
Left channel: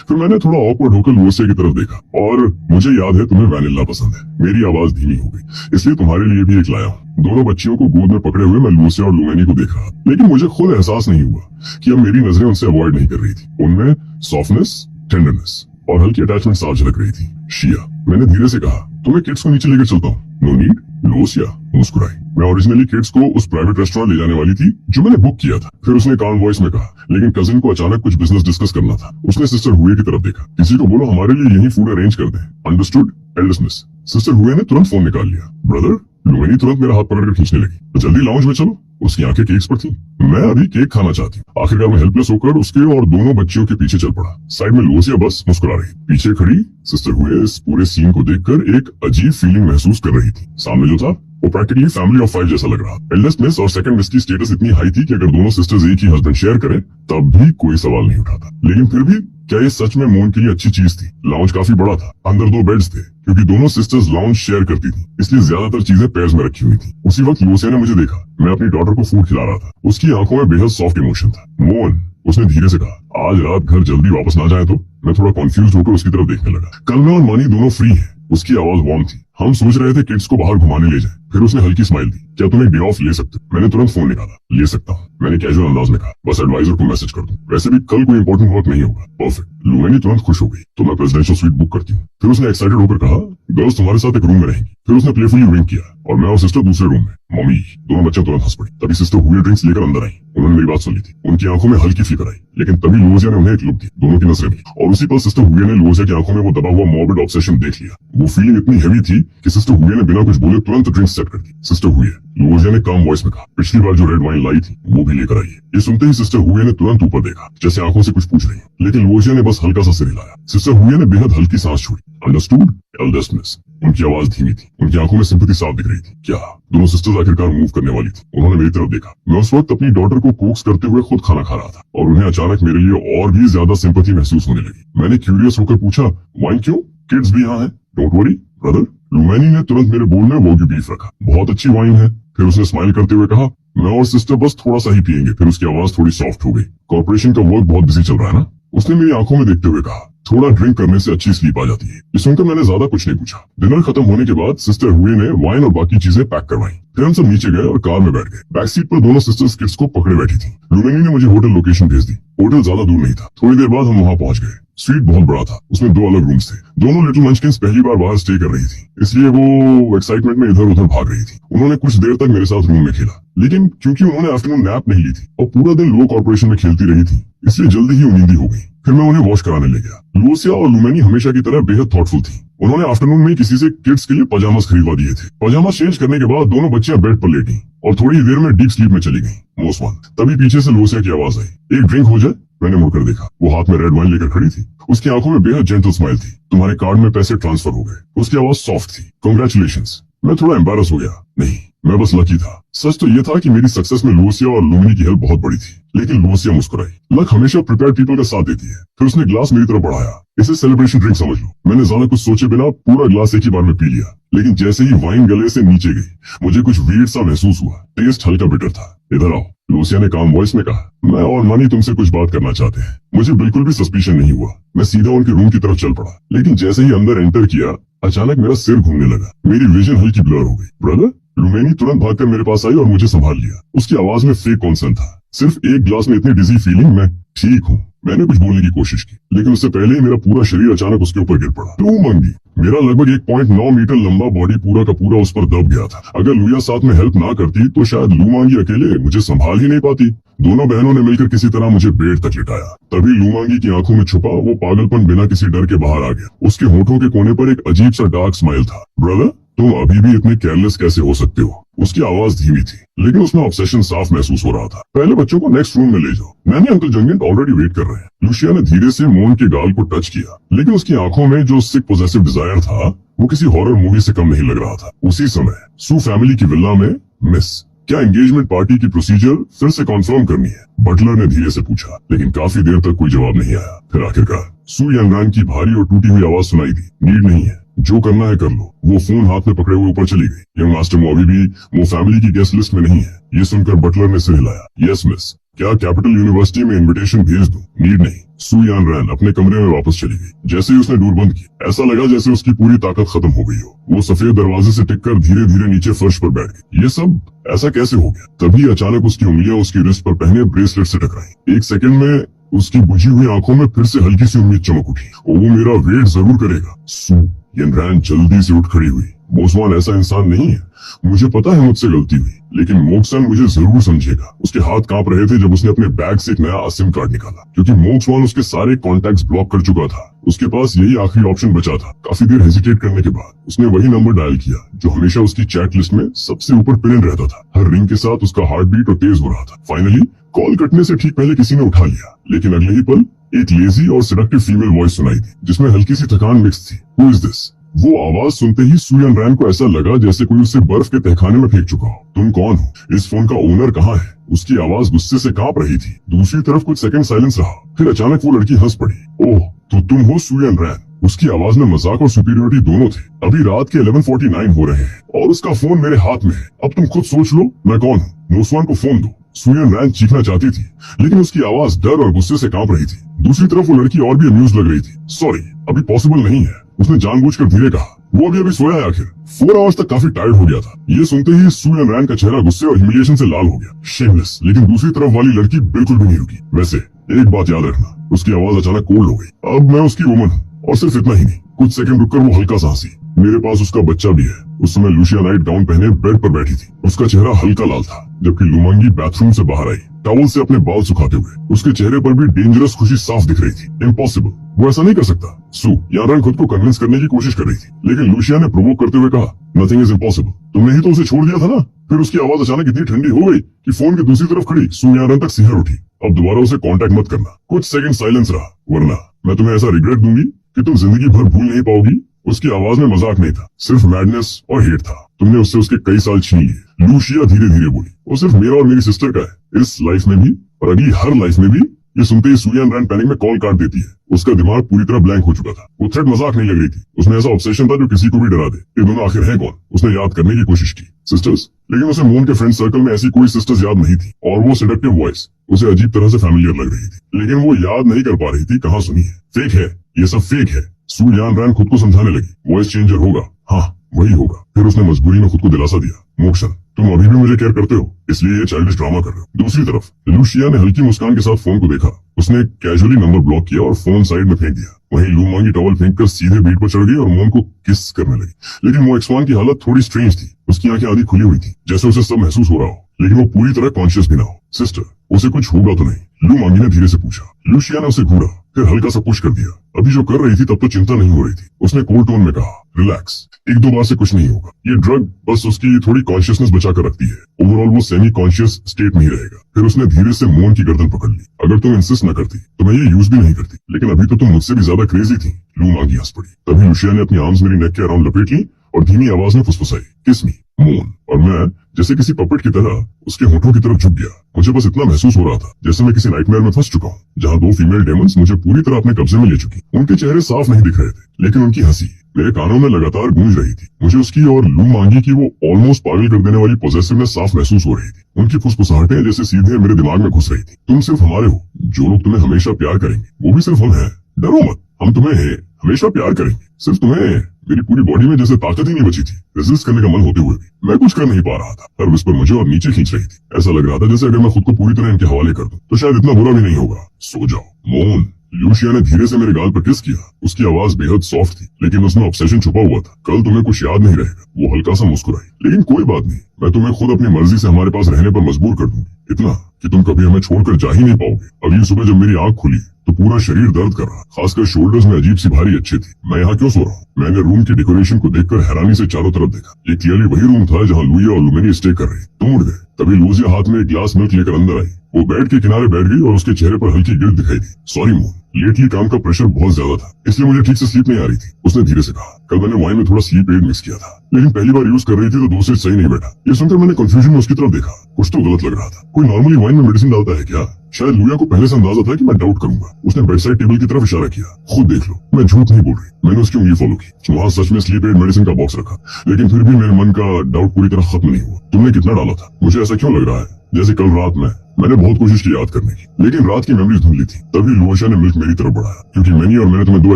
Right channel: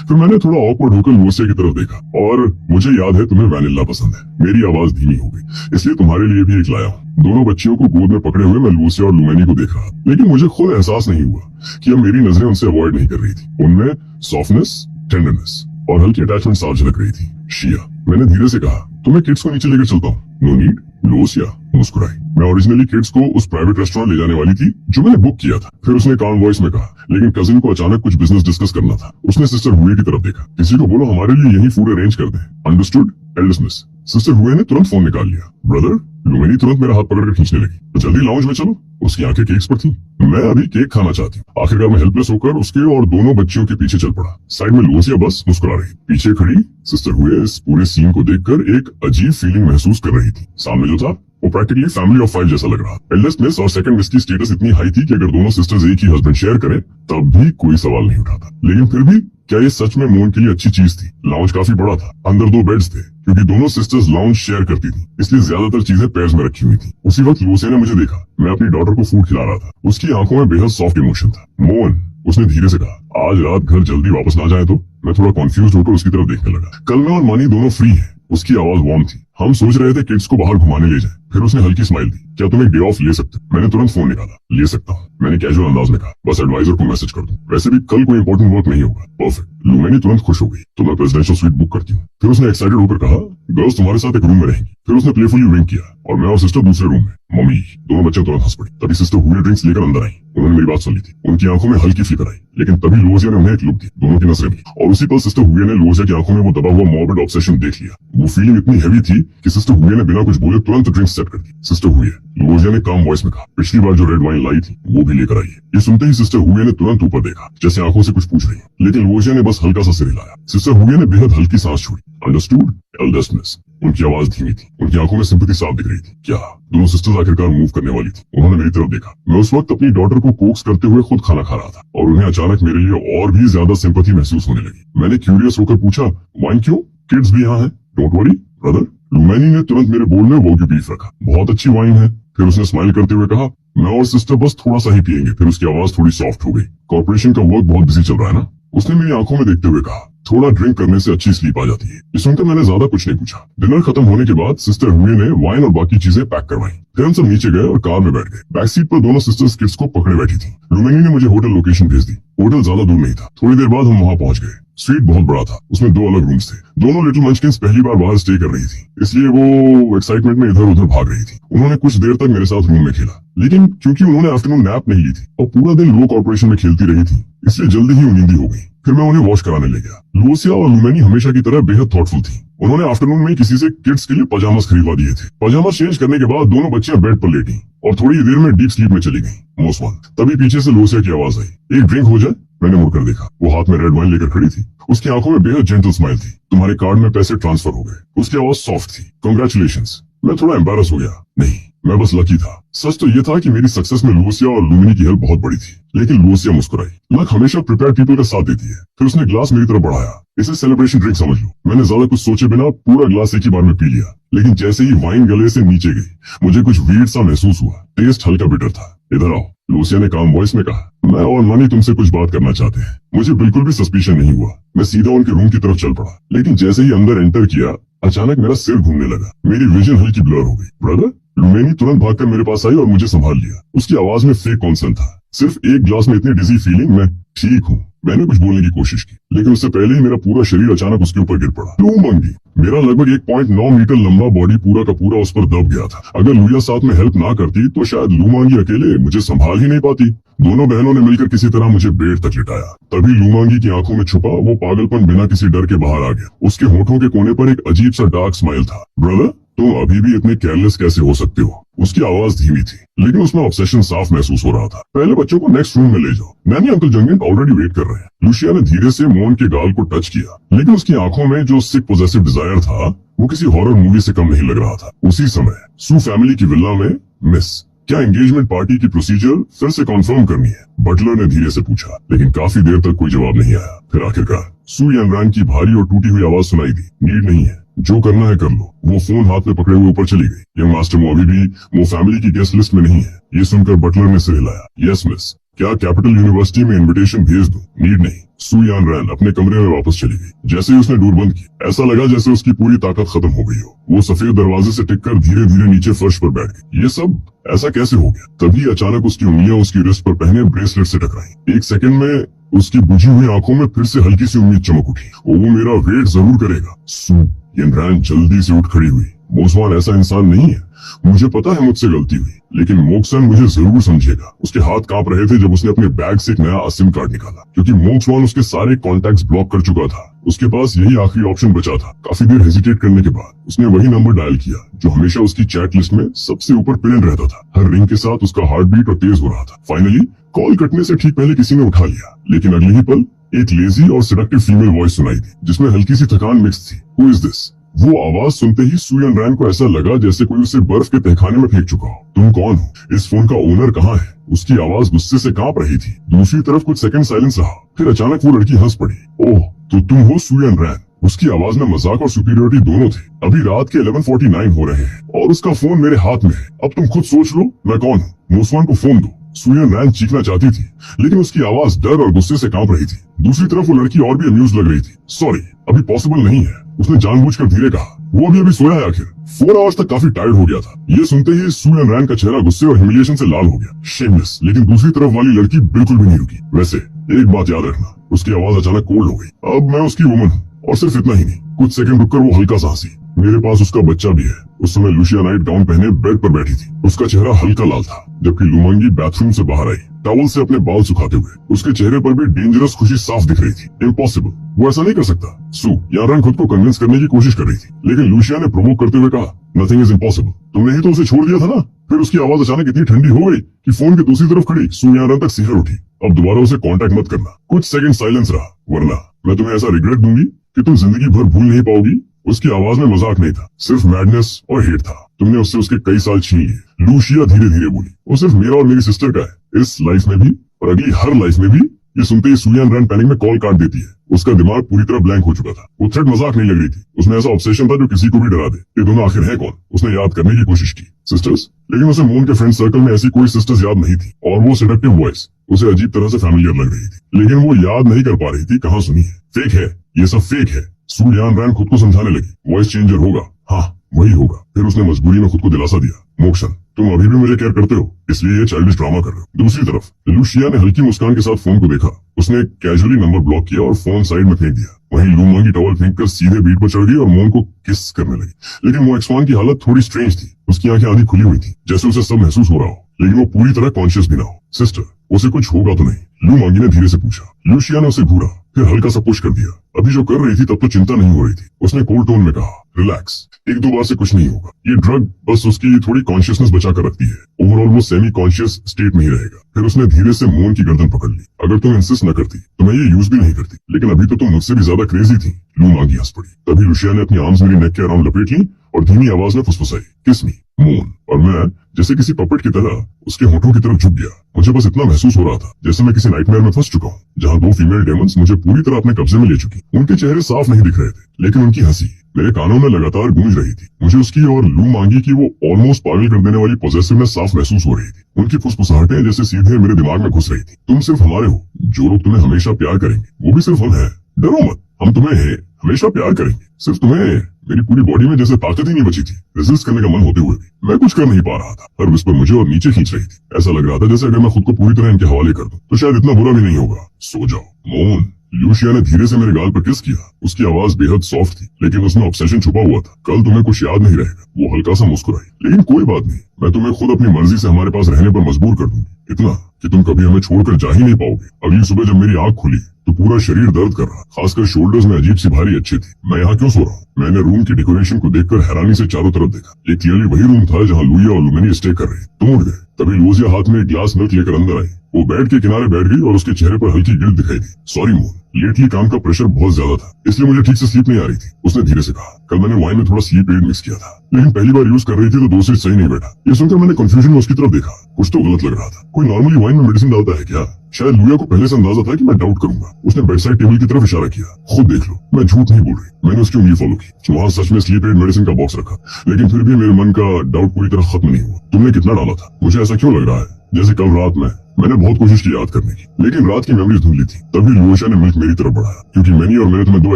फिर मैंने थोड़ा ऑकवर्ड होकर लूसिया की तरफ देखा, और मुझे याद है तुम्हें वैनिला पसंद है। मेरी आवाज धीमी हो गई, इसलिए तुम्हारे लिए भी एक लाया हूँ। दोनों बच्चियों को गोद में पकड़े हुए मैं लूसिया और लुमेनी को देख रहा, लेकिन मुझे खुद एहसास नहीं हुआ कि अब मेरी नजरें उनसे अवॉइड नहीं कर रही थी। उनमें सॉफ्टनेस, टेंडरनेस और हल्की अटैचमेंट साफ झलक रही थी। शिया, मैंने धीरे से कहा, तुम्हें किड्स को नीचे लेकर चलता हूँ। No need. लूसिया मुस्कुराई। मैं ओरिजिनली किड्स को उस प्राइवेट रेस्टोरेंट ले जाने वाली थी जो मैंने बुक किया था। फिर उसने काम वॉइस में कहा, लेकिन कजिन को अचानक कुछ बिजनेस डिस्कस करना था। उसने सिस्टर हुए की तरफ देखा। किसी को बोलो हमारे लिए यही फूड अरेंज कर दे। अंडरस्टूड। एल्डरनेस। सिस्टर हुए ने तुरंत फोन निकाल लिया। ब्रदर, लुमेनी तुरंत मेरा हाथ पकड़कर खींचने लगी। तो जल्दी लाउंज में चलो। उसकी आंखें केक्स पर थी। मैं अभी केक खाना चाहती हूँ। आखिरकार मैं हेल्पलेस होकर उसके और दोनों बच्चियों के पीछे चल पड़ा। साइड में लूसिया बस मुस्कुरा रही। पीछे खड़ी सिस्टर हुए इस पूरे सीन को देखकर एक अजीब फीलिंग महसूस कर रही थी। सामने जो था वो प्रैक्टिकली फैमिली ऑफ 5 जैसा लग रहा। एल्डेस्ट मिस और सेकंड मिस की स्टेटस इतनी हाई थी कि अगर दोनों सिस्टर्स एक ही हस्बैंड शेयर करें तब भी कोई सवाल नहीं उठाता। लेकिन फिर भी क्या ये सच में मोन के लिए अच्छी चीज थी? लाउंज काफी बड़ा था। अंदर 2 बेड्स थे, क्योंकि दोनों सिस्टर्स लाउंज शेयर करती थी, इसलिए ज्यादातर चीजें पेयर्स में रखी हुई थी। उसी वक्त लूसिया ने मुझे देखा। मैं अपनी डॉटर को फूड खिला रहा था। उसकी आंखों में बेहद सॉफ्ट इमोशन था। मोन, उसने धीरे से कहा, आज रात घर जल्दी वापस ना जाए तो? मैं थोड़ा कंफ्यूज होकर उसकी तरफ देखने लगा। कल मैं और मानी दोनों फ्री हैं। उसकी आवाज वार्म थी। हम सोच रहे थे किड्स को बाहर घुमाने ले जाएं। फिर उसने हल्की स्माइल दी। क्या तुम एक डे ऑफ ले सकते? मैंने तुरंत फोन निकाला। ले सकता हूँ, मैंने कैजुअल अंदाज में कहा। बस एडवाइजर को मैसेज कर दूं। वैसे भी कल कोई इंपॉर्टेंट वर्क नहीं होगा। परफेक्ट। लुमेनी तुरंत खुश हो गई। तो मैं प्रेसिडेंशियल स्वीट बुक करती हूँ। फिर उसने एक्साइटेड होकर कहा, गर्ल्स तुम्हारे साथ एक रूम में रहेंगी। फिर उसने प्लेफुली विंक किया और मैं और सिस्टर दूसरे रूम में। मम्मी, दोनों बच्चे तुरंत हंस पड़ी। तभी सिस्टर हुए ड्रिंक्स लेकर अंदर आई। उन्होंने मेरी बात सुन ली थी। उनकी आंखों में हल्की फिक्र आई, लेकिन तभी लूसिया ने उन्हें एक लुक दी। दोनों की नजरें मिली और उसी पल सिस्टर हुए ने लूसिया की आंखों में वो दबा हुआ मॉर्बिड ऑब्सेशन देख लिया। वो फीलिंग इतनी हैवी थी कि सिस्टर हुए ने बिना कुछ बोले तुरंत ड्रिंक्स सेट कर दी। सिस्टर हुए, लूसिया ने काम वॉइस में कहा, पिछली बार जो रेड वाइन लाई थी वो भी लेकर आई है। ये सुनते ही सिस्टर हुए ने तुरंत ऊपर देखा, जैसे आंखों से कुछ पूछ रही है, लेकिन लूसिया ने बस हल्का सा सिर हिलाया। सिस्टर हुए ने बेहद हल्की सांस छोड़ी। अंडरस्टूड। Eldest miss. उनकी आवाज धीमी थी। उनकी आंखों में सिंपैथी साफ दिख रही थी। क्या दोनों सिस्टर्स आखिरकार मूव करने वाली थी? उन्होंने मेरी तरफ देखा। मैं उस वक्त अपनी डॉटर को कोक्स करते हुए खुद खाना खा रहा था और उन्हें अचानक मेरे लिए और भी ज्यादा सिंपैथी महसूस होने लगी। मैंने क्यूरियस होकर पूछा, वाइन क्यों? किड्स भी यहाँ हैं। डोंट वरी, ब्रदर, लुमैनी ने तुरंत मेरे बोल में वोगी बीफ रखा। बहुत अच्छी वाइन है। फिर उसने स्माइल करते हुए कहा, मैं और सिस्टर बस थोड़ा सा ही पियेंगे। फिर उसकी आवाज थोड़ी सॉफ्ट हो गई। कॉर्पोरेशन का वर्क बहुत बिजी चल रहा है ना? उसने मेरी आंखों में देखते हुए कहा, थोड़ा ड्रिंक करने से अच्छी स्लीप आ जाती है। ये सुनकर मैंने ज्यादा कुछ नहीं पूछा। डिनर खत्म होने के बाद सिस्टर हुई ने वाइन और बाकी चीजें पैक करवाई। फिर हम सब नीचे गए और कार में बैठ गए। बैक सीट पर दोनों सिस्टर्स किड्स को पकड़े बैठी थी। लुमैनी ने मुझे होटल लोकेशन भेज दी। होटल ज्यादा दूर नहीं था। थोड़ी देर बाद हम वहां पहुंच गए। स्वीट बहुत बड़ा था। उसमें 2 अलग रूम्स थे। दोनों लिटिल मंचकिंस पहली बार बाहर स्टे कर रही थी, इसलिए वो एक्साइटमेंट में इधर उधर भाग रही थी। उन्होंने कुछ देर तक मेरे साथ रूम में खेला, लेकिन क्योंकि उन्होंने आफ्टरनून नैप नहीं ली थी और पूरा दिन लो कॉर्पोरेशन में खेलती रही थी, इसलिए जल्दी ही नींदी हो गई। फिर मैं उन्हें वॉश कराने ले गया। लुसिया और लुमैनी हमेशा की तरह बेहद थॉटफुल थी। उन्होंने आफ्टरनून में किसी से किड्स के लिए पजामास खरीदवा दिए थे। पजामास चेंज करने के बाद दोनों बच्चियां बेड पर लेटी और थोड़ी देर में डीप स्लीप में चली गईं। Most one. तभी पीछे से लुसिया की आवाज आई, एक ड्रिंक हो जाए? मैंने मुड़कर देखा। वो हाथ में रेड वाइन लेकर खड़ी थी। उसकी आंखों में बेहद जेंटल स्माइल थी। तुम्हारे कार्ड में पैसे ट्रांसफर हो गए। उसकी आवाज सॉफ्ट थी। कांग्रेचुलेशंस। मैं थोड़ा एम्बैरस हो गया। नहीं, मैं बस लकी था। सच तो ये था कि मेरी सक्सेस में लुसिया और लुमैनी की हेल्प बहुत बड़ी थी। लेकिन लुसिया मुस्कुराई। लक हमेशा प्रिपेयर्ड पीपल का साथ देती है। फिर उसने ग्लास मेरी तरफ बढ़ाया। इसे सेलिब्रेशन ड्रिंक समझ लो। मैंने ज्यादा कुछ सोचे बिना पूरा ग्लास एक ही बार में पी लिया। लेकिन जैसे ही वाइन गले से नीचे गई, मुझे कुछ वियर्ड सा महसूस हुआ। टेस्ट हल्का बिटर था। इधर आओ, लुसिया ने काम वॉइस में कहा। मैं और मनी तुमसे कुछ बात करना चाहते हैं। मुझे बिल्कुल भी सस्पिशन नहीं हुआ। मैं सीधा उनके रूम की तरफ चल पड़ा। लेकिन जैसे ही अंदर एंटर किया, अचानक मेरा सिर घूमने लगा। मेरी विजन हल्की ब्लर हो गई। ब्रदर, लुमैनी तुरंत भागकर मेरे पास आई और मुझे संभाल लिया। उसकी आवाज में फेक कॉन्सर्न था। सिर्फ एक ग्लास में इतनी डिजी फीलिंग। मैं ठीक हूँ। मैंने कुछ बोलने की कोशिश की, लेकिन उससे पहले ही मेरा पूरा शरीर अचानक उसके ऊपर गिर पड़ा। लुमैनी, मेरा लगभग 1.9 मीटर लंबा बॉडी पूरा का पूरा उस पर दब गया था। अगर लुया साथ में हेल्प ना करती तो शायद लुमांगी अकेले मुझे संभाल ही नहीं पाती। दोनों बहनों ने मिलकर किसी तरह मुझे बेड तक लिटाया। तभी लुमांगी की आंखों में छुपा वो पागलपन बिना किसी डर के बाहर आ गया। उसके होठों के कोने पर एक अजीब सा डार्क स्माइल था। ब्रदर, तुम अभी भी इतने केयरलेस कैसे हो सकते हो? उसकी आवाज धीमी थी, लेकिन उसमें ऑब्सेशन साफ महसूस हो रहा था। पहले बच्चों को नेक्स्ट रूम में ले जाओ। मैंने अंकल जंगिंग ऑलरेडी वेट कर रहे हैं। लुसिया ने धीरे से मोहन के गाल को टच किया, लेकिन उसकी आंखों में जो सिक पोजेसिव डिजायर था वो किसी हॉरर मूवी से कम नहीं लग रहा था। उसी समय सू फैमिली की विला में, मिस, क्या एंगेजमेंट पार्टी की प्रोसीजर फिर से कंफर्म करनी है? बटलर ने धीरे से पूछा, लेकिन काफी देर तक कोई जवाब नहीं आया। फिर आखिरकार सू यंगरान की भारी और टूटी हुई आवाज सुनाई दी, नीड नहीं है, जो करना है कर लो। वो फोन हाथ में पकड़े हुए ऊपर चली गई। यंग मास्टर वो अभी भी वो फैमिली की गेस्ट लिस्ट में नहीं है। ये सुनकर बटलर ने सिर हिलाया। यस मिस, क्या कैपिटल यूनिवर्सिटी में इनविटेशन भेज दूं? नीड नहीं। सू यान रैन अपने कमरे में वापस चली गई। जैसे ही उसने डोर बंद की, ऐसा लगा जैसे उसकी पूरी ताकत खत्म हो गई हो। वो सफेद दरवाजे से टिककर धीरे धीरे नीचे फर्श पर बैठ गई। ये सब ऐसा कैसे हो गया? तभी अचानक उसकी उंगलियां उसकी रिस्ट पर पहने ब्रेसलेट से टकराई। एक सेकंड में उसकी बुझी हुई आंखों में फिर से हल्की सी उम्मीद चमक उठी। वो मेरा वेट जरूर करेगा। सू यंगरान जल्दी से उठ खड़ी हुई। मोसवान ऐसा इंसान नहीं है। मुझे पता है मुझसे गलती हुई, लेकिन मोक्सन मुझे जरूर समझेगा। उसके हाथ कांप रहे थे जब उसने अपने बैग से एक नया सिम कार्ड निकाला, क्योंकि मोक्सवान उसके सारे कॉन्टैक्ट्स ब्लॉक कर चुका था। उसके पास यही आखिरी ऑप्शन बचा था। काफी देर हेजिटेट करने के बाद उसने वही नंबर डायल किया जो हमेशा उसकी चैट लिस्ट में सबसे ऊपर पिन रहता था। हर रिंग के साथ उसका हार्ट बीट और तेज हो रहा था। फाइनली कॉल कटने से ठीक पहले किसी ने उठा लिया, लेकिन अगले ही पल एक लेजी और सेडक्टिव फीमेल वॉइस सुनाई दी, जिसमें हल्की सी थकान मिक्स थी। Who is this? वो आवाज सुनते ही सू यन रैन को ऐसा लगा जैसे कोई उसे बर्फ के तहखाने में फेंक चुका हो। तुम कौन हो? इस फोन का ओनर कहाँ है? उसकी आवाज गुस्से से कांप रही थी। दूसरी तरफ कुछ सेकंड साइलेंस रहा, फिर अचानक वो लड़की हंस पड़ी। ओह, तो तुम हो सू यन रैन? उसकी आवाज में मजाक और सुपीरियरिटी दोनों थे। अभी रात के 11:49 हो रहे हैं और उसका फोन मेरे हाथ में है। अब तुम खुद सोच लो मैं कौन हूँ। मोसवान को फोन दो। सू यन रैन चीखना चाहती थी, लेकिन उसकी आवाज डर और गुस्से से कांप रही थी। दूसरी तरफ वो लड़की और भी अम्यूज लग रही थी। सॉरी, अभी पॉसिबल नहीं है, उसने जानबूझकर धीरे कहा। वो अभी सोया है आखिर। 4 आवर्स तक काफी टायर्ड हो गया था। ये सुनते ही सू यन रैन का चेहरा गुस्से और ह्यूमिलिएशन से लाल हो गया। शेमलेस। लेकिन दूसरी तरफ वाली लड़की बिल्कुल भी नहीं रुकी। वैसे एक बात याद रखना, उसकी आवाज अचानक कोल्ड हो गई। अब मैं उसकी वुमन हूँ, और सिर्फ इतना ही नहीं। कुछ सेकंड रुककर वो हल्का सा हंसी। मेरे पास उसका बच्चा भी है। उस समय लुसिया नाइट गाउन पहने बेड पर बैठी थी। उसका चेहरा हल्का लाल था, जबकि लुमांगी बाथरूम से बाहर आई, टॉवल से अपने बाल सुखाते हुए। उसके चेहरे पर भी डेंजरस खुशी साफ दिख रही थी। इम्पॉसिबल, वो ऐसा नहीं कर सकता। सू यारन खुद को कन्विंस करने की कोशिश कर रही थी, लेकिन लुसिया ने प्रोवोक करते हुए कहा, नथिंग इज इम्पॉसिबल। तुमने ही तो उसे छोड़ दिया था ना। फिर उसकी आवाज अचानक इतनी ठंडी हो गई कि फोन की दूसरी तरफ खड़ी सू यारन तक सिहर उठी। अब दोबारा उसे कांटेक्ट मत करना। कुछ सेकंड साइलेंस रहा, वरना मैं तुम्हें ऐसा रिग्रेट दूंगी कि तुम जिंदगी भर भूल नहीं पाओगी। उसकी आवाज में मजाक नहीं था, सिर्फ मैडनेस और हेट था। तुमने उससे उसके कई साल छीन लिए। लुसिया धीरे धीरे बोली, वो सिर्फ मेरा और मेरी सिस्टर का है। इस लाइफ में भी और अगली हर लाइफ में भी ये सुनते ही सुलियान रैन पैनिक में कॉल काट देती है। उसका दिमाग पूरी तरह ब्लैंक हो चुका था। वो थ्रेट मजाक नहीं लग रही थी, उसमें ऐसा ऑब्सेशन था जो किसी को भी डरा दे। ये दोनों आखिर हैं कौन? उसने याद करने की कोशिश की। सिस्टर्स? लेकिन उसे मून के फ्रेंड सर्कल में ऐसी कोई सिस्टर्स याद नहीं थी और वो सेडक्टिव वॉइस उसे अजीब तरह से फैमिलियर लग रही थी, लेकिन वो याद नहीं कर पा रही थी कहाँ सुनी है। फेक है, ये सब फेक है। सुलियान रैन खुद को समझाने लगी, वॉइस चेंजर होगा, हाँ वही होगा। फिर उसने मजबूरी में खुद को दिलासा दिया, मोक्सन तुम अभी भी मुझे केयर करते हो, इसलिए ये चाइल्डिश ड्रामा कर रहे हो। दूसरी तरफ लूशिया ने हल्की मुस्कान के साथ फोन को देखा। उसने कैजुअली नंबर ब्लॉक किया और फोन साइड में फेंक दिया। वहीं लू मांगी टॉवल फेंककर सीधे बीट पर चढ़ गई और मून को किस करने लगी। लेकिन वो एक्सवान की हालत थोड़ी स्ट्रेंज थी। उसकी आंखें आधी खुली हुई थी, जैसे उसे सब महसूस हो रहा हो, लेकिन वो पूरी तरह कॉन्शियस भी ना हो। सिस्टर, उसे कुछ होगा तो नहीं? लू मांगी ने धीरे से पूछा। लूशिया ने उसे घूरा, फिर हल्का सा पुश कर दिया। अभी जो कर रही थी तब तो चिंता नहीं हो रही थी। उसने कोल्ड टोन में कहा, रिलैक्स, एक दो बार से कुछ नहीं होगा। ये ड्रग बस उसकी थोड़ी कॉन्शियसनेस बचा कर रखती है। ओवरऑल वो सेमी कॉन्शियस स्टेट में ही रहेगा। फिर उसने धीरे से मून की गर्दन पकड़ ली। अगर तुम इंसिस्ट न करती तो मैं ये यूज भी नहीं करती, लेकिन अभी तो तुम मुझसे भी ज्यादा क्रेजी थी। लू मांगी हंस पड़ी। तभी लुशिया ने अपनी आर्म्स मेरी नेक के अराउंड लपेट ली और धीमी आवाज में फुसफुसाई, किस मी मून। और मैं जैसे किसी पपेट की तरह उसके होठों की तरफ झुक गया। मुझे बस इतना महसूस हो रहा था जैसे मैं किसी नाइटमेयर में फंस चुका हूँ, जहाँ दो फीमेल डेमंस मुझे पूरी तरह अपने कब्जे में ले चुकी। उनके चेहरे साफ नहीं दिख रहे थे, लेकिन उनकी हंसी मेरे कानों में लगातार गूंज रही थी। मुझे उसकी और लू मांगी की वो ऑलमोस्ट पागल कर देने वाली पोजेसिवनेस साफ महसूस हो रही थी। उनकी फुसफुसाहटें जैसे सीधे मेरे दिमाग में घुस रही थी। तुम सिर्फ हमारे हो, जो लोग तुम्हें हमेशा प्यार करेंगे वो भी सिर्फ हम हैं। डरो मत, हम तुम्हें हैं, हमेशा प्यार करेंगे। सिर्फ तुम्हें मेरी पूरी बॉडी में जैसे ताकत ही नहीं बची थी रेजिस्ट करने का मन होते हुए भी। मैं कुछ कर नहीं पा रहा था। हर विस्पर मुझे और नीचे खींच रही थी। ऐसा लग रहा था जैसे अगर मैं खुद को पूरी तरह इनके हवाले कर दूं तो शायद इतना बुरा भी नहीं होगा। सो जाओ मून। लूशिया ने धीरे से मेरे गाल पर किस किया। उसकी आवाज बेहद सॉफ्ट थी, लेकिन उसमें ऑब्सेशन छुपा हुआ था। कल तुम्हें कुछ याद नहीं रहेगा। वो हल्का सा मुस्कुराई, लेकिन कोई बात नहीं, मैं तुम्हें खुद अपनी मर्जी से हमारे पास रहने पर मजबूर कर दूंगी। इतना कि तुम कभी हमें छोड़कर जा ही नहीं पाओगे। अभी सुबह जब मेरी आंख खुली तो पूरा शरीर दर्द कर रहा, खासकर शोल्डर्स में अजीब सी भारी अच्छी थी। मैं यहाँ क्यों सो रहा हूँ? मैंने रूम की डेकोरेशन को देखकर हैरानी से चारों तरफ देखा। ये क्लियरली वही रूम था जहाँ लुइया और लुमेनी स्टे कर रही। तुम उठ गए। तभी लूजिया हाथ में एक ग्लास मिल्क लेकर अंदर आई। वो बेड के किनारे बैठ गई और उसके चेहरे पर हल्की गिल्ट दिखाई दी। सॉरी मून, लेटली काम का प्रेशर बहुत ज्यादा था, इसलिए मुझे ठीक से स्लीप नहीं आ रही थी। उसने धीरे से कहा, कल मैंने वाइन में थोड़ा स्लीप एड मिक्स किया था, लेकिन पहली बार यूज कर रही थी तो डोसेज सही नहीं बैठा। ये सुनकर मैंने कंफ्यूजन में उसकी तरफ देखा। कुछ तो गलत लग रहा था। कोई नॉर्मली वाइन में मेडिसिन डालता है क्या? शायद लुइया को पहले से अंदाजा था कि मैं डाउट करूंगा। उसने बेड साइड टेबल की तरफ इशारा किया। खुद देख लो, मैं झूठ नहीं बोल रही। मैंने उसकी उंगली फॉलो की। वहाँ सच में स्लीप एड मेडिसिन का बॉक्स रखा, लेकिन फिर भी मेरे मन का डाउट पूरी तरह खत्म नहीं हुआ। तुमने कितना डाला था? मुझे ऐसा क्यों लग रहा है जैसे कल रात में मैंने बहुत कोशिश की याद करने की, लेकिन रात की मेमोरीज धुंधली थी। तभी लुइया ने मिल्क मेरी तरफ बढ़ाया, क्योंकि मैनी और मैंने तुम्हें 2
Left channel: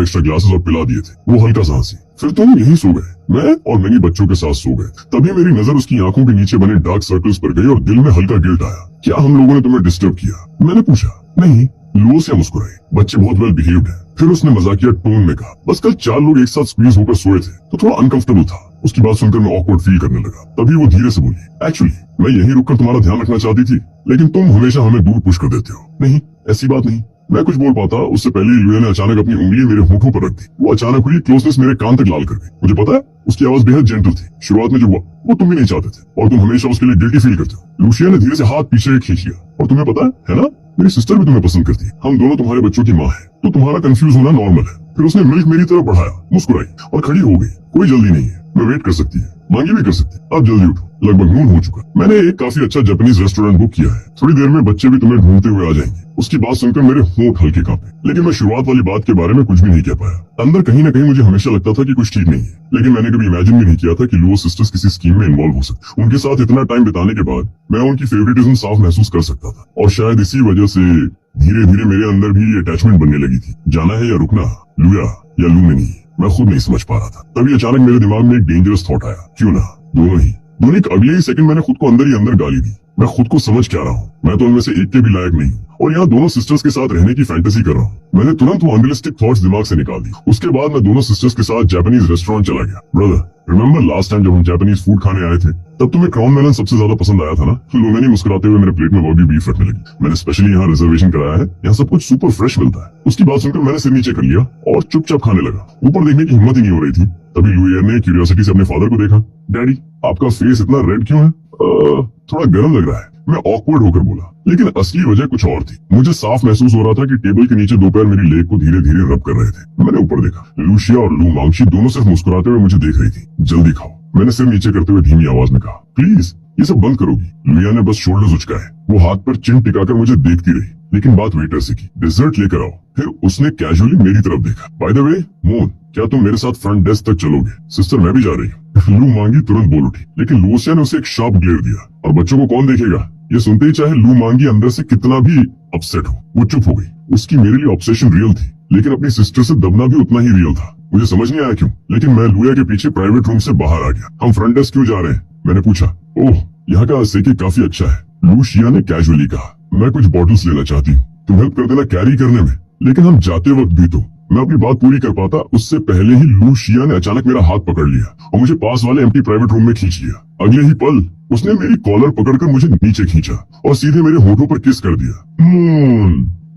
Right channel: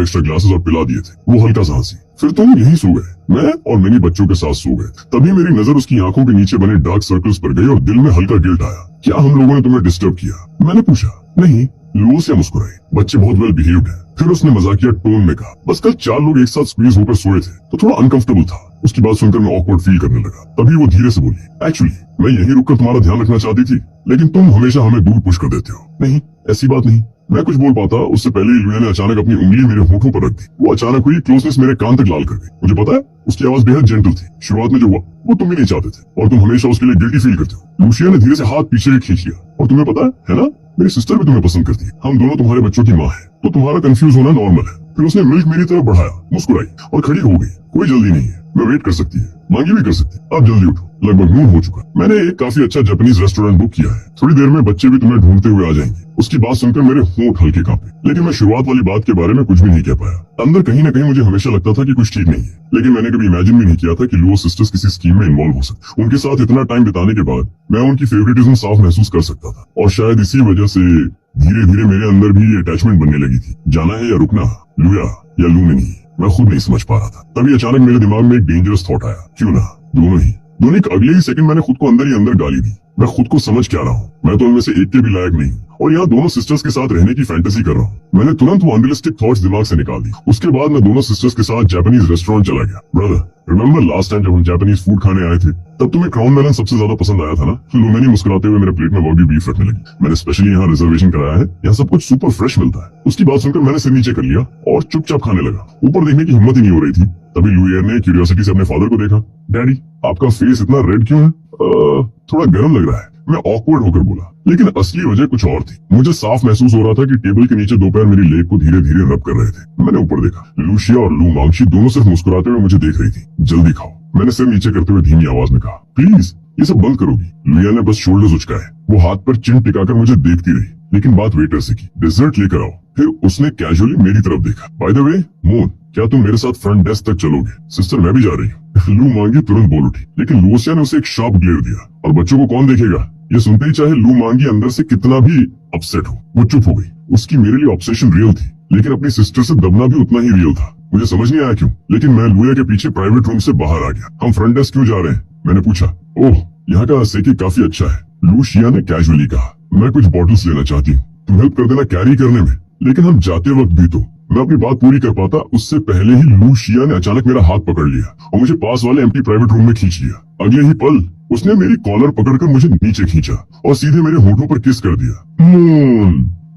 एक्स्ट्रा ग्लासेस और पिला दिए थे। वो हल्का सा हंसी। फिर तुम यहीं सो गए, मैं और मैनी बच्चों के साथ सो गए। तभी मेरी नजर उसकी आंखों के नीचे बने डार्क सर्कल्स पर गई और दिल में हल्का गिल्ट आया। क्या हम लोगों ने तुम्हें डिस्टर्ब किया? मैंने पूछा। नहीं, लूसिया मुस्कुराई। बच्चे बहुत वेल बिहेव्ड हैं। फिर उसने मजाकिया टोन में कहा, बस कल 4 लोग एक साथ स्क्वीज होकर सोए थे तो थोड़ा अनकंफर्टेबल था। उसकी बात सुनकर मैं ऑकवर्ड फील करने लगा। तभी वो धीरे से बोली, एक्चुअली मैं यहीं रुककर तुम्हारा ध्यान रखना चाहती थी, लेकिन तुम हमेशा हमें दूर पुश कर देते हो। नहीं, ऐसी बात नहीं। मैं कुछ बोल पाता उससे पहले लुइया ने अचानक अपनी उंगली मेरे होठों पर रख दी। वो अचानक हुई क्लोजनेस मेरे कान तक लाल कर गई। मुझे पता है उसकी आवाज बेहद जेंटल थी। शुरुआत में जो हुआ वो तुम भी नहीं चाहते थे, और तुम हमेशा उसके लिए गिल्टी फील करते हो। लूशिया ने धीरे से हाथ पीछे खींच लिया। और तुम्हें पता है ना, मेरी सिस्टर भी तुम्हें पसंद करती है। हम दोनों तुम्हारे बच्चों की माँ है, तो तुम्हारा कंफ्यूज होना नॉर्मल है। फिर उसने मिल्क मेरी तरफ बढ़ाया, मुस्कुराई और खड़ी हो गई। कोई जल्दी नहीं है, मैं वेट कर सकती है, मांगी भी कर सकती है। आप जल्दी उठो, लगभग नून हो चुका। मैंने एक काफी अच्छा जापानीज रेस्टोरेंट बुक किया है। थोड़ी देर में बच्चे भी तुम्हें ढूंढते हुए आ जाएंगे। उसकी बात सुनकर मेरे होंठ हल्के कांपे, लेकिन मैं शुरुआत वाली बात के बारे में कुछ भी नहीं कह पाया। अंदर कहीं न कहीं मुझे हमेशा लगता था कि कुछ ठीक नहीं है, लेकिन मैंने कभी इमेजिन भी नहीं किया था कि लुओ सिस्टर्स किसी स्कीम में इन्वॉल्व हो सकते। उनके साथ इतना टाइम बिताने के बाद मैं उनकी फेवरेटिज्म साफ महसूस कर सकता था, और शायद इसी वजह से धीरे धीरे मेरे अंदर भी ये अटैचमेंट बनने लगी थी। जाना है या रुकना, लुइया या लुमेनी, मैं खुद नहीं समझ पा रहा था। तभी अचानक मेरे दिमाग में एक डेंजरस थॉट आया, क्यों ना दोनों ही। दोनों अगले ही सेकंड मैंने खुद को अंदर ही अंदर गाली दी। मैं खुद को समझ क्या रहा हूँ, मैं तो उनमें से एक के भी लायक नहीं, और यहाँ दोनों सिस्टर्स के साथ रहने की फैंटेसी कर रहा हूँ। मैंने तुरंत वो अनरियलिस्टिक थॉट्स दिमाग से निकाल दी। उसके बाद मैं दोनों सिस्टर्स के साथ जापानीज रेस्टोरेंट चला गया। ब्रदर, रिमेम्बर लास्ट टाइम जब हम जापानीज फूड खाने आए थे, तब तुम्हें क्राउन मेलन सबसे ज्यादा पसंद आया था ना? लुमेनी मुस्कुराते हुए मेरे प्लेट में वॉगी बीफ रखने लगी। मैंने स्पेशली यहाँ रिजर्वेशन कराया है, यहाँ सब कुछ सुपर फ्रेश मिलता है। उसकी बात सुनकर मैंने सिर नीचे कर लिया और चुपचाप खाने लगा। ऊपर देखने की हिम्मत ही नहीं हो रही थी। तभी लुइया ने क्यूरियोसिटी से अपने फादर को देखा। डैडी, आपका फेस इतना रेड क्यों है? थोड़ा गर्म लग रहा है, मैं ऑकवर्ड होकर बोला, लेकिन असली वजह कुछ और थी। मुझे साफ महसूस हो रहा था कि टेबल के नीचे दोपहर मेरी लेग को धीरे धीरे रब कर रहे थे। मैंने ऊपर देखा, लूशिया और लू मांगशी दोनों सिर्फ मुस्कुराते हुए मुझे देख रही थी। जल्दी खाओ, मैंने सिर नीचे करते हुए धीमी आवाज में कहा। प्लीज, ये सब बंद करोगी? लुइया ने बस शोल्डर्स उचकाए। वो हाथ पर चिन टिकाकर मुझे देखती रही, लेकिन बात वेटर से की, डिजर्ट लेकर आओ। फिर उसने कैजुअली मेरी तरफ देखा। बाय द वे मोन, क्या तुम मेरे साथ फ्रंट डेस्क तक चलोगे? सिस्टर मैं भी जा रही हूँ। लू मांगी तुरंत बोल उठी, लेकिन लूसिया ने उसे एक शार्प ग्लेयर दिया। और बच्चों को कौन देखेगा? ये सुनते ही चाहे लू मांगी अंदर से कितना भी अपसेट हो, वो चुप हो गई। उसकी मेरे लिए ऑब्सेशन रियल थी, लेकिन अपनी सिस्टर से दबना भी उतना ही रियल था। मुझे समझ नहीं आया क्यों, लेकिन मैं लुया के पीछे प्राइवेट रूम से बाहर आ गया। हम फ्रंट डेस्क क्यों जा रहे हैं? मैंने पूछा। ओह, यहाँ का सेकी काफी अच्छा है, लूशिया ने कैजुअली कहा। मैं कुछ बॉटल्स लेना चाहती हूँ, तुम हेल्प कर देना कैरी करने में। लेकिन हम जाते वक्त भी तो मैं अपनी बात पूरी कर पाता, उससे पहले ही लूशिया ने अचानक मेरा हाथ पकड़ लिया और मुझे पास वाले एम्प्टी प्राइवेट रूम में खींच लिया। अगले ही पल उसने मेरी कॉलर पकड़कर मुझे नीचे खींचा और सीधे मेरे होठों पर किस कर दिया।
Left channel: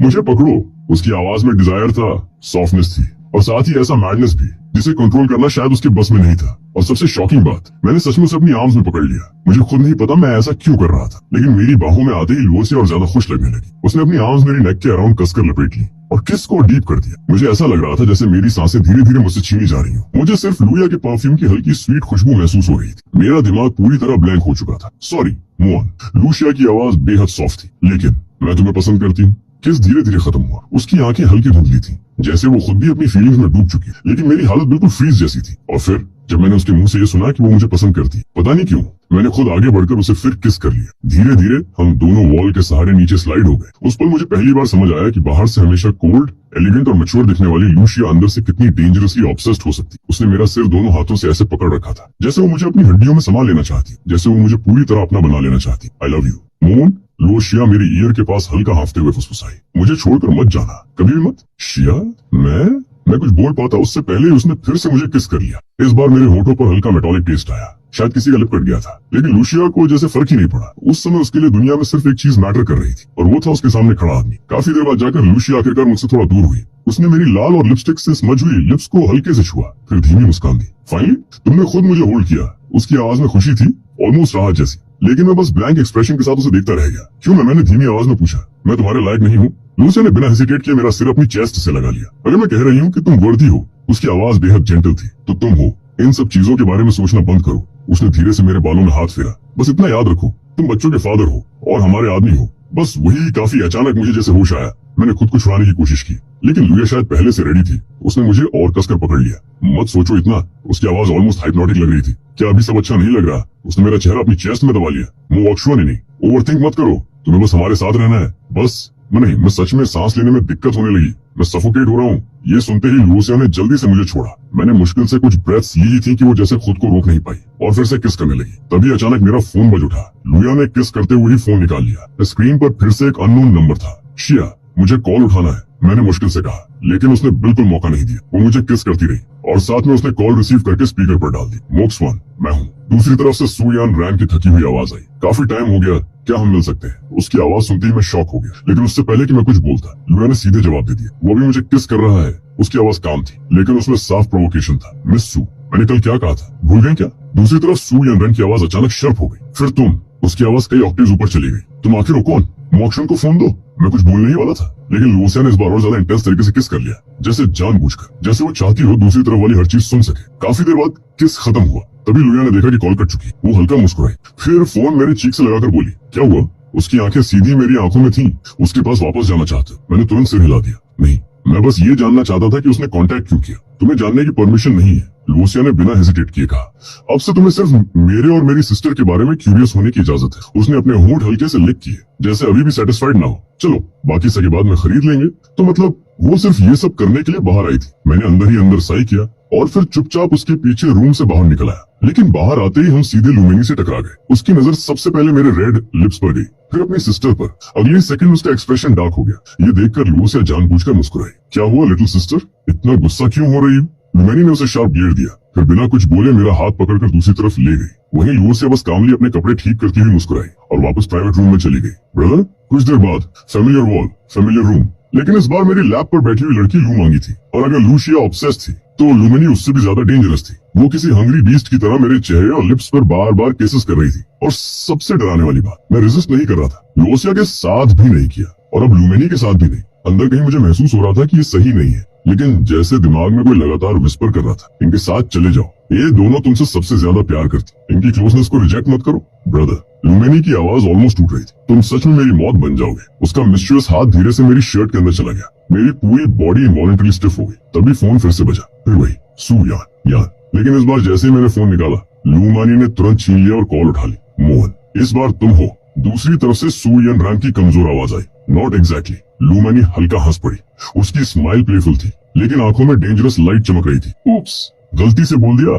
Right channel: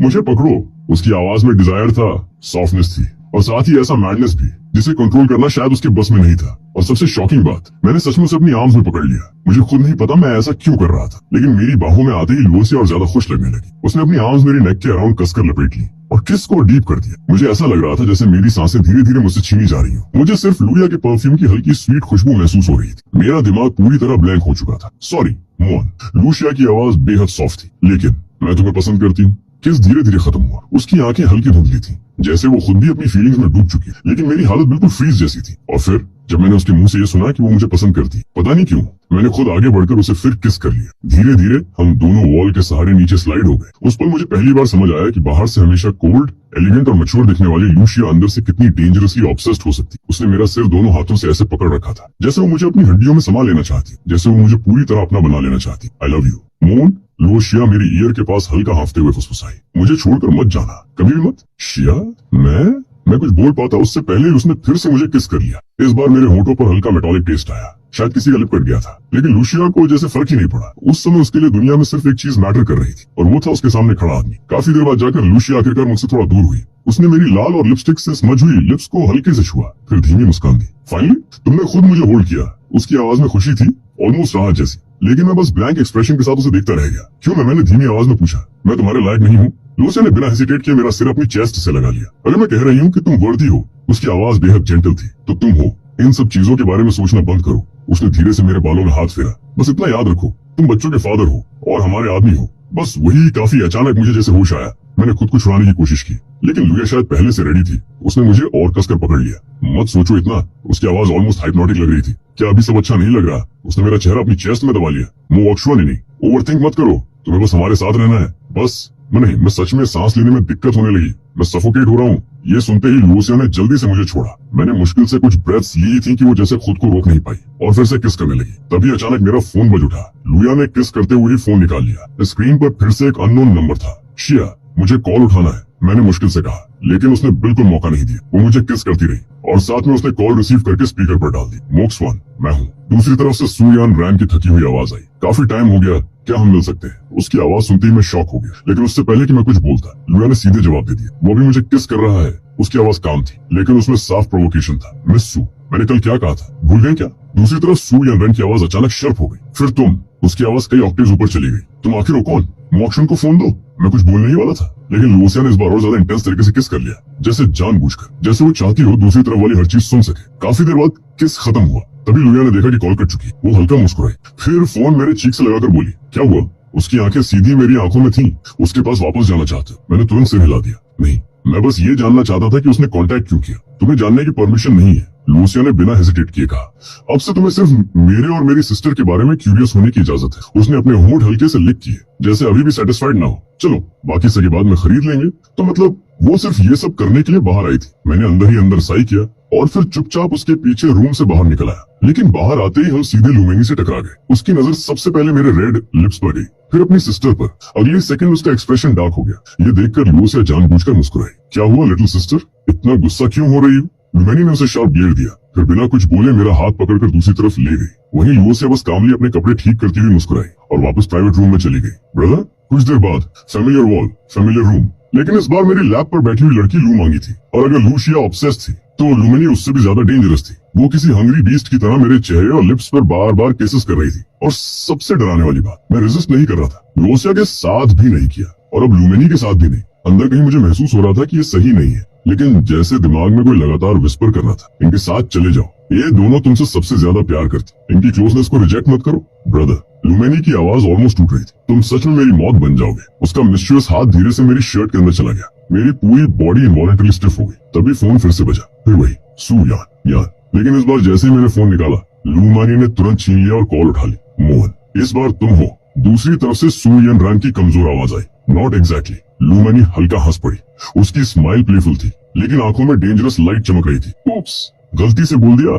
मुझे पकड़ो। उसकी आवाज में डिजायर था, सॉफ्टनेस थी और साथ ही ऐसा मैडनेस भी जिसे कंट्रोल करना शायद उसके बस में नहीं था। और सबसे शॉकिंग बात, मैंने सचमुच अपनी आर्म्स में पकड़ लिया। मुझे खुद नहीं पता मैं ऐसा क्यों कर रहा था, लेकिन मेरी बाहों में आते ही लूसिया और ज्यादा खुश लगने लगी। उसने अपनी आर्म्स मेरी नेक के अराउंड कसकर लपेट ली और किस को डीप कर दिया। मुझे ऐसा लग रहा था जैसे मेरी सांसें धीरे धीरे मुझसे छीनी जा रही हूँ। मुझे सिर्फ लुया के परफ्यूम की हल्की स्वीट खुशबू महसूस हो रही थी। मेरा दिमाग पूरी तरह ब्लैंक हो चुका था। सॉरी मोन, लूसिया की आवाज बेहद सॉफ्ट थी। लेकिन मैं तुम्हें पसंद करती हूँ। किस धीरे धीरे खत्म हुआ। उसकी आंखें हल्की धुंधली थी, जैसे वो खुद भी अपनी फीलिंग्स में डूब चुकी, लेकिन मेरी हालत बिल्कुल फ्रीज जैसी थी। और फिर जब मैंने उसके मुंह से ये सुना कि वो मुझे पसंद करती, पता नहीं क्यों मैंने खुद आगे बढ़कर उसे फिर किस कर लिया। धीरे धीरे हम दोनों वॉल के सहारे नीचे स्लाइड हो गए। उस पर मुझे पहली बार समझ आया कि बाहर से हमेशा कोल्ड, एलिगेंट और मैच्योर दिखने वाली लूशिया अंदर से कितनी डेंजरसली ऑब्सेस्ड हो सकती। उसने मेरा सिर दोनों हाथों से ऐसे पकड़ रखा था जैसे वो मुझे अपनी हड्डियों में समा लेना चाहती, जैसे वो मुझे पूरी तरह अपना बना लेना चाहती। आई लव यू मोन, लूशिया मेरी ईयर के पास हल्का हांफते हुए फुसफुसाई। मुझे छोड़कर मत जाना, कभी भी मत। शिया, मैं कुछ बोल पाता उससे पहले ही उसने फिर से मुझे किस कर लिया। इस बार मेरे होठों पर हल्का मेटालिक टेस्ट आया, शायद किसी का लिप कट गया था। लेकिन लूशिया को जैसे फर्क ही नहीं पड़ा। उस समय उसके लिए दुनिया में सिर्फ एक चीज मैटर कर रही थी और वो था उसके सामने खड़ा आदमी। काफी देर बाद जाकर लूशिया आखिरकार मुझसे थोड़ा दूर हुई। उसने मेरी लाल और लिपस्टिक से स्मज हुई लिप्स को हल्के से छुआ, फिर धीमी मुस्कान दी। फाइनली तुमने खुद मुझे होल्ड किया। उसकी आवाज में खुशी थी, ऑलमोस्ट राहत जैसी। लेकिन मैं बस ब्लैंक एक्सप्रेशन के साथ उसे देखता रह गया। क्यों? मैंने धीमी आवाज में पूछा। मैं तुम्हारे लायक नहीं हूँ? लूसिया ने बिना हेसिटेट किए मेरा सिर अपनी चेस्ट से लगा लिया। अगर मैं कह रही हूँ कि तुम वर्दी हो। उसकी आवाज बेहद जेंटल थी। तो तुम हो। इन सब चीजों के बारे में सोचना बंद करो। उसने धीरे से मेरे बालों में हाथ फेरा। बस इतना याद रखो, तुम बच्चों के फादर हो और हमारे आदमी हो। बस वही काफी। अचानक मुझे जैसे होश आया। मैंने खुद को छुड़ाने की कोशिश की, लेकिन लुया शायद पहले से रेडी थी। उसने मुझे और कसकर पकड़ लिया। मत सोचो इतना। उसकी आवाज ऑलमोस्ट हाइप्नोटिक लग रही थी। क्या अभी सब अच्छा नहीं लग रहा? उसने मेरा चेहरा अपनी चेस्ट में दबा लिया। मुंह वॉक्शुआ नहीं, ओवरथिंक मत करो। तुम्हें बस हमारे साथ रहना है, बस। मैं सच में सांस लेने में दिक्कत होने लगी। मैं सफोकेट हो रहा हूँ। ये सुनते ही लूसिया ने जल्दी से मुझे छोड़ा। मैंने मुश्किल से कुछ ब्रेथ्स ली ही थी कि वो जैसे खुद को रोक नहीं पाई और फिर से किस करने लगी। तभी अचानक मेरा फोन बज उठा। लुया ने किस करते हुए ही फोन निकाल लिया। स्क्रीन पर फिर से एक अननोन नंबर था। शिया, मुझे कॉल उठाना है, मैंने मुश्किल से कहा, लेकिन उसने बिल्कुल मौका नहीं दिया। वो मुझे किस करती रही और साथ में उसने कॉल रिसीव करके स्पीकर पर डाल दी। मोक्सवान, मैं हूँ। दूसरी तरफ से सुयान रैन की थकी हुई आवाज आई। काफी टाइम हो गया, क्या हम मिल सकते हैं? उसकी आवाज सुनते ही मैं शॉक हो गया, लेकिन उससे पहले कि मैं कुछ बोलता, लुया ने सीधे जवाब दे दिया। वो भी मुझे किस कर रहा है। उसकी आवाज काम थी, लेकिन उसमें साफ प्रोवोकेशन था। मिस सू, मैंने कल क्या कहा था, भूल गए क्या? दूसरी तरफ सुयान रैन की आवाज अचानक शार्प हो गई। फिर तुम। उसकी आवाज कई ऑक्टेव्स ऊपर चली गई। तुम आखिर हो कौन? मोक्शन को फोन दो। मैं कुछ बोलने ही वाला था, लेकिन लूसिया ने इस बार और ज्यादा इंटेंस तरीके से किस कर लिया, जैसे जानबूझकर, जैसे वो चाहती हो दूसरी तरफ वाली हर चीज सुन सके। काफी देर बाद किस खत्म हुआ। तभी लुया ने देखा कि कॉल कट चुकी। वो हल्का मुस्कुराई, फिर फोन मेरे चीक से लगाकर बोली, क्या हुआ? उसकी आंखें सीधी मेरी आंखों में थीं। उसके पास वापस जाना चाहते। मैंने तुरंत सिर हिला दिया। नहीं, मैं बस ये जानना चाहता था कि उसने कांटेक्ट क्यों किया। तुम्हें जानने की परमिशन नहीं है, लूसिया ने बिना हेजिटेट किए कहा। अब से तुम्हें सिर्फ मेरे और मेरी सिस्टर के बारे में क्यूरियस होने की इजाजत है। उसने अपने होंठ हल्के से लिक किए, जैसे अभी भी सेटिस्फाइड ना हो। चलो, बाकी सगे बाद में खरीद लेंगे। तो मतलब वो सिर्फ ये सब करने के लिए बाहर आई थी। मैंने अंदर ही अंदर साई किया और फिर चुपचाप उसके पीछे रूम से बाहर निकल आया। लेकिन बाहर आते ही हम सीधे लुमिनी से टकरा गए। उसकी नजर सबसे पहले मेरे रेड लिप्स पर गई, फिर अपनी सिस्टर पर। अगले सेकंड उसका एक्सप्रेशन डार्क हो गया। ये देखकर लूसिया जानबूझकर मुस्कुराई। क्या हुआ लिटिल सिस्टर, इतना गुस्सा क्यों हो रही हो? लुमिनी ने उसे शार्प ग्लेयर दिया, फिर बिना कुछ बोले मेरा हाथ पकड़कर दूसरी तरफ ले गई। वहीं लूसिया बस कामली अपने कपड़े ठीक करती हुई मुस्कुराई और वापस प्राइवेट रूम में चली गई। ब्रदर, कुछ देर बाद फेमिलियर वॉल, फेमिलियर रूम। लेकिन इस बार मेरी लैप पर बैठी हुई लड़की लू मांगी थी, और अगर लूसिया ऑब्सेस्ड थी तो लुमिनी उससे भी ज्यादा डेंजरस थी। वो किसी हंग्री बीस्ट की तरह मेरे चेहरे और लिप्स पर बार बार केसेस कर रही थी। और सबसे डराने वाली बात, मैं रेजिस्ट नहीं कर रहा था। लूसिया के साथ भी नहीं किया और अब लुमिनी के साथ भी नहीं। अंदर कहीं मुझे महसूस हो रहा था कि ये सही नहीं है, लेकिन जैसे दिमाग में कोई लगातार विस्पर कर रहा था, इनके साथ चले जाओ, ये दोनों तुमसे सबसे ज्यादा प्यार करते, इनकी क्लोजनेस को रिजेक्ट मत करो। ब्रदर, लुमेनी की आवाज ऑलमोस्ट टूट रही थी। तुम सच में मेरी मौत बन जाओगे। उसका मिस्ट्रियस हाथ धीरे से मेरी शर्ट के अंदर चला गया। मेरी पूरी बॉडी इनवॉलंटरी स्टिफ हो गई। तभी फोन फिर से बजा, फिर वही सू यान। लेकिन इस बार जैसे ही मैंने फोन निकाला, लुमानी ने तुरंत छीन लिया और कॉल उठा ली। मोहन, इस बार तुम हो। दूसरी तरफ से सू यान रैन की कमजोर आवाज आई, नॉट एग्जैक्टली। लुमानी हल्का हंस पड़ी। उसकी स्माइल प्लेफुल थी, लेकिन आंखों में डेंजरस लाइट चमक रही थी। उप्स, गलती से बोल दिया,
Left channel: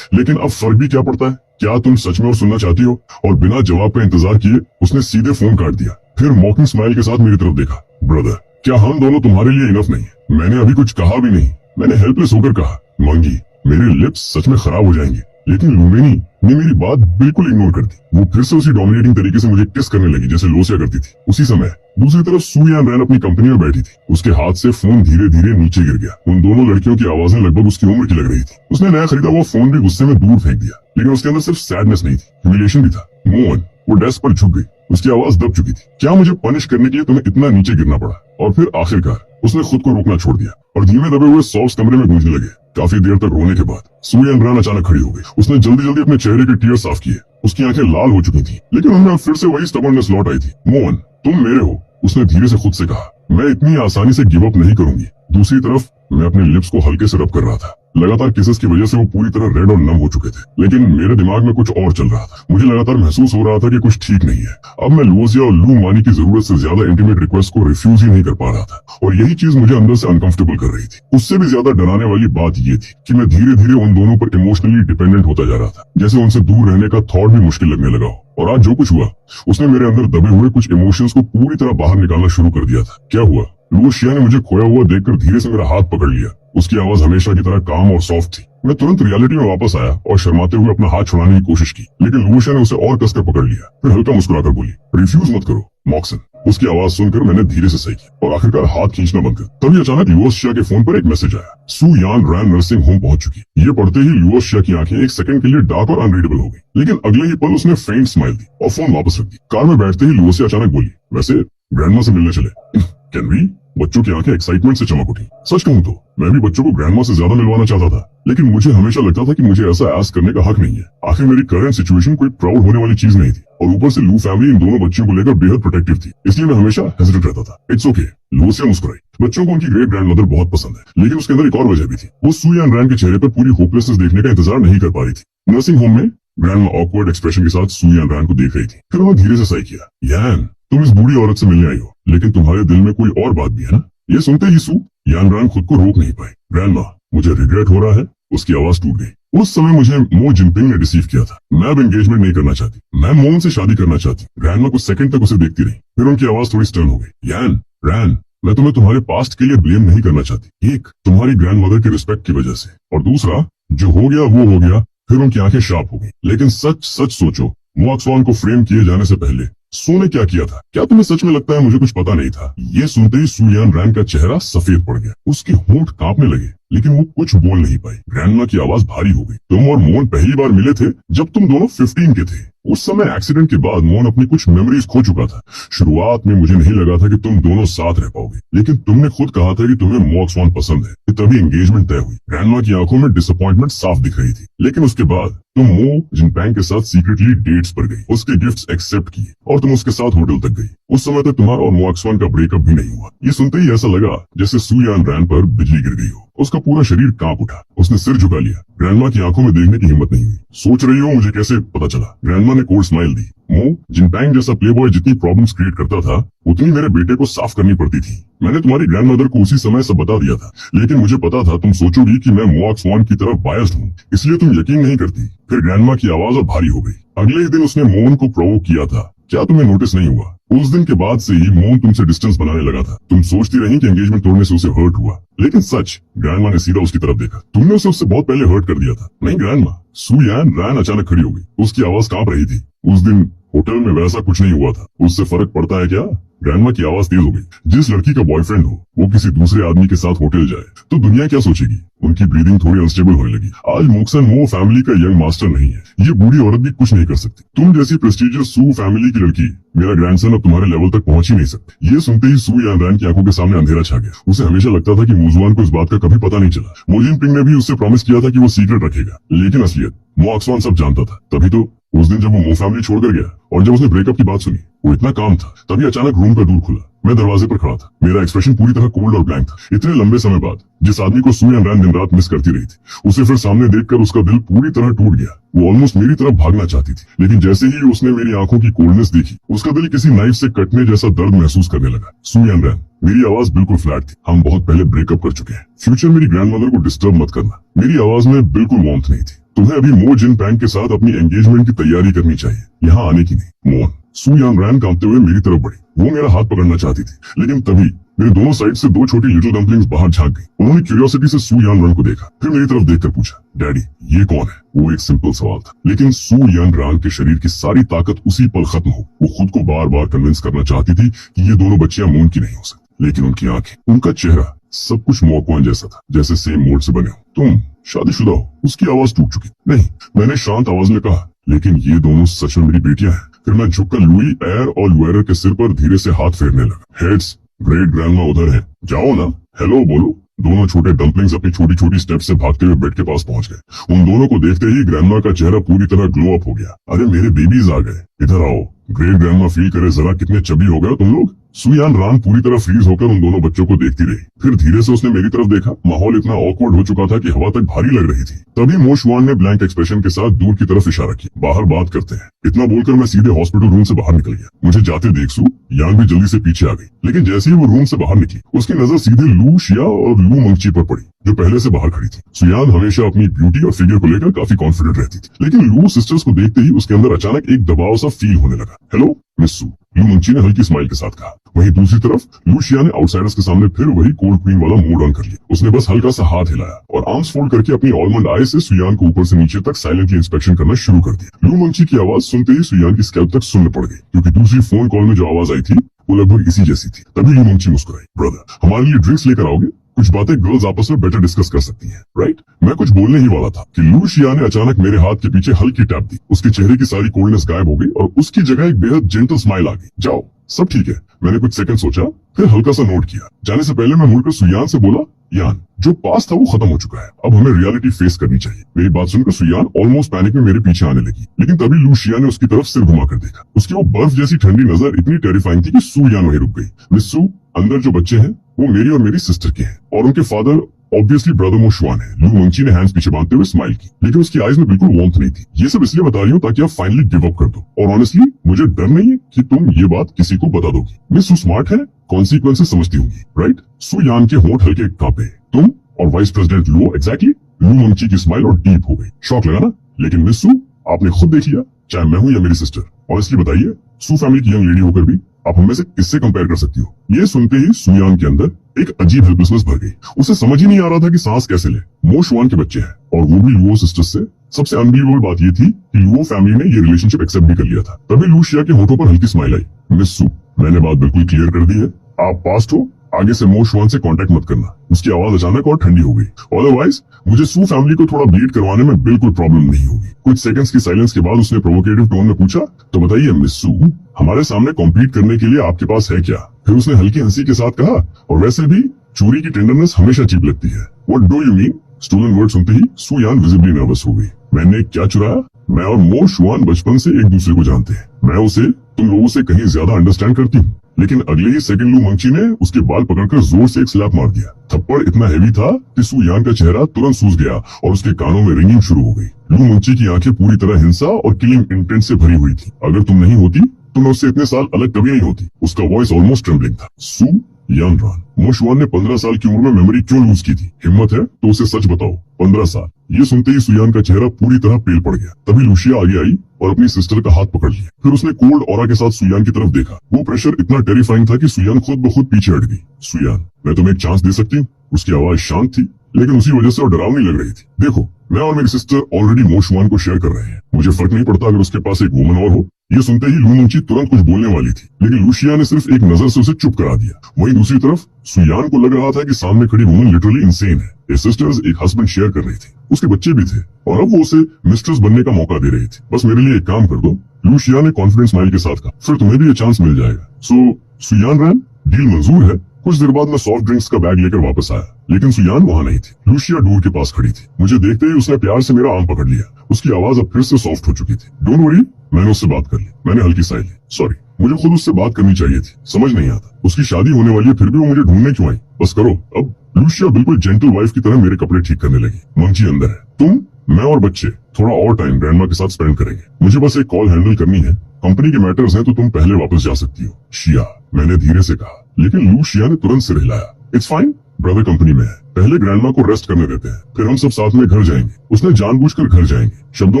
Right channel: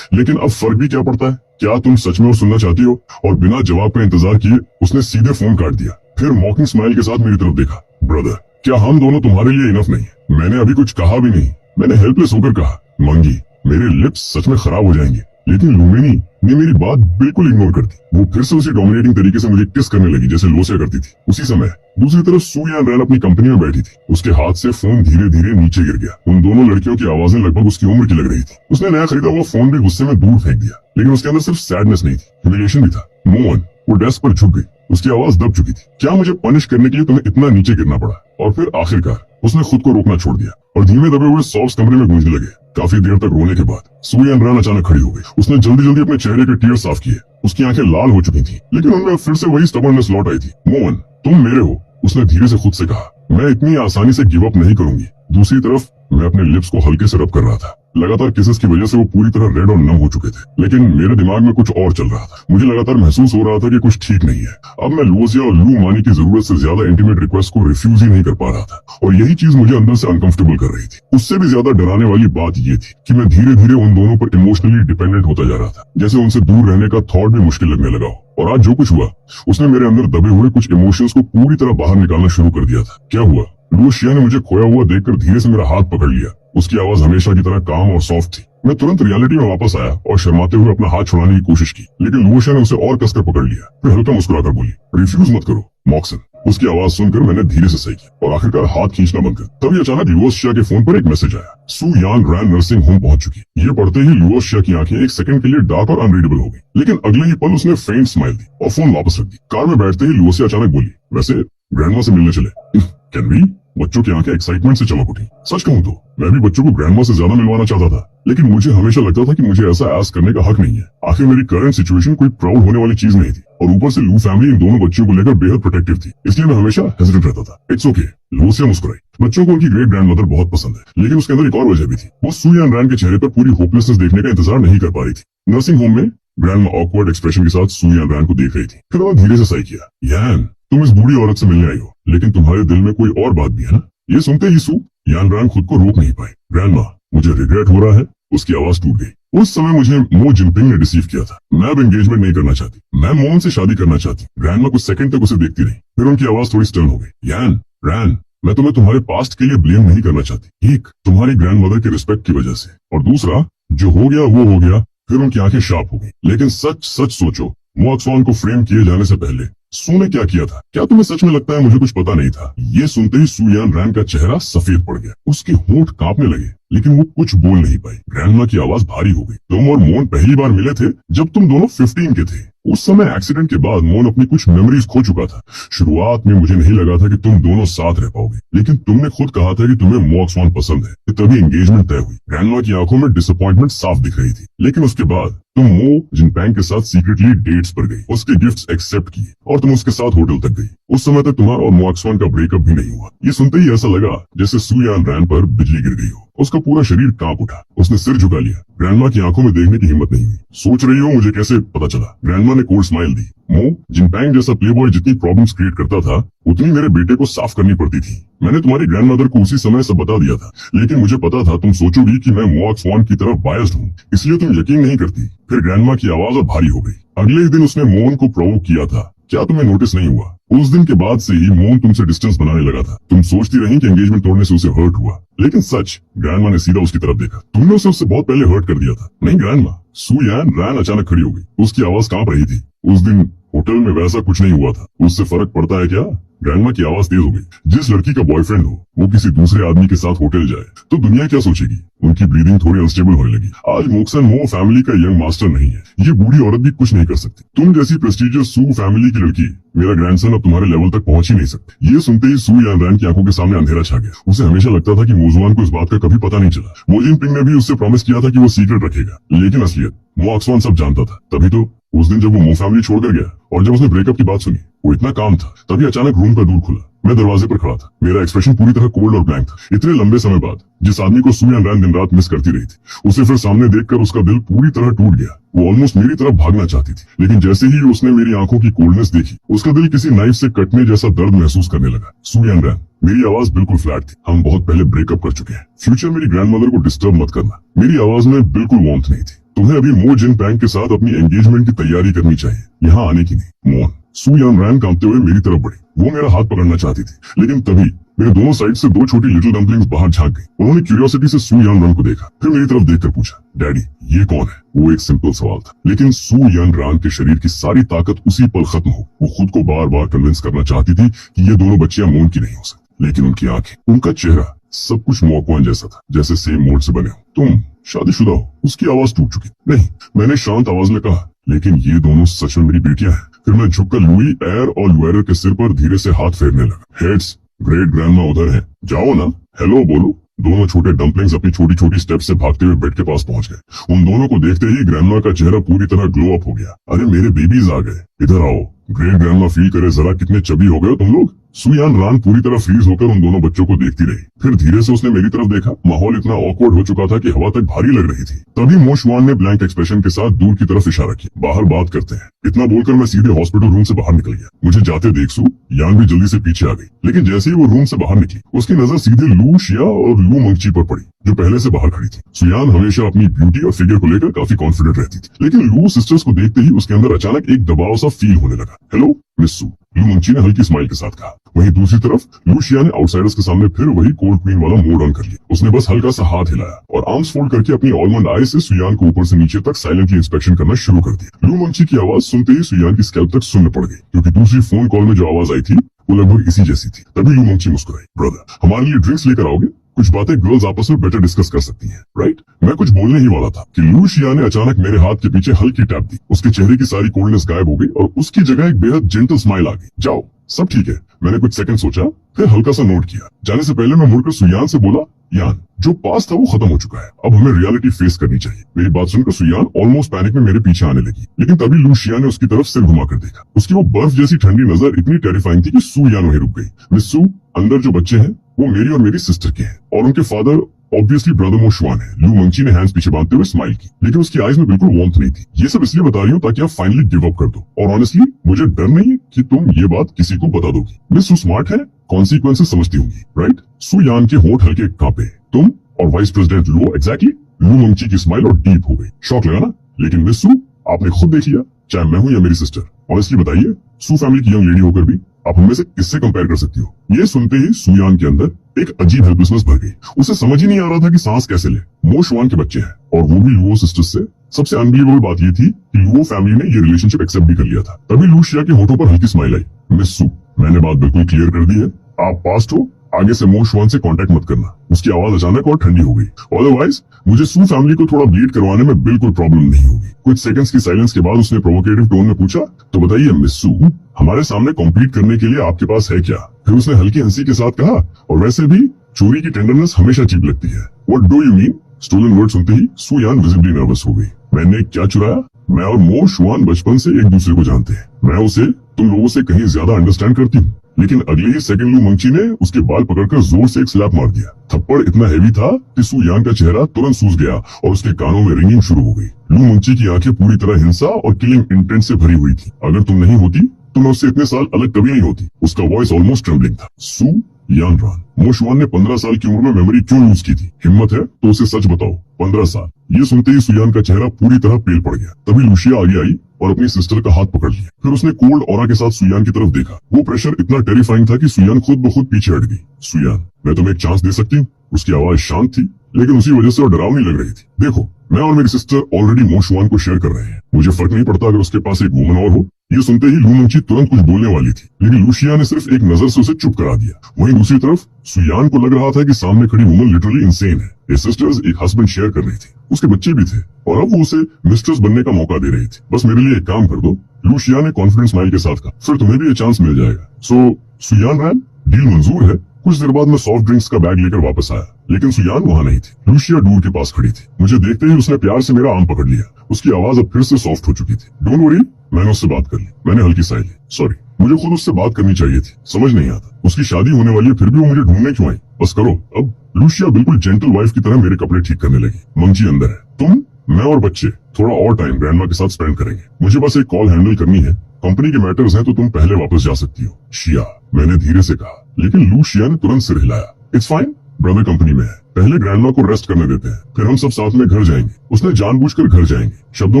लेकिन अब फर्क भी क्या पड़ता है? क्या तुम सच में और सुनना चाहती हो? और बिना जवाब का इंतजार किए उसने सीधे फोन काट दिया। फिर मॉकिंग स्माइल के साथ मेरी तरफ देखा। ब्रदर, क्या हम दोनों तुम्हारे लिए इनफ नहीं है? मैंने अभी कुछ कहा भी नहीं। मैंने हेल्पलेस होकर कहा, मंगी, मेरे लिप्स सच में खराब हो जाएंगे। लेकिन लुमेनी ने मेरी बात बिल्कुल इग्नोर कर दी। वो फिर से उसी डोमिनेटिंग तरीके से मुझे किस करने लगी जैसे लोसिया करती थी। उसी समय दूसरी तरफ सू यान रैन अपनी कंपनी में बैठी थी। उसके हाथ से फोन धीरे धीरे नीचे गिर गया। उन दोनों लड़कियों की आवाजें लगभग उसकी उम्र की लग रही थी। उसने नया खरीदा वो फोन भी गुस्से में दूर फेंक दिया, लेकिन उसके अंदर सिर्फ सैडनेस नहीं थी, ह्यूमिलिएशन भी था। मोहन, वो डेस्क पर झुक गई। उसकी आवाज दब चुकी थी। क्या मुझे पनिश करने के लिए तुम्हें इतना नीचे गिरना पड़ा? और फिर आखिरकार उसने खुद को रोकना छोड़ दिया और धीमे दबे हुए सॉफ्ट कमरे में गूंजने लगे। काफी देर तक रोने के बाद सू यान रैन अचानक खड़ी हो गई। उसने जल्दी जल्दी अपने चेहरे के टीयर साफ किए। उसकी आंखें लाल हो चुकी थी, लेकिन उनमें फिर से वही स्टबर्ननेस लौट आई थी। मोहन, तुम मेरे हो, उसने धीरे से खुद से कहा। मैं इतनी आसानी से गिव अप नहीं करूंगी। दूसरी तरफ मैं अपने लिप्स को हल्के से रब कर रहा था। लगातार किसेस की वजह से वो पूरी तरह रेड और नम हो चुके थे, लेकिन मेरे दिमाग में कुछ और चल रहा था। मुझे लगातार महसूस हो रहा था कि कुछ ठीक नहीं है। अब मैं लुओसिया और लू मानी की जरूरत से ज्यादा इंटीमेट रिक्वेस्ट को रिफ्यूज ही नहीं कर पा रहा था, और यही चीज मुझे अंदर से अनकंफर्टेबल कर रही थी। उससे भी ज्यादा डराने वाली बात ये थी कि मैं धीरे धीरे उन दोनों पर इमोशनली डिपेंडेंट होता जा रहा था, जैसे उनसे दूर रहने का थॉट भी मुश्किल लगने लगा हो। और आज जो कुछ हुआ, उसने मेरे अंदर दबे हुए कुछ इमोशंस को पूरी तरह बाहर निकालना शुरू कर दिया था। क्या हुआ? लुओसिया ने मुझे खोया हुआ देखकर धीरे से मेरा हाथ पकड़ लिया। उसकी आवाज हमेशा की तरह काम और सॉफ्ट थी। मैं तुरंत रियलिटी में वापस आया और शर्माते हुए अपना हाथ छुड़ाने की कोशिश की, लेकिन लुओसिया ने उसे और कसकर पकड़ लिया। फिर हल्का मुस्कुराकर बोली, रिफ्यूज मत करो मॉक्सन। उसकी आवाज सुनकर मैंने धीरे से सही किया और आखिरकार हाथ खींचना बंद कर। तभी अचानक लुओसिया के फोन पर एक मैसेज आया, सू यान रैन नर्सिंग होम पहुंच चुकी। ये पढ़ते ही लुओसिया की आंखें एक सेकंड के लिए डार्क और अनरीडेबल हो गई, लेकिन अगले ही पल उसने फेंट स्माइल दी और फोन वापस रख दी। कार में बैठते ही लुओसिया अचानक बोली, वैसे ग्रैंडमा से मिलने चले? Can we? बच्चों की आंखें एक्साइटमेंट से चमक उठी। सच कहूं तो मैं भी बच्चों को ग्रैंडमा से ज्यादा मिलवाना चाहता था, लेकिन मुझे हमेशा लगता था कि मुझे ऐसा आस्क करने का हक नहीं है। आखिर मेरी करंट सिचुएशन कोई प्राउड होने वाली चीज नहीं थी, और ऊपर से लू फैमिली इन दोनों बच्चों को लेकर बेहद प्रोटेक्टिव थी, इसलिए मैं हमेशा हेजिटेंट रहता था। इट्स ओके, लुओसिया मुस्कुराई। बच्चों को उनकी ग्रेट ग्रैंडमदर बहुत पसंद है, लेकिन उसके अंदर एक और वजह भी थी। वो सू यान रैन के चेहरे पर पूरी होपलेसनेस देखने का इंतजार नहीं कर पा रही थी। नर्सिंग होम में ग्रैंडमा ऑकवर्ड एक्सप्रेशन के साथ सू यान रैन को देख रही थी। फिर वो धीरे से सही किया, यान, तुम इस बूढ़ी औरत से मिलने आई हो, लेकिन तुम्हारे दिल में कोई और बात भी है ना? ये सुनते ही सू यान रैन खुद को रोक नहीं पाई। ग्रैंडमा, मुझे रिग्रेट हो रहा है। उसकी आवाज टूट गई। उस समय मुझे मो जिनपिंग ने डिसीव किया था। मैं अब एंगेजमेंट नहीं करना चाहती। मैं मोहन से शादी करना चाहती। ग्रैंडमा कुछ सेकंड तक उसे देखती रही, फिर उनकी आवाज थोड़ी स्टर्न हो गई। यान, रैन, मैं तुम्हें तुम्हारे पास्ट के लिए ब्लेम नहीं करना चाहती। एक, तुम्हारी ग्रैंडमदर की रिस्पेक्ट की वजह से, और दूसरा, जो हो गया वो हो गया। फिर उनकी आंखें शार्प हो गई। लेकिन सच सच सोचो, मोक्सवान को फ्रेम किए जाने से पहले सू ने क्या किया था? क्या तुम्हें सच में लगता है मुझे कुछ पता नहीं था? ये सुनते ही सू यान रैन का चेहरा सफेद पड़ गया। उसके होंठ कांपने लगे, लेकिन वो कुछ बोल नहीं पाई। ग्रैंडमा की आवाज भारी हो गई। तुम और मोहन पहली बार मिले थे जब तुम दोनों 15 के थे। उस समय एक्सीडेंट के बाद मोहन अपनी कुछ मेमोरीज खो चुका था। शुरुआत में मुझे नहीं लगा था कि तुम दोनों साथ रह पाओगे, लेकिन तुमने खुद कहा था कि तुम्हें मोक्सवान पसंद है, तभी एंगेजमेंट तय हुई। ग्रैंडमा की आंखों में डिसअपॉइंटमेंट साफ दिख रही थी, लेकिन उसके बाद तुम मो जिनपैंग के साथ सीक्रेटली डेट्स पर गई, उसके गिफ्ट्स एक्सेप्ट किए और तुम उसके साथ होटल तक गई। उस समय तक तुम्हारा और मोक्सवान का ब्रेकअप भी नहीं हुआ। ये सुनते ही ऐसा लगा जैसे सू यान रैन पर बिजली गिर गई हो। उसका पूरा शरीर कांप उठा। उसने सिर झुका लिया। ग्रैंडमा की आंखों में देखने की हिम्मत नहीं हुई। सोच रही हो मुझे कैसे पता चला? ग्रैंडमा ने कोल्ड स्माइल दी। मो जिनपैंग जैसा प्लेबॉय जितनी प्रॉब्लम्स क्रिएट करता था, उतनी मेरे बेटे को साफ करनी पड़ती थी। मैंने तुम्हारी ग्रैंडमदर को उसी समय सब बता दिया था, लेकिन मुझे पता था तुम सोचोगी कि मैं मोक्सवान की तरफ बायस्ड हूँ, इसलिए तुम यकीन नहीं करती। फिर ग्रैंडमा की आवाज अब भारी हो गई। अगले ही दिन उसने मोहन को प्रोवोक किया था। क्या तुम्हें नोटिस नहीं हुआ? उस दिन के बाद से ही मोहन तुमसे डिस्टेंस बनाने लगा था। तुम सोचती रही कि एंगेजमेंट तोड़ने से उसे हर्ट हुआ, लेकिन सच, ग्रैंडमा ने सीधा उसकी तरफ देखा। तुमने उसे उससे बहुत पहले हर्ट कर दिया था। नहीं ग्रैंडमा। सू यान रैन अचानक खड़ी हो गई। उसकी आवाज कांप रही थी। उस दिन होटल में वैसा कुछ नहीं हुआ था। उससे फर्क पड़ता है क्या? ग्रैंडमा की आवाज तेज हो गई। जिस लड़की का बॉयफ्रेंड हो वो किसी दूसरे आदमी के साथ होटल जाए तो दुनिया क्या सोचेगी? उनकी ब्रीदिंग थोड़ी अनस्टेबल होने लगी। आज मोक्सन मो फैमिली का यंग मास्टर नहीं है। ये बूढ़ी औरत भी कुछ नहीं कर सकती। तुम जैसी प्रेस्टिजियस सू फैमिली की लड़की, मेरा ग्रैंडसन अब तुम्हारे लेवल तक पहुंच ही नहीं सकती। ये सुनते ही सू यान रैन की आंखों के सामने अंधेरा छा गया। उसे हमेशा लगता था कि मोजुआन को इस बात का कभी पता नहीं चला। मोजिन पिंग ने भी उससे प्रॉमिस किया था कि वो सीक्रेट रखेगा, लेकिन असलियत मोक्सवान सब जानता था। तभी तो उस दिन जब वो मो फैमिली छोड़कर गया और जब उसने ब्रेकअप की बात सुनी, वो इतना काम था, तभी अचानक रूम का दूर खुला। मैं दरवाजे पर खड़ा था, मेरा एक्सप्रेशन पूरी तरह कोल्ड और ब्लैंक था। इतने लंबे समय बाद जिस आदमी को सू यान रैन दिन रात मिस करती रही थी, उसे फिर सामने देखकर उसका दिल पूरी तरह टूट गया। वो ऑलमोस्ट मेरी तरफ भागना चाहती थी, लेकिन जैसे ही उसने मेरी आंखों की कोल्डनेस देखी, उसका दिल किसी नाइफ से कटने जैसा दर्द महसूस करने लगा। सू यान रैन, मेरी आवाज बिल्कुल फ्लैट थी। हम बहुत पहले ब्रेकअप कर चुके हैं। फ्यूचर मेरी ग्रैंडमदर को डिस्टर्ब मत करना। मेरी आवाज में बिल्कुल वार्मथ नहीं थी। तुम्हें अभी मो जिन पैंग के साथ अपनी एंगेजमेंट की तैयारी करनी चाहिए, यहाँ आने की नहीं। मोन। सू यान रैन कांपते हुए मेरी तरफ बढ़ी। वो मेरा हाथ पकड़ना चाहती थी, लेकिन तभी मेरे दोनों साइड से दो छोटी लिटिल डम्पलिंग्स बाहर झांक गई। उन्होंने क्यूरियोसिटी से सू यान रैन को देखा, फिर मेरी तरफ देखकर पूछा, डैडी ये कौन है? वो एक सिंपल सवाल था, लेकिन सू यान रैन के शरीर की सारी ताकत उसी पल खत्म हो। वो खुद को बार बार कन्विंस करना चाहती थी कि ये दोनों बच्चियां मोन की नहीं हो सकती, लेकिन उनकी आंखें, उनका चेहरा, सब कुछ मौकवान जैसा था, जैसे सेम मोड से बने हो। तुम शादीशुदा हो? उसकी आवाज टूट चुकी। नहीं, मैंने शांत आवाज में कहा, लेकिन ये दोनों सच में मेरी बेटियां हैं। फिर मैं झुककर लुई, एर और लुएरर के सिर पर धीरे से हाथ फेरने लगा। हेड्स, ग्रेट ग्रैंडमा उधर है, जाओ ना, हेलो बोलो। दोनों छोटे डम्पलिंग्स अपनी छोटी छोटी स्टेप से भागते हुए बेड के पास पहुंच गए। उन दोनों को देखते ही ग्रैंडमा का चेहरा पूरी तरह ग्लो अप हो गया। अरे मेरे बेबीज आ गए, इधर आओ। ग्रेट ग्रैंडमा फील करे जरा कितने चबी हो गए तुम लोग। सू यान रैन पूरी तरह फ्रीज होकर उन दोनों बच्चों को देखती रही। फिर धीरे से उसने मेरी तरफ देखा। माहौल इतना ऑकवर्ड हो चुका था कि हवा तक भारी लग रही थी। तभी मो शुआन ने ब्लैंक एक्सप्रेशन के साथ दूर की तरफ इशारा किया, बाहर बात करते हैं। इतना बोलकर मैं सीधे हॉस्पिटल रूम से बाहर निकल गया। मुझे जाते देख सू यान भी जल्दी से पीछे आ गई, लेकिन जैसे ही वो रूम से बाहर निकली, उसकी नजर सीधे लू, शिया और लू मंगची पर पड़ी, जो पहले से बाहर खड़ी थी। सुयान हमेशा अपनी ब्यूटी और फिगर को लेकर काफी कॉन्फिडेंट रहती थी, लेकिन लू सिस्टर्स को देखते ही उसके अंदर अचानक एक दबाव सा फील होने लगा। हेलो मिस सू, लू मंगची ने हल्की स्माइल के साथ कहा। वहीं दूसरी तरफ लू शिया ने आउटसाइडर्स के सामने फिर वही कोल्ड क्वीन वाला मोड ऑन कर लिया। उसने बस हल्का सा हाथ हिलाया और आर्म्स फोल्ड करके अपनी ऑलमंड आई से सुयान को ऊपर से नीचे तक साइलेंटली इंस्पेक्शन करना शुरू कर दिया। लू मंगची की आवाज सुनते ही सुयान की स्कैल्प तक सुन्न पड़ गई, क्योंकि दूसरी फोन कॉल में जो आवाज आई थी वो लगभग इसी जैसी थी। तभी लू मंगची मुस्कुराई। ब्रदर, हमारे लिए ड्रिंक्स लेकर आओगे? कुछ बातें गर्ल्स आपस में बेटर डिस्कस कर सकती हैं, राइट? मैं कुछ बोलने ही वाला था कि लू शिया ने अचानक मेरे हाथ के पीछे हल्की टैप दी। उसके चेहरे की सारी कोल्डनेस गायब हो गई और उसकी जगह एक बेहद जेंटल स्माइल आ गई। जाओ, सब ठीक है। मैंने कुछ सेकंड सोचा, फिर हल्का सा नोट किया। जाने से पहले मैं मुड़कर सुयान से बोला, यान, जो पास था वो खत्म हो चुका है, अब हमें रियलिटी फेस करनी चाहिए। मेरी बात सुनकर सुयान ऑलमोस्ट पैनिक में मेरे पीछे आने लगी, लेकिन तभी लू शिया ने उसकी तरफ सिर घुमाकर देखा। उसकी वो बर्फ जैसी ठंडी नजर इतनी टेरिफाइंग थी कि सू यान वहीं रुक गई। मिस सू, अंदर जो बच्चे हैं वो मेरी और मेरी सिस्टर के हैं, और उनके फादर ऑब्वियसली ब्रदर मो शुआन है। लू मंगची ने हैंड्स पीछे बांधते हुए स्माइल की, लेकिन उसकी आईज में बिल्कुल वार्मथ नहीं थी। ये सब इसलिए बता रही हूँ ताकि आप फाइनली गिव अप कर दो, और ऑनेस्टली मुझे डर नहीं है कि तुम ये बात किसी को बता दोगी। मिस सू स्मार्ट है, कॉन्सिक्वेंसेस समझती होंगी, राइट? सू यान के होंठ हल्के कांपे। तुम और वाइस प्रेसिडेंट लू, एग्जैक्टली। लू मंगची की स्माइल और डीप हो गई। शॉक लगा ना? लेकिन मिस सू, आपने खुद देख लिया, चाहे मैं हूँ या मेरी सिस्टर। ऑनेस्टली बताइए, सू फैमिली की यंग लेडी होकर भी आप हमें से किससे कंपेयर कर सकती हो? ये सुनते ही सुयान के अंदर एक अजीब हेल्पलेसनेस भर गई। उसे समझ ही नहीं आ रहा था कि सांस कैसे ले। मो शुआन के बच्चे हैं, और वो भी लुओ सिस्टर्स से। सबसे अनबिलीवेबल बात ये थी कि लुओ फैमिली ने ये रिलेशनशिप एक्सेप्ट भी कर लिया था। तभी लू शिया के होठों पर हल्की स्माइल आई। मिस सू, मैंने बात बिल्कुल क्लियर कर दी है, आप पास्ट हो, आगे से मो शुआन से कांटेक्ट मत करना। उसकी आवाज अचानक और ठंडी हो गई। अदरवाइज मुझे सू फैमिली को थोड़ा ब्लीड करवाने में बिल्कुल प्रॉब्लम नहीं होगी। कुछ सेकंड्स की साइलेंस के बाद उसने प्रोवोकेटिव टोन में पूछा, तो बताइए मिस सू, हमारे सामने कॉम्पीट करने के लिए आपके पास है क्या? फिर उसने हल्की हंसी के साथ कहा, और वैसे भी चोरी की टेंडरनेस हमेशा चीप लगती है। What do you mean? Stolen word सुनते ही सू यान विजिबली नर्वस हो गई। मैंने क्या चुराया? मैं और मो शुआन बचपन से एक दूसरे को जानते हैं। मैं उसे तुम लोगों से कहीं ज्यादा अंडरस्टैंड करती हूँ। लेकिन अगले ही सेकंड लू मंगची ने उसके बाल पकड़कर जोर से एक स्लैप मार दिया। थप्पड़ इतना हैवी था कि सू यान का चेहरा तुरंत सूज गया और उसके कानों में रिंगिंग शुरू हो गई। लू मंगची की आंखें पूरी तरह हिंसा और किलिंग इंटेंट से भरी हुई थी। अगर तुम नहीं होती तो मैं उससे इतने साल अलग कभी नहीं होती। उसका वॉइस ऑलमोस्ट ट्रेम्बलिंग था। सू यान रैन, मो शुआन ने 15 साल की उम्र में मेमोरी क्यों लूज की थी? हिम्मत है तो उसे सच बताओ। 15 साल। ये सुनते ही सुयान का चेहरा पूरी तरह पेल पड़ गया। तभी लुशिया आगे आई और अपनी सिस्टर का हाथ पकड़ लिया। फिर उसने कोल्ड ऑरा के साथ सुयान की तरफ देखा। वो प्रेशर इतना टेरिफाइंग था कि सुयान खुद ब खुद पीछे हट गई। सुयान, मैं तुम्हें एक चांस दे सकती हूँ? उसकी आवाज शांत थी, लेकिन उसी वजह से और डरावनी लग रही थी। देखो, मैं और मेरी सिस्टर ऑलरेडी मो शुआन को शेयर कर रहे हैं। मुझे फर्क नहीं पड़ता अगर उसके पास एक वुमन और हो। ये सुनते ही लू मंगची तुरंत कुछ बोलने वाली थी, लेकिन लुशिया ने सिर्फ एक नजर से उसे चुप करा दिया। वहीं दूसरी तरफ सुयान को लग रहा था कि सामने खड़ी वुमन लिटरली इंसेन है। ये सिस्टर्स एक हस्बैंड शेयर कर रही थी, उसके बच्चे भी थे, और अब वो उसे मिस्ट्रेस बनने का मौका दे रही थी। बस मेरे लिए एक काम कर दो, लुशिया ने कॉन्फिडेंस स्माइल के साथ कहा, फिर तुम्हें भी ये चांस मिल जाएगा। सो सुयान रैन, डील मंजूर है। कुछ देर बाद मैं सॉफ्ट ड्रिंक्स का बैग लेकर वापस आया। लेकिन सुयान वहाँ नहीं थी। लूशिया डोर के पास खड़ी थी। मुझे देखते ही उसने प्यार से मेरा आर्म पकड़ लिया। उसकी आवाज अब फिर से सॉफ्ट हो चुकी थी। डोंट वरी, मैंने उससे बात कर ली। मैंने हल्की साई ली। सॉरी, मुझे खुद उससे बात करनी चाहिए थी। समझ नहीं आता, उसकी शादी होने वाली है फिर भी वो मुझे ढूंढने क्यों आई। बस करो अब। लूशिया बिल्कुल जेंटल वाइफ की तरह मेरे कपड़े ठीक करने लगी। मंची अंदर है। तुम, मैं और बच्चे थोड़ा और टाइम ग्रैंडमा के साथ स्पेंड करेंगे। मुझे बस एक कॉल हैंडल करनी है। कंपनी के मैटर्स हैं तो तुम पहले वापस जा सकती हो। शिया, मैंने धीरे से कहा, लेकिन लूशिया ने तुरंत सिर हिलाया। इट्स फाइन, ब्रदर कंपनी में है, पहले ग्रैंडमा को रेस्ट करने देते हैं, फिर हम सब साथ में घर जाएंगे। उसने जानबूझकर घर जाएंगे शब्दों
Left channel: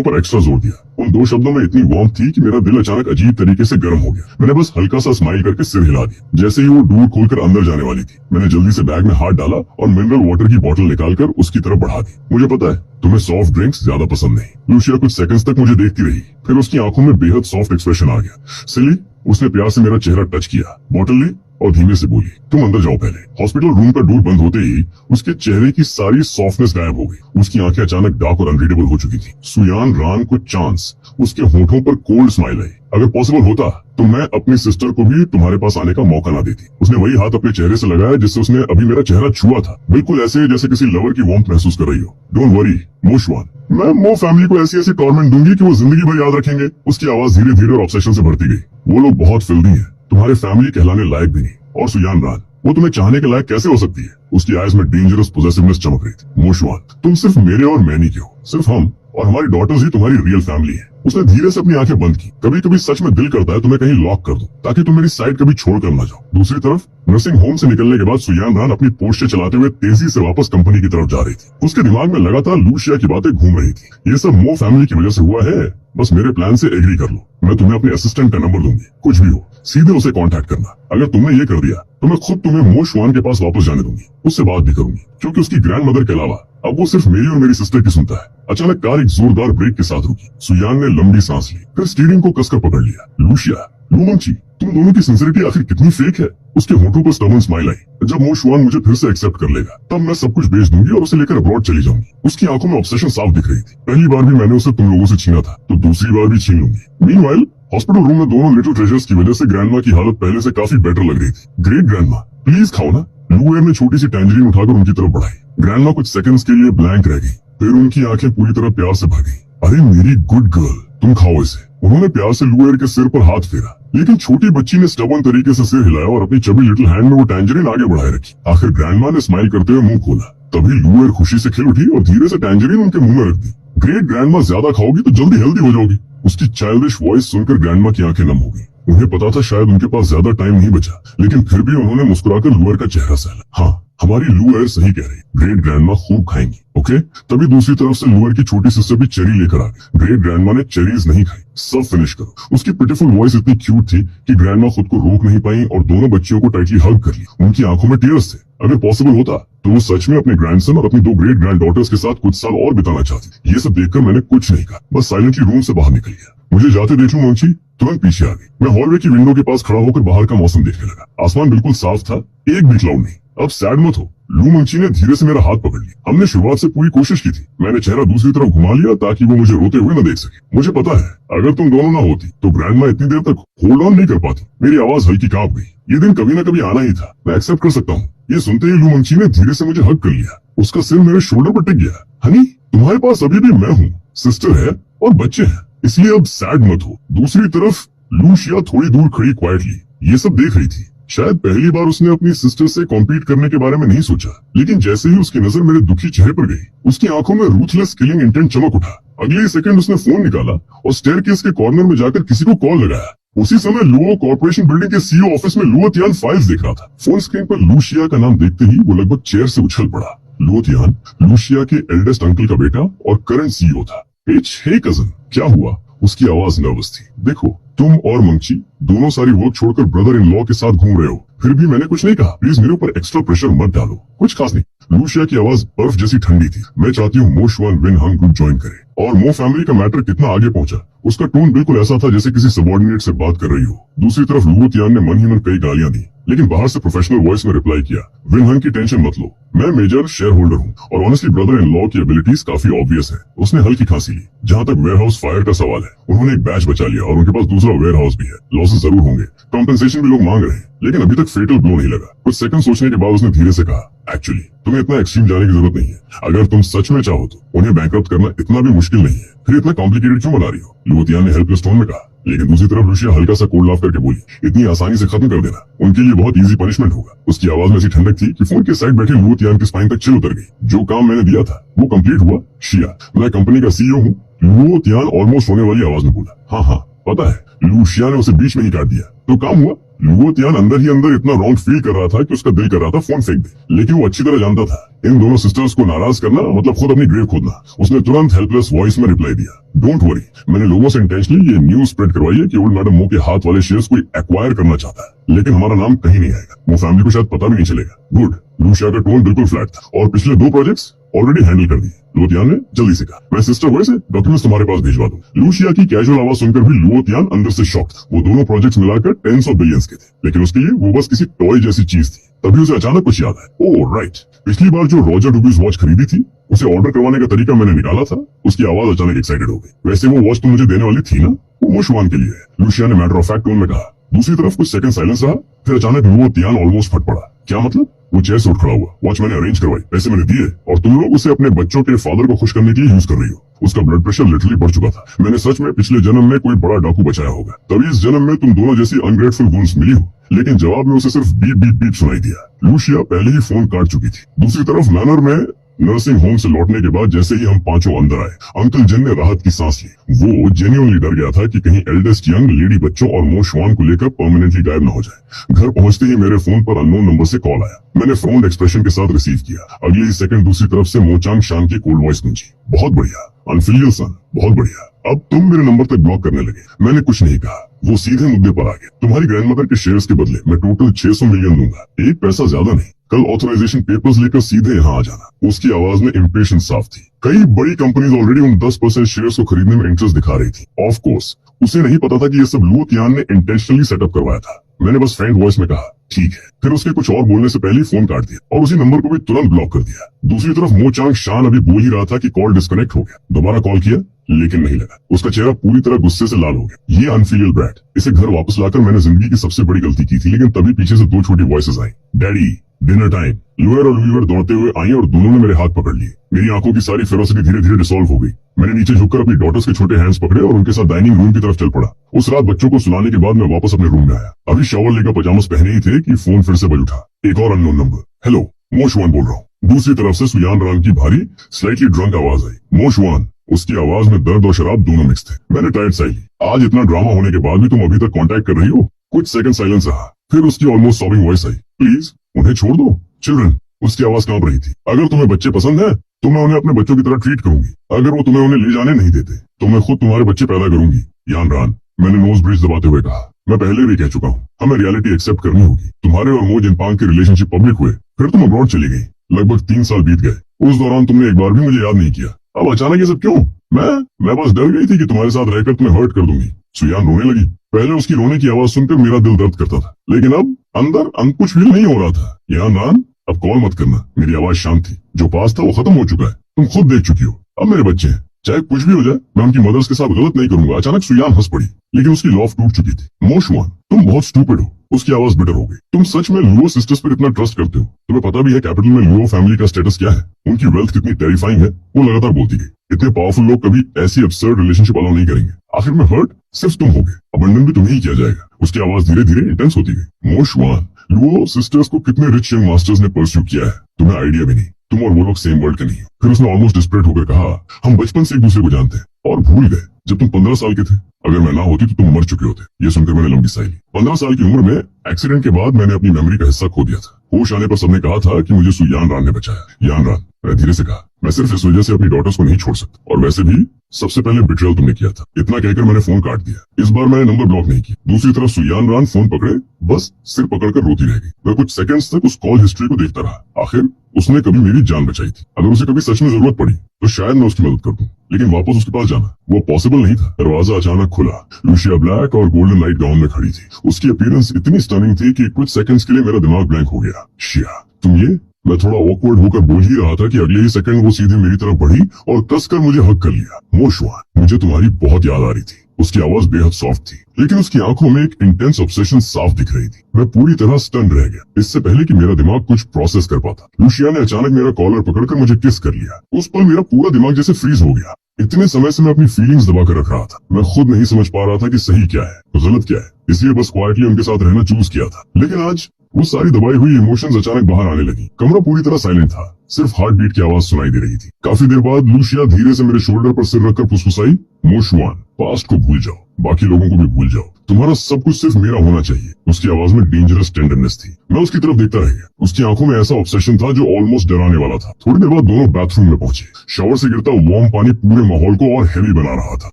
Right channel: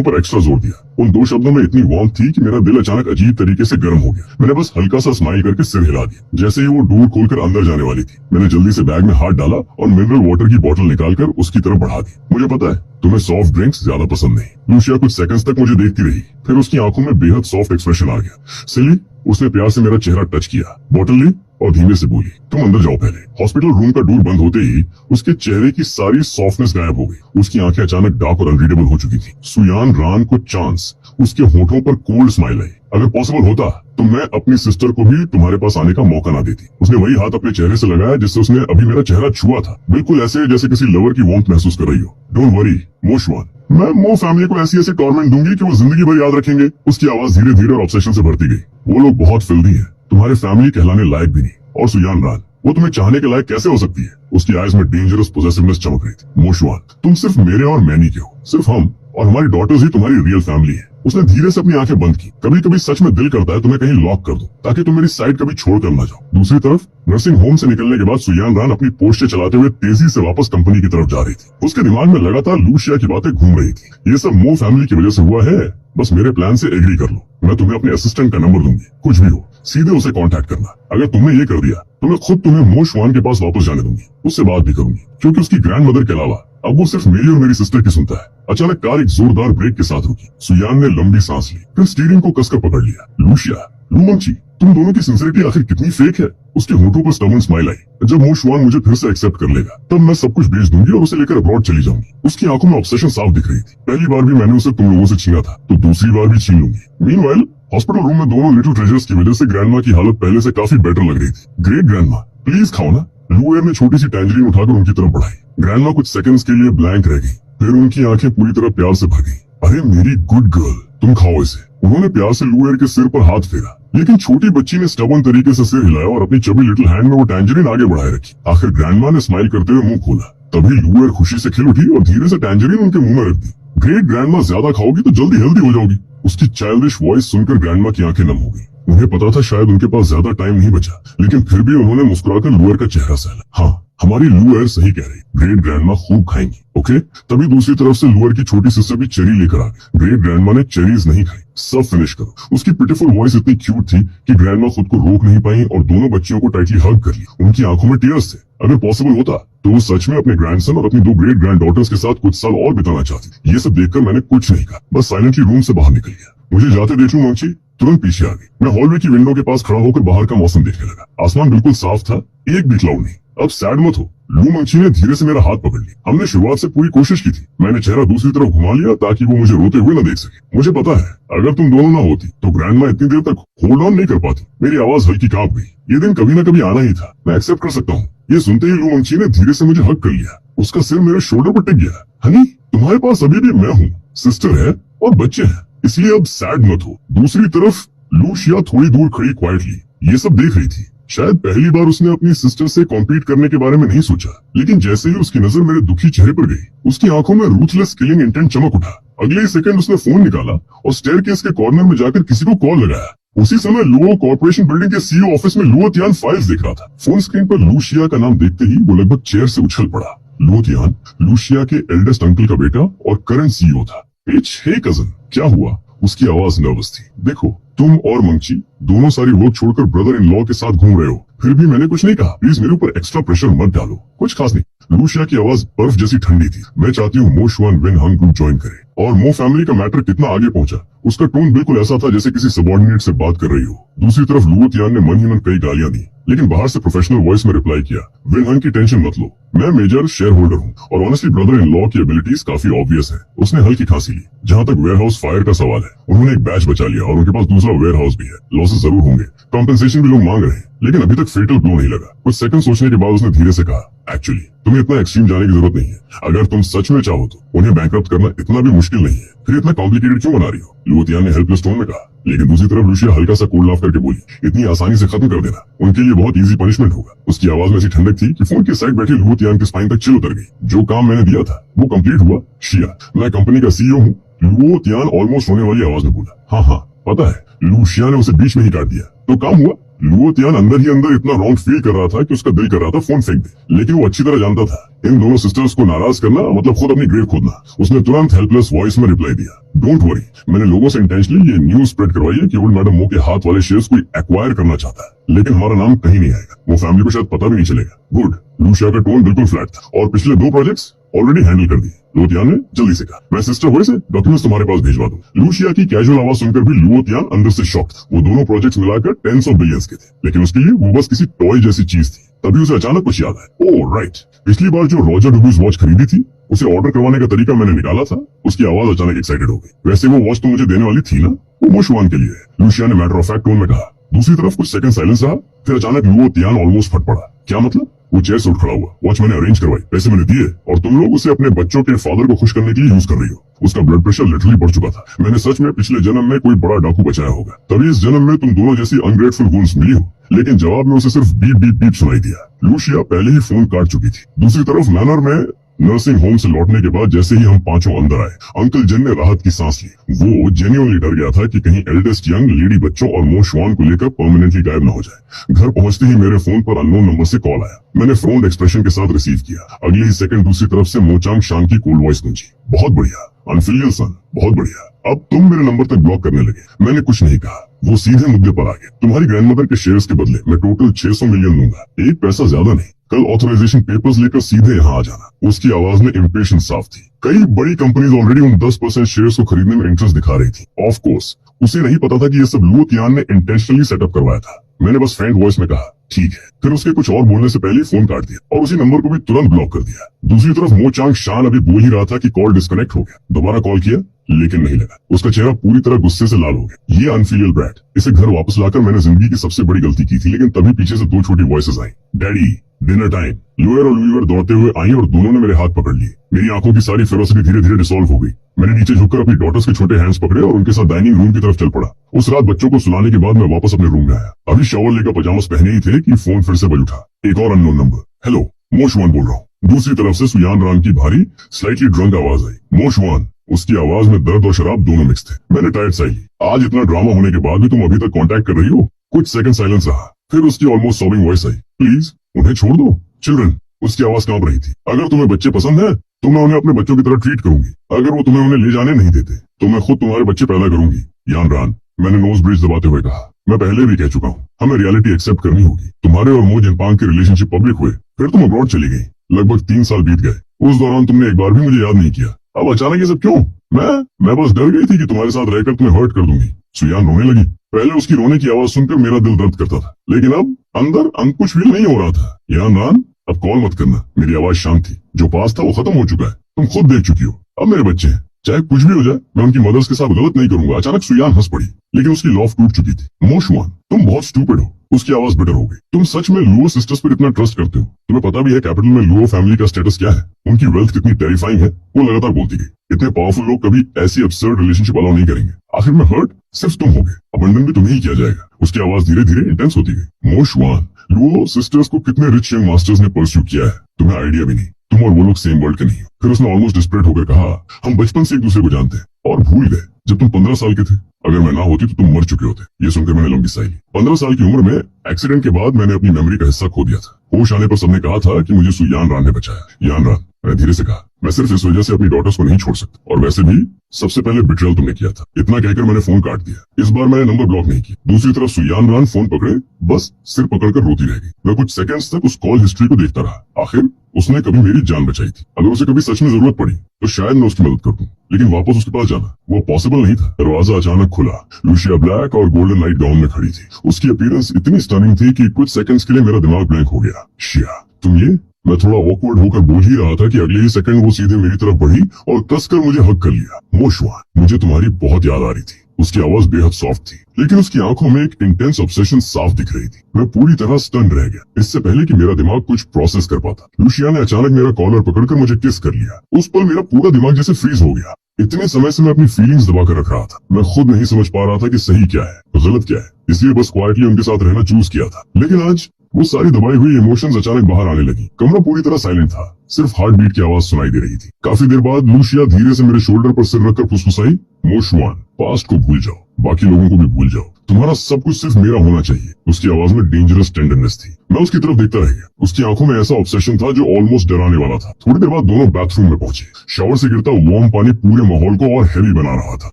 पर एक्स्ट्रा जोर दिया। उन 2 शब्दों में इतनी वार्मथ थी कि मेरा दिल अचानक अजीब तरीके से गर्म हो गया। मैंने बस हल्का सा स्माइल करके सिर हिला दिया। जैसे ही वो डोर खोलकर अंदर जाने वाली थी, मैंने जल्दी से बैग में हाथ डाला और मिनरल वाटर की बोतल निकालकर उसकी तरफ बढ़ा दी। मुझे पता है तुम्हें सॉफ्ट ड्रिंक्स ज्यादा पसंद नहीं। लूशिया कुछ सेकंड्स तक मुझे देखती रही, फिर उसकी आंखों में बेहद सॉफ्ट एक्सप्रेशन आ गया। सिली, उसने प्यार से मेरा चेहरा टच किया, बोतल ली और धीमे से बोली, तुम अंदर जाओ पहले। हॉस्पिटल रूम का डोर बंद होते ही उसके चेहरे की सारी सॉफ्टनेस गायब हो गई। उसकी आंखें अचानक डार्क और अनरीडेबल हो चुकी थी। सुयान रान को चांस, उसके होठों पर कोल्ड स्माइल आई। अगर पॉसिबल होता तो मैं अपनी सिस्टर को भी तुम्हारे पास आने का मौका ना देती। उसने वही हाथ अपने चेहरे से लगाया जिससे उसने अभी मेरा चेहरा छुआ था, बिल्कुल ऐसे जैसे किसी लवर की वार्मथ महसूस कर रही हो। डोंट वरी मोशवान, मैं मो फैमिली को ऐसी ऐसी टॉर्मेंट दूंगी कि वो जिंदगी भर याद रखेंगे। उसकी आवाज धीरे धीरे और ऑब्सेशन से भरती गई। वो लोग बहुत फिल्दी हैं, तुम्हारे फैमिली कहलाने लायक भी नहीं। और सुयान रान, वो तुम्हें चाहने के लायक कैसे हो सकती है। उसकी आईज में डेंजरस पोजेसिवनेस चमक रही थी। मोशवान, तुम सिर्फ मेरे और मैनी के हो। सिर्फ हम और हमारी डॉटर्स ही तुम्हारी रियल फैमिली है। उसने धीरे से अपनी आंखें बंद की। कभी कभी सच में दिल करता है तुम्हें कहीं लॉक कर दो ताकि तुम मेरी साइड कभी छोड़ कर ना जाओ। दूसरी तरफ नर्सिंग होम से निकलने के बाद सुयान रान अपनी पोस्टें चलाते हुए तेजी से वापस कंपनी की तरफ जा रही थी। उसके दिमाग में लगातार लूशिया की बातें घूम रही थी। ये सब मो फैमिली की वजह से हुआ है, बस मेरे प्लान से एग्री कर लो। मैं तुम्हें अपने असिस्टेंट का नंबर दूंगी, कुछ भी हो सीधे उसे कांटेक्ट करना। अगर तुमने ये कर दिया तो मैं खुद तुम्हें मो शुआन के पास वापस जाने दूंगी। उससे बात भी करूंगी, क्योंकि उसकी ग्रैंड मदर के अलावा अब वो सिर्फ मेरी और मेरी सिस्टर की सुनता है। अचानक कार एक जोरदार ब्रेक के साथ रुकी। सुयान ने लंबी सांस ली, फिर स्टीयरिंग को कसकर पकड़ लिया। लूशिया, लूमंची, तुम दोनों की सिंसियरिटी आखिर कितनी फेक है। उसके होठों पर स्टर्बन स्माइल आई। जब मो शुआन मुझे फिर से एक्सेप्ट कर लेगा तब मैं सब कुछ बेच दूंगी और उसे लेकर अब्रॉड चली जाऊंगी। उसकी आंखों में ऑब्सेशन साफ दिख रही थी। पहली बार भी मैंने उसे तुम लोगों से छीना था, तो दूसरी बार भी छीन लूंगी। मीनवाइल हॉस्पिटल रूम में दोनों लिटिल ट्रेजर्स की वजह से ग्रैंडमा की हालत पहले से काफी बेटर लग रही थी। ग्रेट ग्रैंडमा, प्लीज खाओ ना। लू ने छोटी सी टैंजरीन उठाकर उनकी तरफ बढ़ाई। ग्रैंडमा कुछ सेकंड्स के लिए ब्लैंक रह गई, फिर उनकी आंखें पूरी तरह प्यार से भर गईं। अरे मेरी गुड गर्ल, तुम खाओ इसे। उन्होंने प्यार से लूएर के सिर पर हाथ फेरा, लेकिन छोटी बच्ची ने स्टबन तरीके से सिर हिलाया और अपनी चबी लिटिल हैंड में वो टैंजरीन आगे बढ़ाए रखी। आखिर ग्रैंडमा ने स्माइल करते हुए मुंह खोला, तभी लूएर खुशी से खिल उठी और धीरे से टैंजरीन उनके मुंह में रख दी। ग्रेट ग्रैंडमा, ज्यादा खाओगी तो जल्दी हेल्दी हो जाओगी। उसकी चाइल्डिश वॉइस सुनकर ग्रैंडमा की आंखें नम हो गई। उन्हें पता था शायद उनके पास ज्यादा टाइम नहीं बचा, लेकिन फिर भी उन्होंने मुस्कुराकर लूएर का चेहरा सहला। हाँ, हमारी लूएर सही कह रही, ग्रेट ग्रैंडमा खूब खाएंगी, ओके। तभी दूसरी तरफ से लूएर की छोटी सिस्टर भी चेरी लेकर आ गई। ग्रेट ग्रैंडमा ने चेरीज नहीं खाई, सब फिनिश करो। उसकी पिटीफुल वॉइस इतनी क्यूट थी कि ग्रैंडमा खुद को रोक नहीं पाई और दोनों बच्चियों को टाइटली हग कर ली। उनकी आंखों में टीयर्स थे। अगर पॉसिबल होता तो वो सच में अपने ग्रैंडसन और अपनी 2 ग्रेट ग्रैंड डॉटर्स के साथ कुछ साल और बिताना चाहती। ये सब देखकर मैंने कुछ नहीं कहा, बस साइलेंटली रूम से बाहर निकल गया। मुझे जाते देख लूं मंची तुरंत पीछे आ गई। मैं हॉलवे की विंडो के पास खड़ा होकर बाहर का मौसम देखने लगा। आसमान बिल्कुल साफ था, एक भी क्लाउड नहीं। अब सैड मत हो, लू मंची ने धीरे से मेरा हाथ पकड़ लिया। हमने शुरुआत से पूरी कोशिश की थी। मैंने चेहरा दूसरी तरफ घुमा लिया ताकि वो मुझे रोते हुए न देख सके। मुझे पता है अगर तुम दोनों ना होती तो ग्रैंडमा इतनी देर तक होल्ड ऑन नहीं कर पाती। मेरी आवाज हल्की कांप गई। ये दिन कभी ना कभी आना ही था, मैं एक्सेप्ट कर सकता हूँ। ये सुनते ही लू मंची ने धीरे से मुझे हग कर लिया। उसका सिर मेरे शोल्डर पर टिक गया। हनी, तुम्हारे पास अभी भी मैं हूँ, सिस्टर है और बच्चे हैं, इसलिए अब सैड मत हो। दूसरी तरफ लूशिया थोड़ी दूर खड़ी क्वाइटली ये सब देख रही थी। शायद पहली बार उसने अपनी सिस्टर से कॉम्पीट करने के बारे में नहीं सोचा, लेकिन जैसे ही उसकी नजर मेरे दुखी चेहरे पर गई, उसकी आंखों में रूथलेस किलिंग इंटेंट चमक उठा। अगले ही सेकंड उसने फोन निकाला और स्टेयरकेस के कॉर्नर में जाकर किसी को कॉल लगाया। उसी समय लुओ कॉर्पोरेशन बिल्डिंग के सीईओ ऑफिस में लुओ तियान फाइल्स देख रहा था। फोन स्क्रीन पर लूशिया का नाम देखते ही वो लगभग चेयर से उछल पड़ा। लुओ तियान लूशिया के एल्डेस्ट अंकल का बेटा और करंट सीईओ था। हे कजन, क्या हुआ? उसकी आवाज नर्वस थी। देखो, तुम और मंची दोनों सारी वर्क छोड़कर ब्रदर इन लॉ के साथ घूम रहे हो, फिर भी मैंने कुछ नहीं कहा। प्लीज मेरे ऊपर एक्स्ट्रा प्रेशर मत डालो। कुछ खास नहीं। लूशिया की आवाज बर्फ जैसी ठंडी थी। मैं चाहती हूँ मो शुआन विन हंग ग्रुप ज्वाइन करे। और मो फैमिली का मैटर कितना आगे पहुंचा, उसका टोन बिल्कुल ऐसा था जैसे किसी सबॉर्डिनेट से बात कर रही हो। दूसरी तरफ लुओ तियान ने मन ही मन कई गालियां दी। लेकिन बाहर से प्रोफेशनल वॉइस में रिप्लाई किया, विनहन की टेंशन मत लो, मैं मेजर शेयर होल्डर हूँ और ऑनेस्टली ब्रदर इन लॉ की एबिलिटीज काफी ऑब्वियस है। उसने हल्की खांसी ली। जहाँ तक वेयर हाउस फायर का सवाल है, उन्होंने एक बैच बचा लिया और उनके पास दूसरा वेयर हाउस भी है। लॉसेस जरूर होंगे, कॉम्पेंसेशन भी लोग मांग रहे हैं, लेकिन अभी तक फेटल ब्लो नहीं लगा। कुछ सेकंड सोचने के बाद उसने धीरे से कहा, एक्चुअली तुम्हें इतना एक्सट्रीम जाने की जरूरत नहीं है। अगर तुम सच में चाहो तो उन्हें बैंकरप्ट करना इतना भी मुश्किल नहीं है, फिर इतना कॉम्प्लिकेटेड क्यों बना रही हो? लुओतियान ने हेल्पलेस टोन में कहा। लेकिन दूसरी तरफ लुशिया हल्का सा कोल्ड लाफ करके बोली, इतनी आसानी से खत्म कर देना उनके लिए बहुत इजी पनिशमेंट होगा। उसकी आवाज में ऐसी ठंडक थी कि फोन के साइड बैठे लुओतियान की स्पाइन तक चिल उतर गई। जो काम मैंने दिया था वो कंप्लीट हुआ शिया, मैं कंपनी का सीईओ हूँ। लुओतियान ऑलमोस्ट रोने वाली आवाज में बोला, हाँ पता है। लुशिया ने उसे बीच में ही काट दिया। तो काम हुआ? लुओतियान अंदर ही अंदर इतना रॉन्ग फील कर रहा था कि उसका दिल कर रहा था फोन फेंक दे, लेकिन वो अच्छी तरह जानता था इन दोनों सिस्टर्स को नाराज करना मतलब खुद अपनी ग्रेव खोदना। उसने तुरंत हेल्पलेस वॉइस में रिप्लाई दिया, डोंट वरी, मैंने लोगों से इंटेंशनली ये न्यूज स्प्रेड करवाई है कि ओल्ड मैडम मो के हाथ वाले शेयर्स कोई एक्वायर करना चाहता है, लेकिन हमारा नाम कहीं नहीं आएगा। वो फैमिली को शायद पता भी नहीं चलेगा। गुड। लुशिया का टोन बिल्कुल फ्लैट था और पिछले 2 प्रोजेक्ट्स ऑलरेडी हैंडल कर दिए। लुओतियान ने जल्दी से कहा, मैं सिस्टर वॉइस से डॉक्यूमेंट्स तुम्हारे पास भिजवा दूं। लुशिया की कैजुअल आवाज सुनकर भी लुओतियान अंदर से शॉक था। वो दोनों प्रोजेक्ट्स मिलाकर टेंस ऑफ बिलियंस के थे, लेकिन उसके लिए वो बस किसी टॉय जैसी चीज थी। तभी उसे अचानक कुछ याद आया, ओह राइट, पिछली बार जो रॉजर डुबीज वॉच खरीदी थी उसे ऑर्डर करवाने का तरीका मैंने निकाला था। उसकी आवाज अचानक एक्साइटेड हो गई। वैसे वो वॉच तो मुझे देने वाली थी ना, वो मोशवान के लिए है, लुशिया ने मैटर ऑफ फैक्ट टोन में कहा। दूसरी तरफ कुछ सेकंड साइलेंस रहा, फिर अचानक लुओतियान ऑलमोस्ट फट पड़ा। क्या मतलब? वो चेयर से उठ खड़ा हुआ, वॉच मैंने अरेंज करवाई, पैसे मैंने दिए और तुम लोग उसे अपने बच्चों के फादर को खुश करने के लिए यूज कर रही हो। उसका ब्लड प्रेशर लिटरली बढ़ चुका था। मैंने सच में पिछले जन्म में कोई बड़ा डाकू बचाया होगा, तभी इस जन्म में तुम दोनों जैसी अनग्रेटफुल वुल्स मिली हो। लेकिन जवाब में उसे सिर्फ बीप बीप बीप सुनाई दिया। लुशिया पहले ही फोन काट चुकी थी। दूसरी तरफ मैनर में नर्सिंग होम से लौटने के बाद जैसे ही हम पांचों अंदर आए, अंकल जन ने राहत की सांस ली। वो जेन्युइनली डर गया था कि कहीं एल्डेस्ट यंग लेडी बच्चों और मोशवान को लेकर परमानेंटली गायब न हो जाए। घर पहुंचते ही मेरे फोन पर अननोन नंबर से कॉल आया। मैंने फ्राउंड एक्सप्रेशन के साथ रिसीव किया। अगले ही सेकंड दूसरी तरफ से मोचांग शांग की कोल्ड वॉइस गूंजी, बहुत बढ़िया अनफिलियल सन, बहुत बढ़िया, अब तुम मेरे नंबर तक ब्लॉक करने लगे। मैंने कुछ नहीं कहा, वो सीधे मुद्दे पर आ गए। तुम्हारी ग्रैंडमदर के शेयर्स के बदले मैं टोटल 600 मिलियन दूंगा, एक पैसा ज्यादा नहीं। कल ऑथराइजेशन पेपर्स लेकर सीधे यहाँ आ जाना। उसकी आवाज में इम्पेशंस साफ थी। कई बड़ी कंपनीज ऑलरेडी उन 10% शेयर्स को खरीदने में इंटरेस्ट दिखा रही थी। ऑफ कोर्स उसे नहीं पता था कि ये सब लुओतियान ने इंटेंशनली सेटअप करवाया था। मैंने बस फ्रेंड वॉइस में कहा, ठीक है। फिर उसके कुछ और बोलने से पहले ही फोन काट दिया और उसी नंबर को भी तुरंत ब्लॉक कर दिया। दूसरी तरफ मोचांग शान अभी बोल ही रहा था कि कॉल डिस्कनेक्ट हो गया। दोबारा कॉल किया लेकिन नहीं लगा। उसका चेहरा पूरी तरह गुस्से से लाल हो गया। ये अनफिलियल ब्रैट, इसे घर वापस लाकर मैंने जिंदगी की सबसे बड़ी गलती की थी। लेकिन तभी पीछे से 2 छोटी वॉइसेस आई, डैडी डिनर टाइम। लुएर और लुईवर दौड़ते हुए आई और दोनों ने मेरे हाथ पकड़ लिए। मेरी आंखों की सारी फेरोसिटी धीरे धीरे डिसॉल्व हो गई। मैंने नीचे झुककर अपनी डॉटर्स के छोटे हैंड्स पकड़े और उनके साथ डाइनिंग रूम की तरफ चल पड़ा। उस रात बच्चों को सुलाने के बाद मैं वापस अपने रूम में आया। अभी शावर लेकर पजामस पहने ही थे कि फोन फिर से बज उठा। एक और अननोन नंबर। हेलो, मोशवान बोल रहा हूँ। दूसरी तरफ से सुयान रान की भारी स्लाइटली ड्रंक आवाज आई। मोशवान। उसकी आवाज में दर्द और शराब दोनों मिक्स थे। मैंने टाइट साई ली। आज इतना ड्रामा होने के बाद भी तुम अभी तक कांटेक्ट कर रही हो? कुछ सेकंड साइलेंस रहा, फिर उसकी almost sobbing voice I, please उन्हें छोड़ दो, चिल्ड्रन। उसकी आवाज कांप रही थी। अगर तुम्हें बच्चे पसंद है तो मैं उन्हें अपने बच्चों की तरह ट्रीट करूंगी। अगर वो तुम्हें उन्हें ले जाने नहीं देते तो मैं खुद तुम्हारे बच्चे पैदा करूंगी। यान रान, मैंने नोज ब्रिज दबाते हुए कहा, मैं पहले भी कह चुका हूँ, हमें रियलिटी एक्सेप्ट करनी होगी। तुम्हारे और मो जिनपांग की रिलेशनशिप पब्लिक हुए, फिर तुम अब्रॉड चली गई। लगभग 3 साल बीत गए। उस दौरान तुमने एक बार भी मुझे याद नहीं किया। अब अचानक ये सब क्यों? मैं बस डर गई थी कि तुम्हारे साथ रहकर तुम्हें हर्ट कर दूंगी। सुयान रोने लगी। पहले उसकी रोने की आवाज सुनकर मेरा दिल दर्द करता था, लेकिन अब अंदर कुछ फील नहीं हो रहा था। यान रान, अब कॉल मत करना। मेरी आवाज शांत थी। जो पास था वो खत्म हो चुका है, तुम खुद देख चुकी हो। अब मेरे बच्चे हैं, चाहे कुछ भी हो जाए, मैं उनकी मदर्स के साथ गलत नहीं करूंगा। अचानक सुयान हंस पड़ी, लेकिन उसकी लॉफ टूट चुकी थी। मोशवान, तुम बहुत स्टूपिड हो। उसकी आवाज बिटर हो गई। तुम सच में लुओ सिस्टर्स पर इतना ट्रस्ट करते हो? तुम्हें पता भी है कैपिटल में लुओ फैमिली का स्टेटस क्या है? उनकी वेल्थ कितनी टेरिफाइंग है? वो लगातार बोलती गई, इतने पावरफुल लोग कभी ऐसी अब्सर्ड रिलेशनशिप अलाउ नहीं करेंगे। आखिर में हर्ट सिर्फ तुम होगे, अबंडन भी तुम्हें ही किया जाएगा। उसकी आवाज धीरे धीरे इंटेंस होती गई। मोशवान, लुओ सिस्टर्स को कितने रिच यंग मास्टर्स ने परस्यू किया है, तुम्हें आइडिया भी नहीं। तुम और वो लोग सेम वर्ल्ड के नहीं हो। फिर उसने ऑलमोस्ट डिस्परेट होकर कहा, हम बचपन से एक दूसरे को जानते हैं और भूल गए जब तुम 15 साल के थे। अगर मैं ना होती तो तुम मर चुके होते। ये सुनकर मैंने लंबी सांस ली। 15 साल की उम्र में एक्सीडेंट के बाद मैंने अपनी मेमोरी का हिस्सा खो दिया था। होश आने पर सबने कहा था कि मुझे सुयान रान ने बचाया। यान रान, मैं धीरे से कहा, मैं सिर्फ इस वजह से अपनी डॉटर्स को नहीं छोड़ सकता, और वैसे भी सबसे पहले बिट्रेयल तुमने किया था। इतना कहकर मैंने फोन काट दिया। इस बार मैंने नंबर ब्लॉक नहीं किया। दूसरी तरफ सुयान रान फोन पकड़े बस सिर पकड़कर रोती रह गई। मैं कुछ सेकंड्स तक उस कॉल हिस्ट्री को देखता रहा। आखिर उसने कभी मेरी जान बचाई थी। अगर उसे कभी सच में जरूरत पड़ी तो शायद मैं उसकी मदद कर दूं, लेकिन वापस उसके पास जाना वो पॉसिबल नहीं था। दरवाजा अचानक खुला। लूशिया ब्लैक और गोल्डन लाइट गाउन में खड़ी थी। उसकी अपीयरेंस इतनी स्टनिंग थी कि कुछ सेकंड्स के लिए मेरा दिमाग ब्लैंक हो गया। शिया, तुम ये? मैं थोड़ा ऑकवर्ड होकर बोल ही रहा था कि अगले ही सेकंड वो सीधे मेरी तरफ बढ़ी और कसकर मुझे हक कर लिया। मोशवान, मुझे तुम्हारी बहुत याद आ रही थी। उसकी आवाज बेहद सॉफ्ट थी, लेकिन उसकी आंखों में एक इंटेंस ऑब्सेशन साफ दिख रही थी। मैं पूरी तरह स्टन रह गया, इससे पहले कि मेरा दिमाग कुछ प्रोसेस कर पाता। लूशिया ने अचानक मेरा कॉलर पकड़कर मुझे किस कर लिया। उस पल मेरा पूरा दिमाग जैसे फ्रीज हो गया। इतने समय से मैं अपनी फीलिंग्स दबा कर रख रहा था। मैं खुद नहीं समझ पा रहा था कि सही क्या है गलत क्या है, इसलिए बस क्वाइटली उनके साथ रहना चूज किया था। लेकिन आज वो सारी दबाई हुई इमोशंस अचानक बाहर आने लगी। कमरा पूरी तरह साइलेंट था, सिर्फ हार्ट बीट की आवाज सुनाई दे रही थी। काफी देर बाद लूशिया धीरे से मेरे शोल्डर पर सिर रखकर फुसफुसाई, मोशवान, पास्ट को भूल जाओ, बाकी लोगों को भी भूल जाओ, तुम्हारा सब कुछ सिर्फ मेरा होना चाहिए। उसकी आवाज में डेंजरस टेंडरनेस थी। मैं उसकी तरफ देखता रह गया। उसकी आंखों में ऐसा ऑब्सेशन था जो ऑलमोस्ट डराने वाला था। थोड़ी देर बाद दोनों बाथरूम में पहुंचे। शावर से गिरता वार्म पानी पूरे माहौल को और हैवी बना रहा था।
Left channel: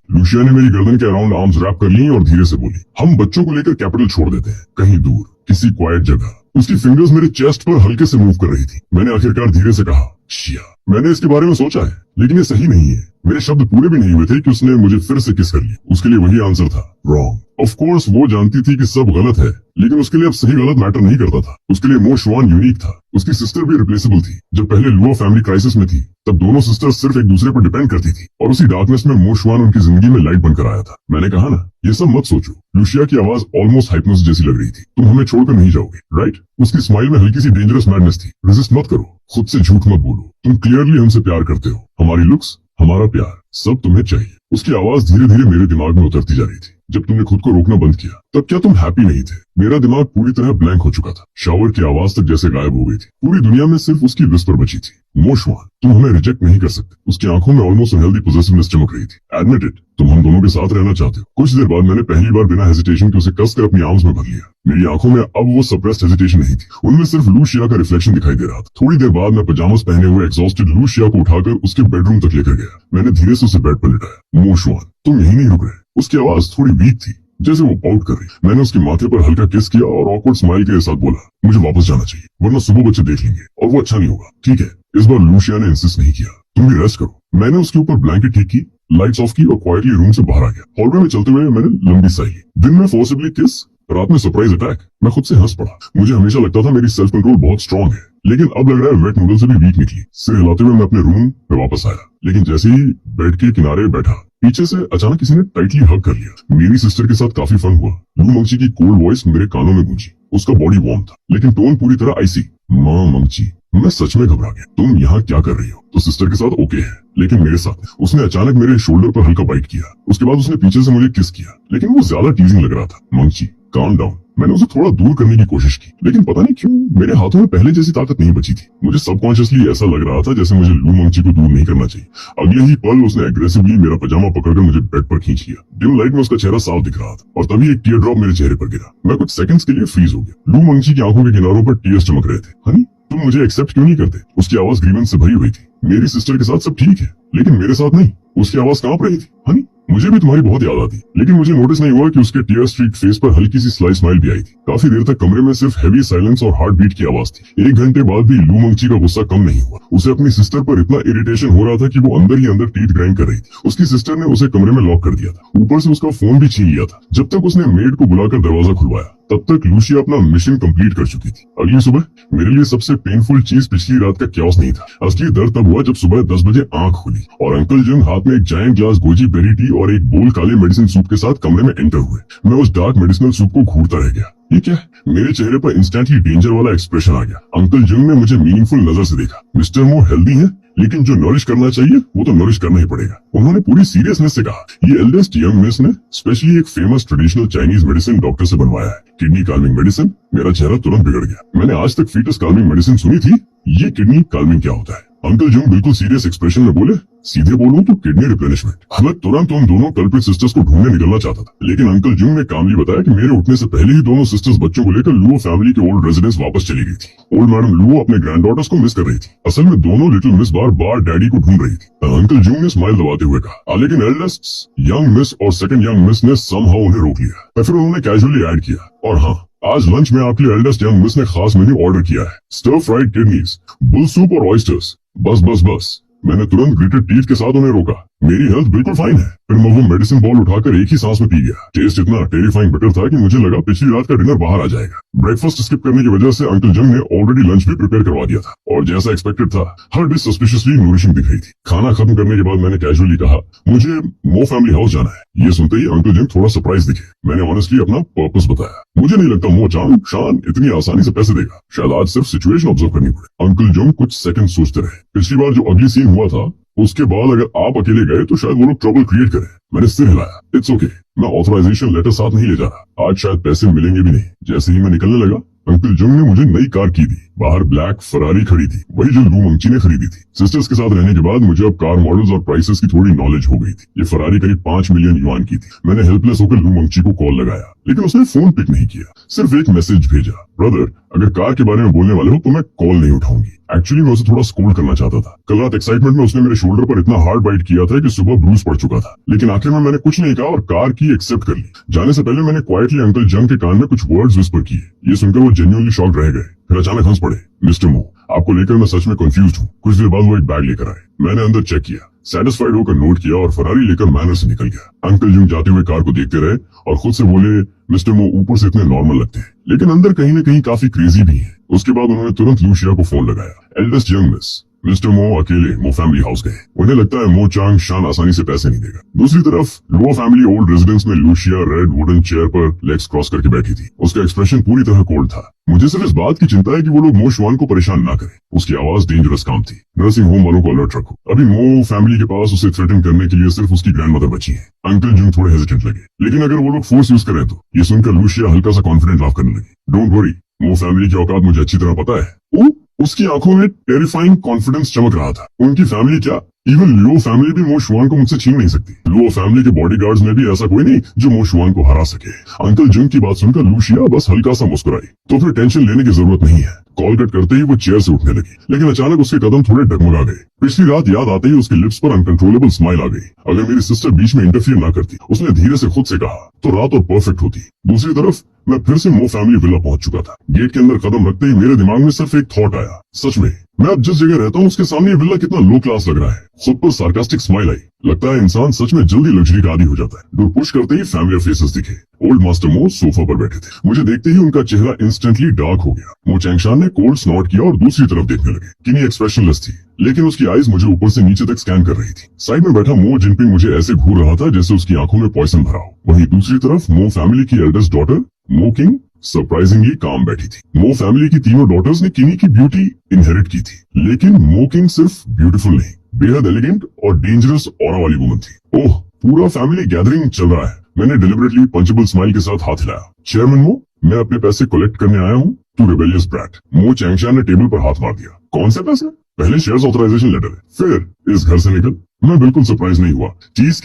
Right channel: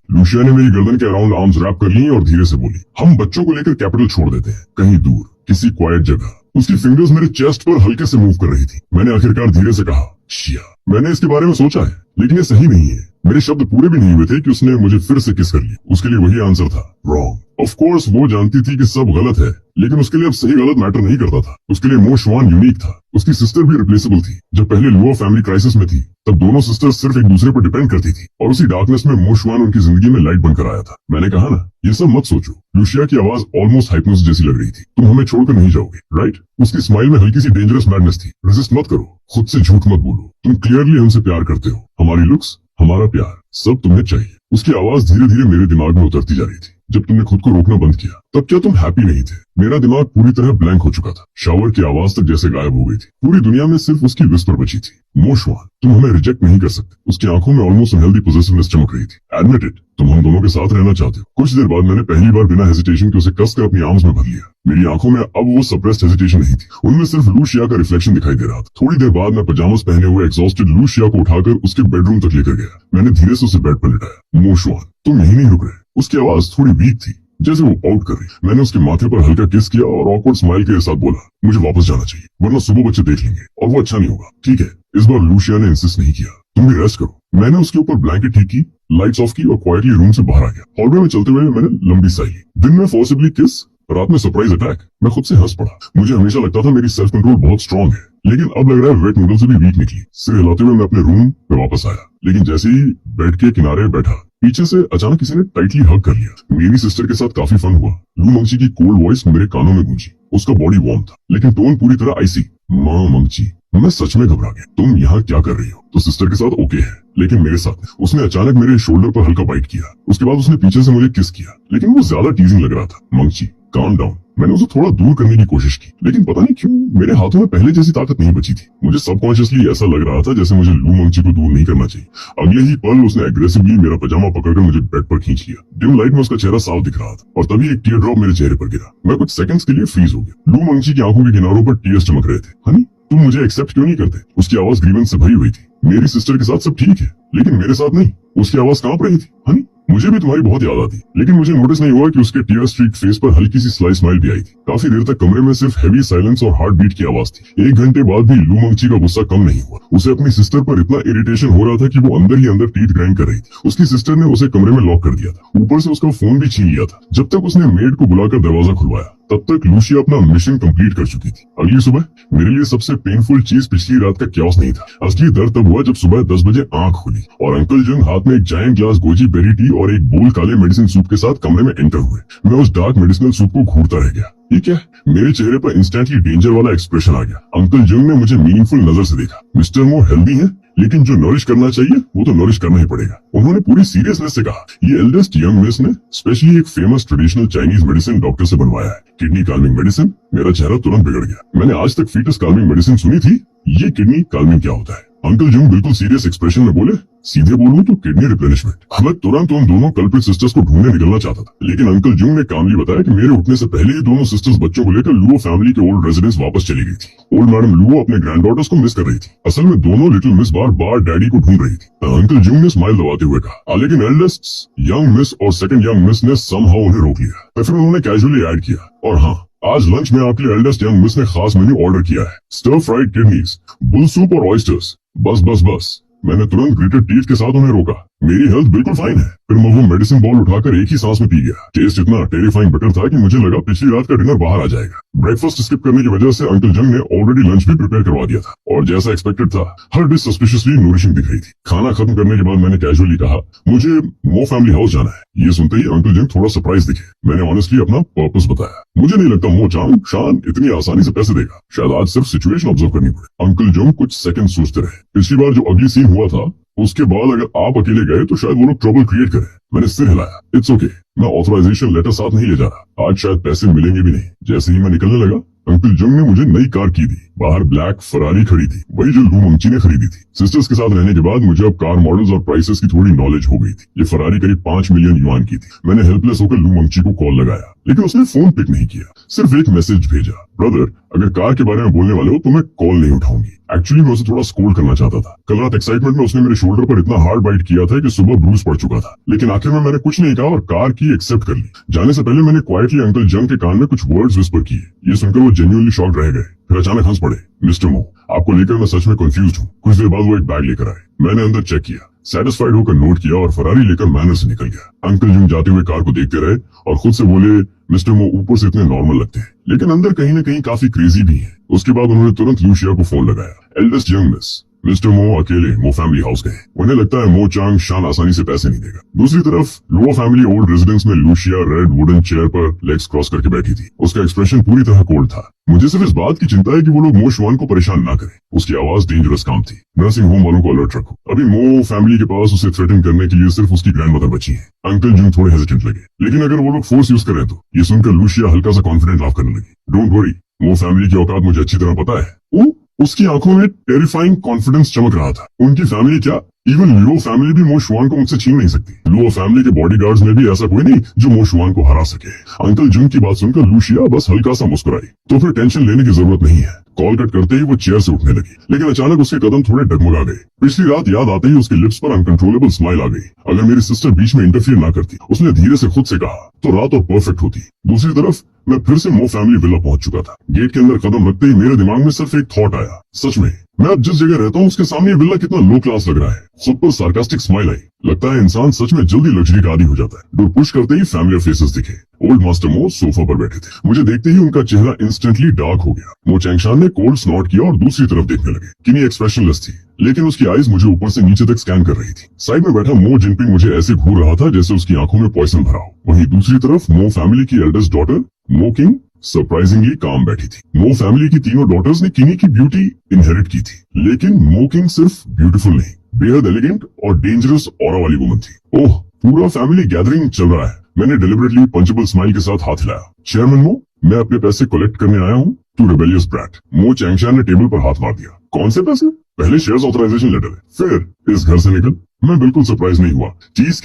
लूशिया ने मेरी गर्दन के अराउंड आर्म्स रैप कर ली और धीरे से बोली, हम बच्चों को लेकर कैपिटल छोड़ देते हैं, कहीं दूर, किसी क्वाइट जगह। उसकी फिंगर्स मेरे चेस्ट पर हल्के से मूव कर रही थी। मैंने आखिरकार धीरे से कहा, शिया, मैंने इसके बारे में सोचा है, लेकिन ये सही नहीं है। मेरे शब्द पूरे भी नहीं हुए थे कि उसने मुझे फिर से किस कर लिया। उसके लिए वही आंसर था, रॉन्ग। ऑफ कोर्स वो जानती थी कि सब गलत है, लेकिन उसके लिए अब सही गलत मैटर नहीं करता था। उसके लिए मोशवान यूनिक था। उसकी सिस्टर भी रिप्लेसेबल थी। जब पहले लुओ फैमिली क्राइसिस में थी, तब दोनों सिस्टर्स सिर्फ एक दूसरे पर डिपेंड करती थी, और उसी डार्कनेस में मोशवान उनकी जिंदगी में लाइट बनकर आया था। मैंने कहा ना, ये सब मत सोचो। लूशिया की आवाज ऑलमोस्ट हाइप्नोसिस जैसी लग रही थी। तुम हमें छोड़कर नहीं जाओगे, राइट? उसकी स्माइल में हल्की सी डेंजरस मैडनेस थी। रेजिस्ट मत करो, खुद से झूठ मत बोलो। तुम क्लियरली हमसे प्यार करते हो। हमारी लुक्स, हमारा प्यार, सब तुम्हें चाहिए। उसकी आवाज धीरे धीरे मेरे दिमाग में उतरती जा रही थी। जब तुमने खुद को रोकना बंद किया, तब क्या तुम हैप्पी नहीं थे? मेरा दिमाग पूरी तरह ब्लैंक हो चुका था। शावर की आवाज तक जैसे गायब हो गई थी। पूरी दुनिया में सिर्फ उसकी विस्पर बची थी, मोशवान, तुम हमें रिजेक्ट नहीं कर सकते। उसकी आंखों में ऑलमोस्ट अनहेल्दी पोजेसिवनेस चमक रही थी। एडमिट इट, तुम हम दोनों के साथ रहना चाहते हो। कुछ देर बाद मैंने पहली बार बिना हेजिटेशन के उसे कसकर अपनी आर्म्स में भर लिया। मेरी आंखों में अब वो सप्रेस्ड हेजिटेशन नहीं थी, उनमें सिर्फ लूशिया का रिफ्लेक्शन दिखाई दे रहा था। थोड़ी देर बाद मैं पजामास पहने हुए एग्जॉस्टेड लूशिया को उठाकर उसके बेडरूम तक लेकर गया। मैंने धीरे से उसे बेड पर लिटाया। मोशवान, तुम यहीं नहीं रुक रहे। उसकी आवाज थोड़ी वीक थी, जैसे वो पाउट कर रही। मैंने उसके माथे पर हल्का किस किया और ऑकवर्ड स्माइल के साथ बोला, मुझे वापस जाना चाहिए, वरना सुबह बच्चे देख लेंगे और वो अच्छा नहीं होगा। ठीक है, इस बार लूशिया ने इंसिस्ट नहीं किया, तुम भी रेस्ट करो। मैंने उसके ऊपर ब्लैंकेट ठीक की, लाइट्स ऑफ की और क्वाइटली रूम से बाहर आ गया। हॉलवे में चलते हुए मैंने लंबी सांस ली। दिन में फोर्सिबली किस, रात में सरप्राइज अटैक। मैं खुद से हंस पड़ा। मुझे हमेशा लगता था मेरी सेल्फ कंट्रोल बहुत स्ट्रांग है, लेकिन अब लग रहा है वेट नूडल से भी वीक निकली। सिर हिलाते हुए मैं अपने रूम में वापस आया, लेकिन जैसे ही बेड के किनारे बैठा, पीछे से अचानक किसी ने टाइटली हग कर लिया। मेरी सिस्टर के साथ काफी फन हुआ। लू मंगची की कोल्ड वॉइस मेरे कानों में गूंजी। उसका बॉडी वार्म था, लेकिन टोन पूरी तरह आइसी। माँ मंगची, मैं सच में घबरा गया। तुम यहाँ क्या कर रही हो? तो सिस्टर के साथ ओके है, लेकिन मेरे साथ? उसने अचानक मेरे शोल्डर पर हल्का बाइट किया। उसके बाद उसने पीछे से मुझे किस किया, लेकिन वो ज्यादा टीजिंग लग रहा था। मंगची, काम डाउन। मैंने उसे थोड़ा दूर करने की कोशिश की, लेकिन पता नहीं क्यों मेरे हाथों में पहले जैसी ताकत नहीं बची थी। मुझे सबकॉन्शियसली ऐसा लग रहा था जैसे मुझे लू मंगची को दूर नहीं करना चाहिए। अगले ही पल उसने एग्रेसिवली मेरा पजामा पकड़कर मुझे बेड पर खींच लिया। डिम लाइट में उसका चेहरा साफ दिख रहा था, और तभी एक टीयर ड्रॉप मेरे चेहरे पर गिरा। मैं कुछ सेकंड्स के लिए फ्रीज हो गया। लू मंगची की आंखों के किनारों पर टीयर्स चमक रहे थे। हनी, तुम मुझे एक्सेप्ट क्यों नहीं करते? उसकी आवाज ग्रीवेंस से भरी हुई थी। मेरी सिस्टर के साथ सब ठीक है, लेकिन मेरे साथ नहीं। उसकी आवाज कांप रही थी। हनी, मुझे भी तुम्हारी बहुत याद आती, लेकिन मुझे नोटिस नहीं हुआ कि उसके टीयर स्ट्रीक फेस पर हल्की सी स्लाइट स्माइल भी आई थी। काफी देर तक कमरे में सिर्फ हैवी साइलेंस और हार्ट बीट की आवाज थी। 1 घंटे बाद भी लू मंगची का गुस्सा कम नहीं हुआ। उसे अपनी सिस्टर पर इतना इरिटेशन हो रहा था कि वो अंदर ही अंदर टीथ ग्राइंड कर रही थी। उसकी सिस्टर ने उसे कमरे में लॉक कर दिया था, ऊपर से उसका फोन भी छीन लिया था। जब तक उसने मेड को बुलाकर दरवाजा खुलवाया, तब तक लूशिया अपना मिशन कंप्लीट कर चुकी थी। अगली सुबह मेरे लिए सबसे पेनफुल चीज पिछली रात का क्यास नहीं था। असली दर्द तब हुआ जब सुबह 10 बजे आंख खुली और अंकल जंग हाथ में एक giant glass goji berry tea और एक बोल काले मेडिसिन सूप के साथ कमरे में एंटर हुए। मैं उस डार्क मेडिसिनल सूप को घूरता रह गया। ये क्या? मेरे चेहरे पर इंस्टेंटली डेंजर वाला एक्सप्रेशन आ गया। अंकल जंग ने मुझे मीनिंगफुल नजर से देखा। मिस्टर मो हेल्दी है, लेकिन जो नरिश करना चाहिए वो तो नरिश करना ही पड़ेगा। उन्होंने पूरी सीरियसनेस से कहा, ये एल्डेस्ट यंग मिस ने स्पेशली एक famous traditional Chinese medicine doctor से बनवाया है, किडनी काल्मिंग मेडिसिन। मेरा चेहरा तुरंत बिगड़ गया। मैंने आज तक फीटस काल्मिंग मेडिसिन सुनी थी, ये किडनी काल्मिंग क्या होता है? अंकल जंग बिल्कुल सीरियस एक्सप्रेशन में बोले, सीधे बोलूं तो किडनी रिप्लेनिशमेंट। मैं तुरंत उन दोनों कल्प्रिट सिस्टर्स को ढूंढने निकलना चाहता था, लेकिन अंकल जंग ने कामली बताया कि मेरे उठने से पहले ही दोनों सिस्टर्स बच्चों को लेकर लुओ फैमिली के ओल्ड रेजिडेंस वापस चली गई थी। ओल्ड मैडम लुओ अपने ग्रैंड डॉटर्स को मिस कर रही थी। असल में दोनों लिटिल मिस बार बार डैडी को ढूंढ रही थी। अंकल जंग ने स्माइल दबाते हुए कहा, लेकिन एल्डेस्ट यंग मिस और सेकंड यंग मिस ने समहाउ उन्हें रोक लिया। फिर उन्होंने कैजुअली ऐड किया, और हाँ, आज लंच में आपके लिए एल्डेस्ट यंग मिस ने खास मेन्यू ऑर्डर किया है, stir fried kidneys, bull soup और ऑयस्टर्स। बस बस बस, मैंने तुरंत ग्रेटेड टीथ के साथ उन्हें रोका। मेरी हेल्थ बिल्कुल फाइन है। फिर मैं वो मेडिसिन बॉल उठाकर एक ही सांस में पी गया। टेस्ट इतना टेरिफाइंग बेटर था कि मुझे लगा पिछली रात का डिनर बाहर आ जाएगा। ब्रेकफास्ट स्किप करने की वजह से अंकल जंग ने ऑलरेडी लंच भी प्रिपेयर करवा दिया था और जैसा एक्सपेक्टेड था, हर डिश सस्पिशियसली नूरिशिंग दिख रही थी। खाना खत्म करने के बाद मैंने कैजुअली कहा, मुझे मो फैमिली हाउस जाना है। ये सुनते ही अंकल जंग थोड़ा सरप्राइज दिखे। मैंने ऑनेस्टली अपना पर्पस बताया। मुझे नहीं लगता मो चांग शान इतनी आसानी से पैसे देगा। शायद आज सिर्फ सिचुएशन ऑब्जर्व करनी पड़े। अंकल जंग कुछ सेकंड सोचते रहे। पिछली बार जो अगली सीन हुआ था, उसके बाद अगर आप अकेले गए तो शायद वो लोग ट्रबल क्रिएट करें। मैंने सिर हिलाया। इट्स ओके, मैं ऑथराइजेशन लेटर साथ नहीं ले जा रहा। आज शायद पैसे मिलेंगे भी नहीं। जैसे ही मैं निकलने लगा, अंकल जंग ने मुझे नई कार की दी। बाहर ब्लैक फरारी खड़ी थी, वही जो लू मंची ने खरीदी थी। सिस्टर्स के साथ रहने के बाद मुझे अब कार मॉडल्स और प्राइसेस की थोड़ी नॉलेज हो गई थी। ये फरारी करीब 5 मिलियन युआन की थी। मैंने हेल्पलेस होकर लू मंची को कॉल लगाया, लेकिन उसने फोन पिक नहीं किया, सिर्फ एक मैसेज भेजा, ब्रदर अगर कार के बारे में बोलने वाले हो तो मैं कॉल नहीं उठाऊंगी। एक्चुअली मैं उसे थोड़ा स्कोल्ड करना चाहता था। कल रात एक्साइटमेंट में उसने मेरे शोल्डर पर इतना हार्ड बाइट किया था कि सुबह ब्रूज पड़ चुका था। लेकिन आखिर में मैंने कुछ नहीं कहा और कार की एक्सेप्ट कर ली। जाने से पहले मैंने क्वाइटली अंकल जंग के कान में कुछ वर्ड्स विस्पर किए। ये सुनकर वो जेन्युइनली शॉक्ड रह गए, फिर अचानक हंस पड़े। मिस्टर मो, आपको लेकर मैं सच में कंफ्यूज हूँ। कुछ देर बाद वो एक बैग लेकर आए। मैंने अंदर चेक किया, सेटिस्फाइड होकर नोट किया और फरारी लेकर मैनर से निकल गया। अंकल जंग जाते हुए कार को देखते रहे और खुद से बोले, मिस्टर मो ऊपर से इतने नॉर्मल लगते हैं, लेकिन अंदर कहीं न कहीं काफी क्रेजी भी है। उसके बाद उन्होंने तुरंत लूशिया को फोन लगाया। एल्डेस्ट यंग मिस, मिस्टर मो अकेले मो फैमिली हाउस गए। उन्हें लगता है मो चांग शान आसानी से पैसे नहीं देगा। दूसरी तरफ लो फैमिली ओल्ड रेजिडेंस में लूशिया रेड वुडन चेयर पर लेग्स क्रॉस करके बैठी थी। उसका एक्सप्रेशन पूरी तरह कोल्ड था। मुझे सिर्फ इस बात की चिंता है कि वो लोग मो शुआन को परेशान ना करें। उसकी आवाज डेंजरस काम थी। नर्सिंग होम वालों को अलर्ट रखो। अभी मो फैमिली के पास उसे थ्रेटन करने के लिए सिर्फ उसकी ग्रैंडमदर बची है। अंकल जंग थोड़े हेजिटेंट लगे, लेकिन अगर वो लोग फोर्स यूज करें तो। ये सुनकर लूशिया हल्का सा कॉन्फिडेंट लाफ करने लगी। डोंट वरी, मो फैमिली की औकात मुझे अच्छी तरह पता है। उसकी आंखों में टेरिफाइंग कॉन्फिडेंस चमक रहा था। उनकी फैमिली क्या, इवन लुओ फैमिली भी मो शुआन को मुझसे छीन नहीं सकती। लुओ फैमिली के बॉडीगार्ड्स में भी ऐसा कोई नहीं जो मो शुआन को हरा सके। अंकल जंग की बात सुनकर लूशिया बस हल्का सा मुस्कुराई। तो फिर टेंशन लेने की जरूरत नहीं है। कॉल कट करते ही वो चेयर से उठने लगी, लेकिन अचानक उसके कदम थोड़े डगमगा गए। पिछली रात याद आते ही उसके लिप्स पर अनकंट्रोलेबल स्माइल आ गई। अगर मेरी सिस्टर बीच में इंटरफियर ना करती, उसने धीरे से खुद से कहा, तो रात और परफेक्ट होती। दूसरी तरफ मैं फिर से मो फैमिली विला पहुंच चुका था। गेट के अंदर कदम रखते ही मेरे दिमाग में सिर्फ एक थॉट आया, सच में मैं अब जिस जगह रहता हूँ उसके सामने ये विला कितना लो क्लास लग रहा है। खुद पर सार्कास्टिक स्माइल आई। लगता है इंसान सच में जल्दी लग्जरी का आदी हो जाता है। डोर पुश करते ही फैमिलियर फेसेस दिखे। ओल्ड मास्टर मो सोफा पर बैठे थे। मुझे देखते ही उनका चेहरा इंस्टेंटली डार्क हो गया। मो चैंगशान ने कोल्ड स्नॉट किया और दूसरी तरफ देखने लगे। किनी एक्सप्रेशनलेस थी, लेकिन उसकी आईज मुझे ऊपर से नीचे तक स्कैन कर रही थी। साइड में बैठा मो जिनपिंग मुझे ऐसे घूर रहा था जैसे उसकी आंखों में पॉइजन भरा हो। वहीं दूसरी तरफ मो फैमिली की एल्डेस्ट डॉटर मो किंग सरप्राइजिंगली काम बैठी थी। मो फैमिली की तीनों डॉटर्स ने किनी की ब्यूटी इनहेरिट की थी, लेकिन मो किंग सिर्फ ब्यूटीफुल नहीं, बेहद एलिगेंट और डेंजरस ऑरा वाली वुमन थी। ओह, पूरा फैमिली गैदरिंग चल रहा है। मैंने डिलिबरेटली पंचेबल स्माइल के साथ हाथ हिलाया। चेयरमैन मो, मैं अपने पैसे कलेक्ट करने आया हूँ। Too rebellious brat. Mo Changshan ने टेबल पर हाथ मार दिया। कौन से पैसे? पहले शेयर्स ऑथराइजेशन लेटर, फिर इस घर से निकल। मैं बिल्कुल सरप्राइज नहीं हुआ। चीज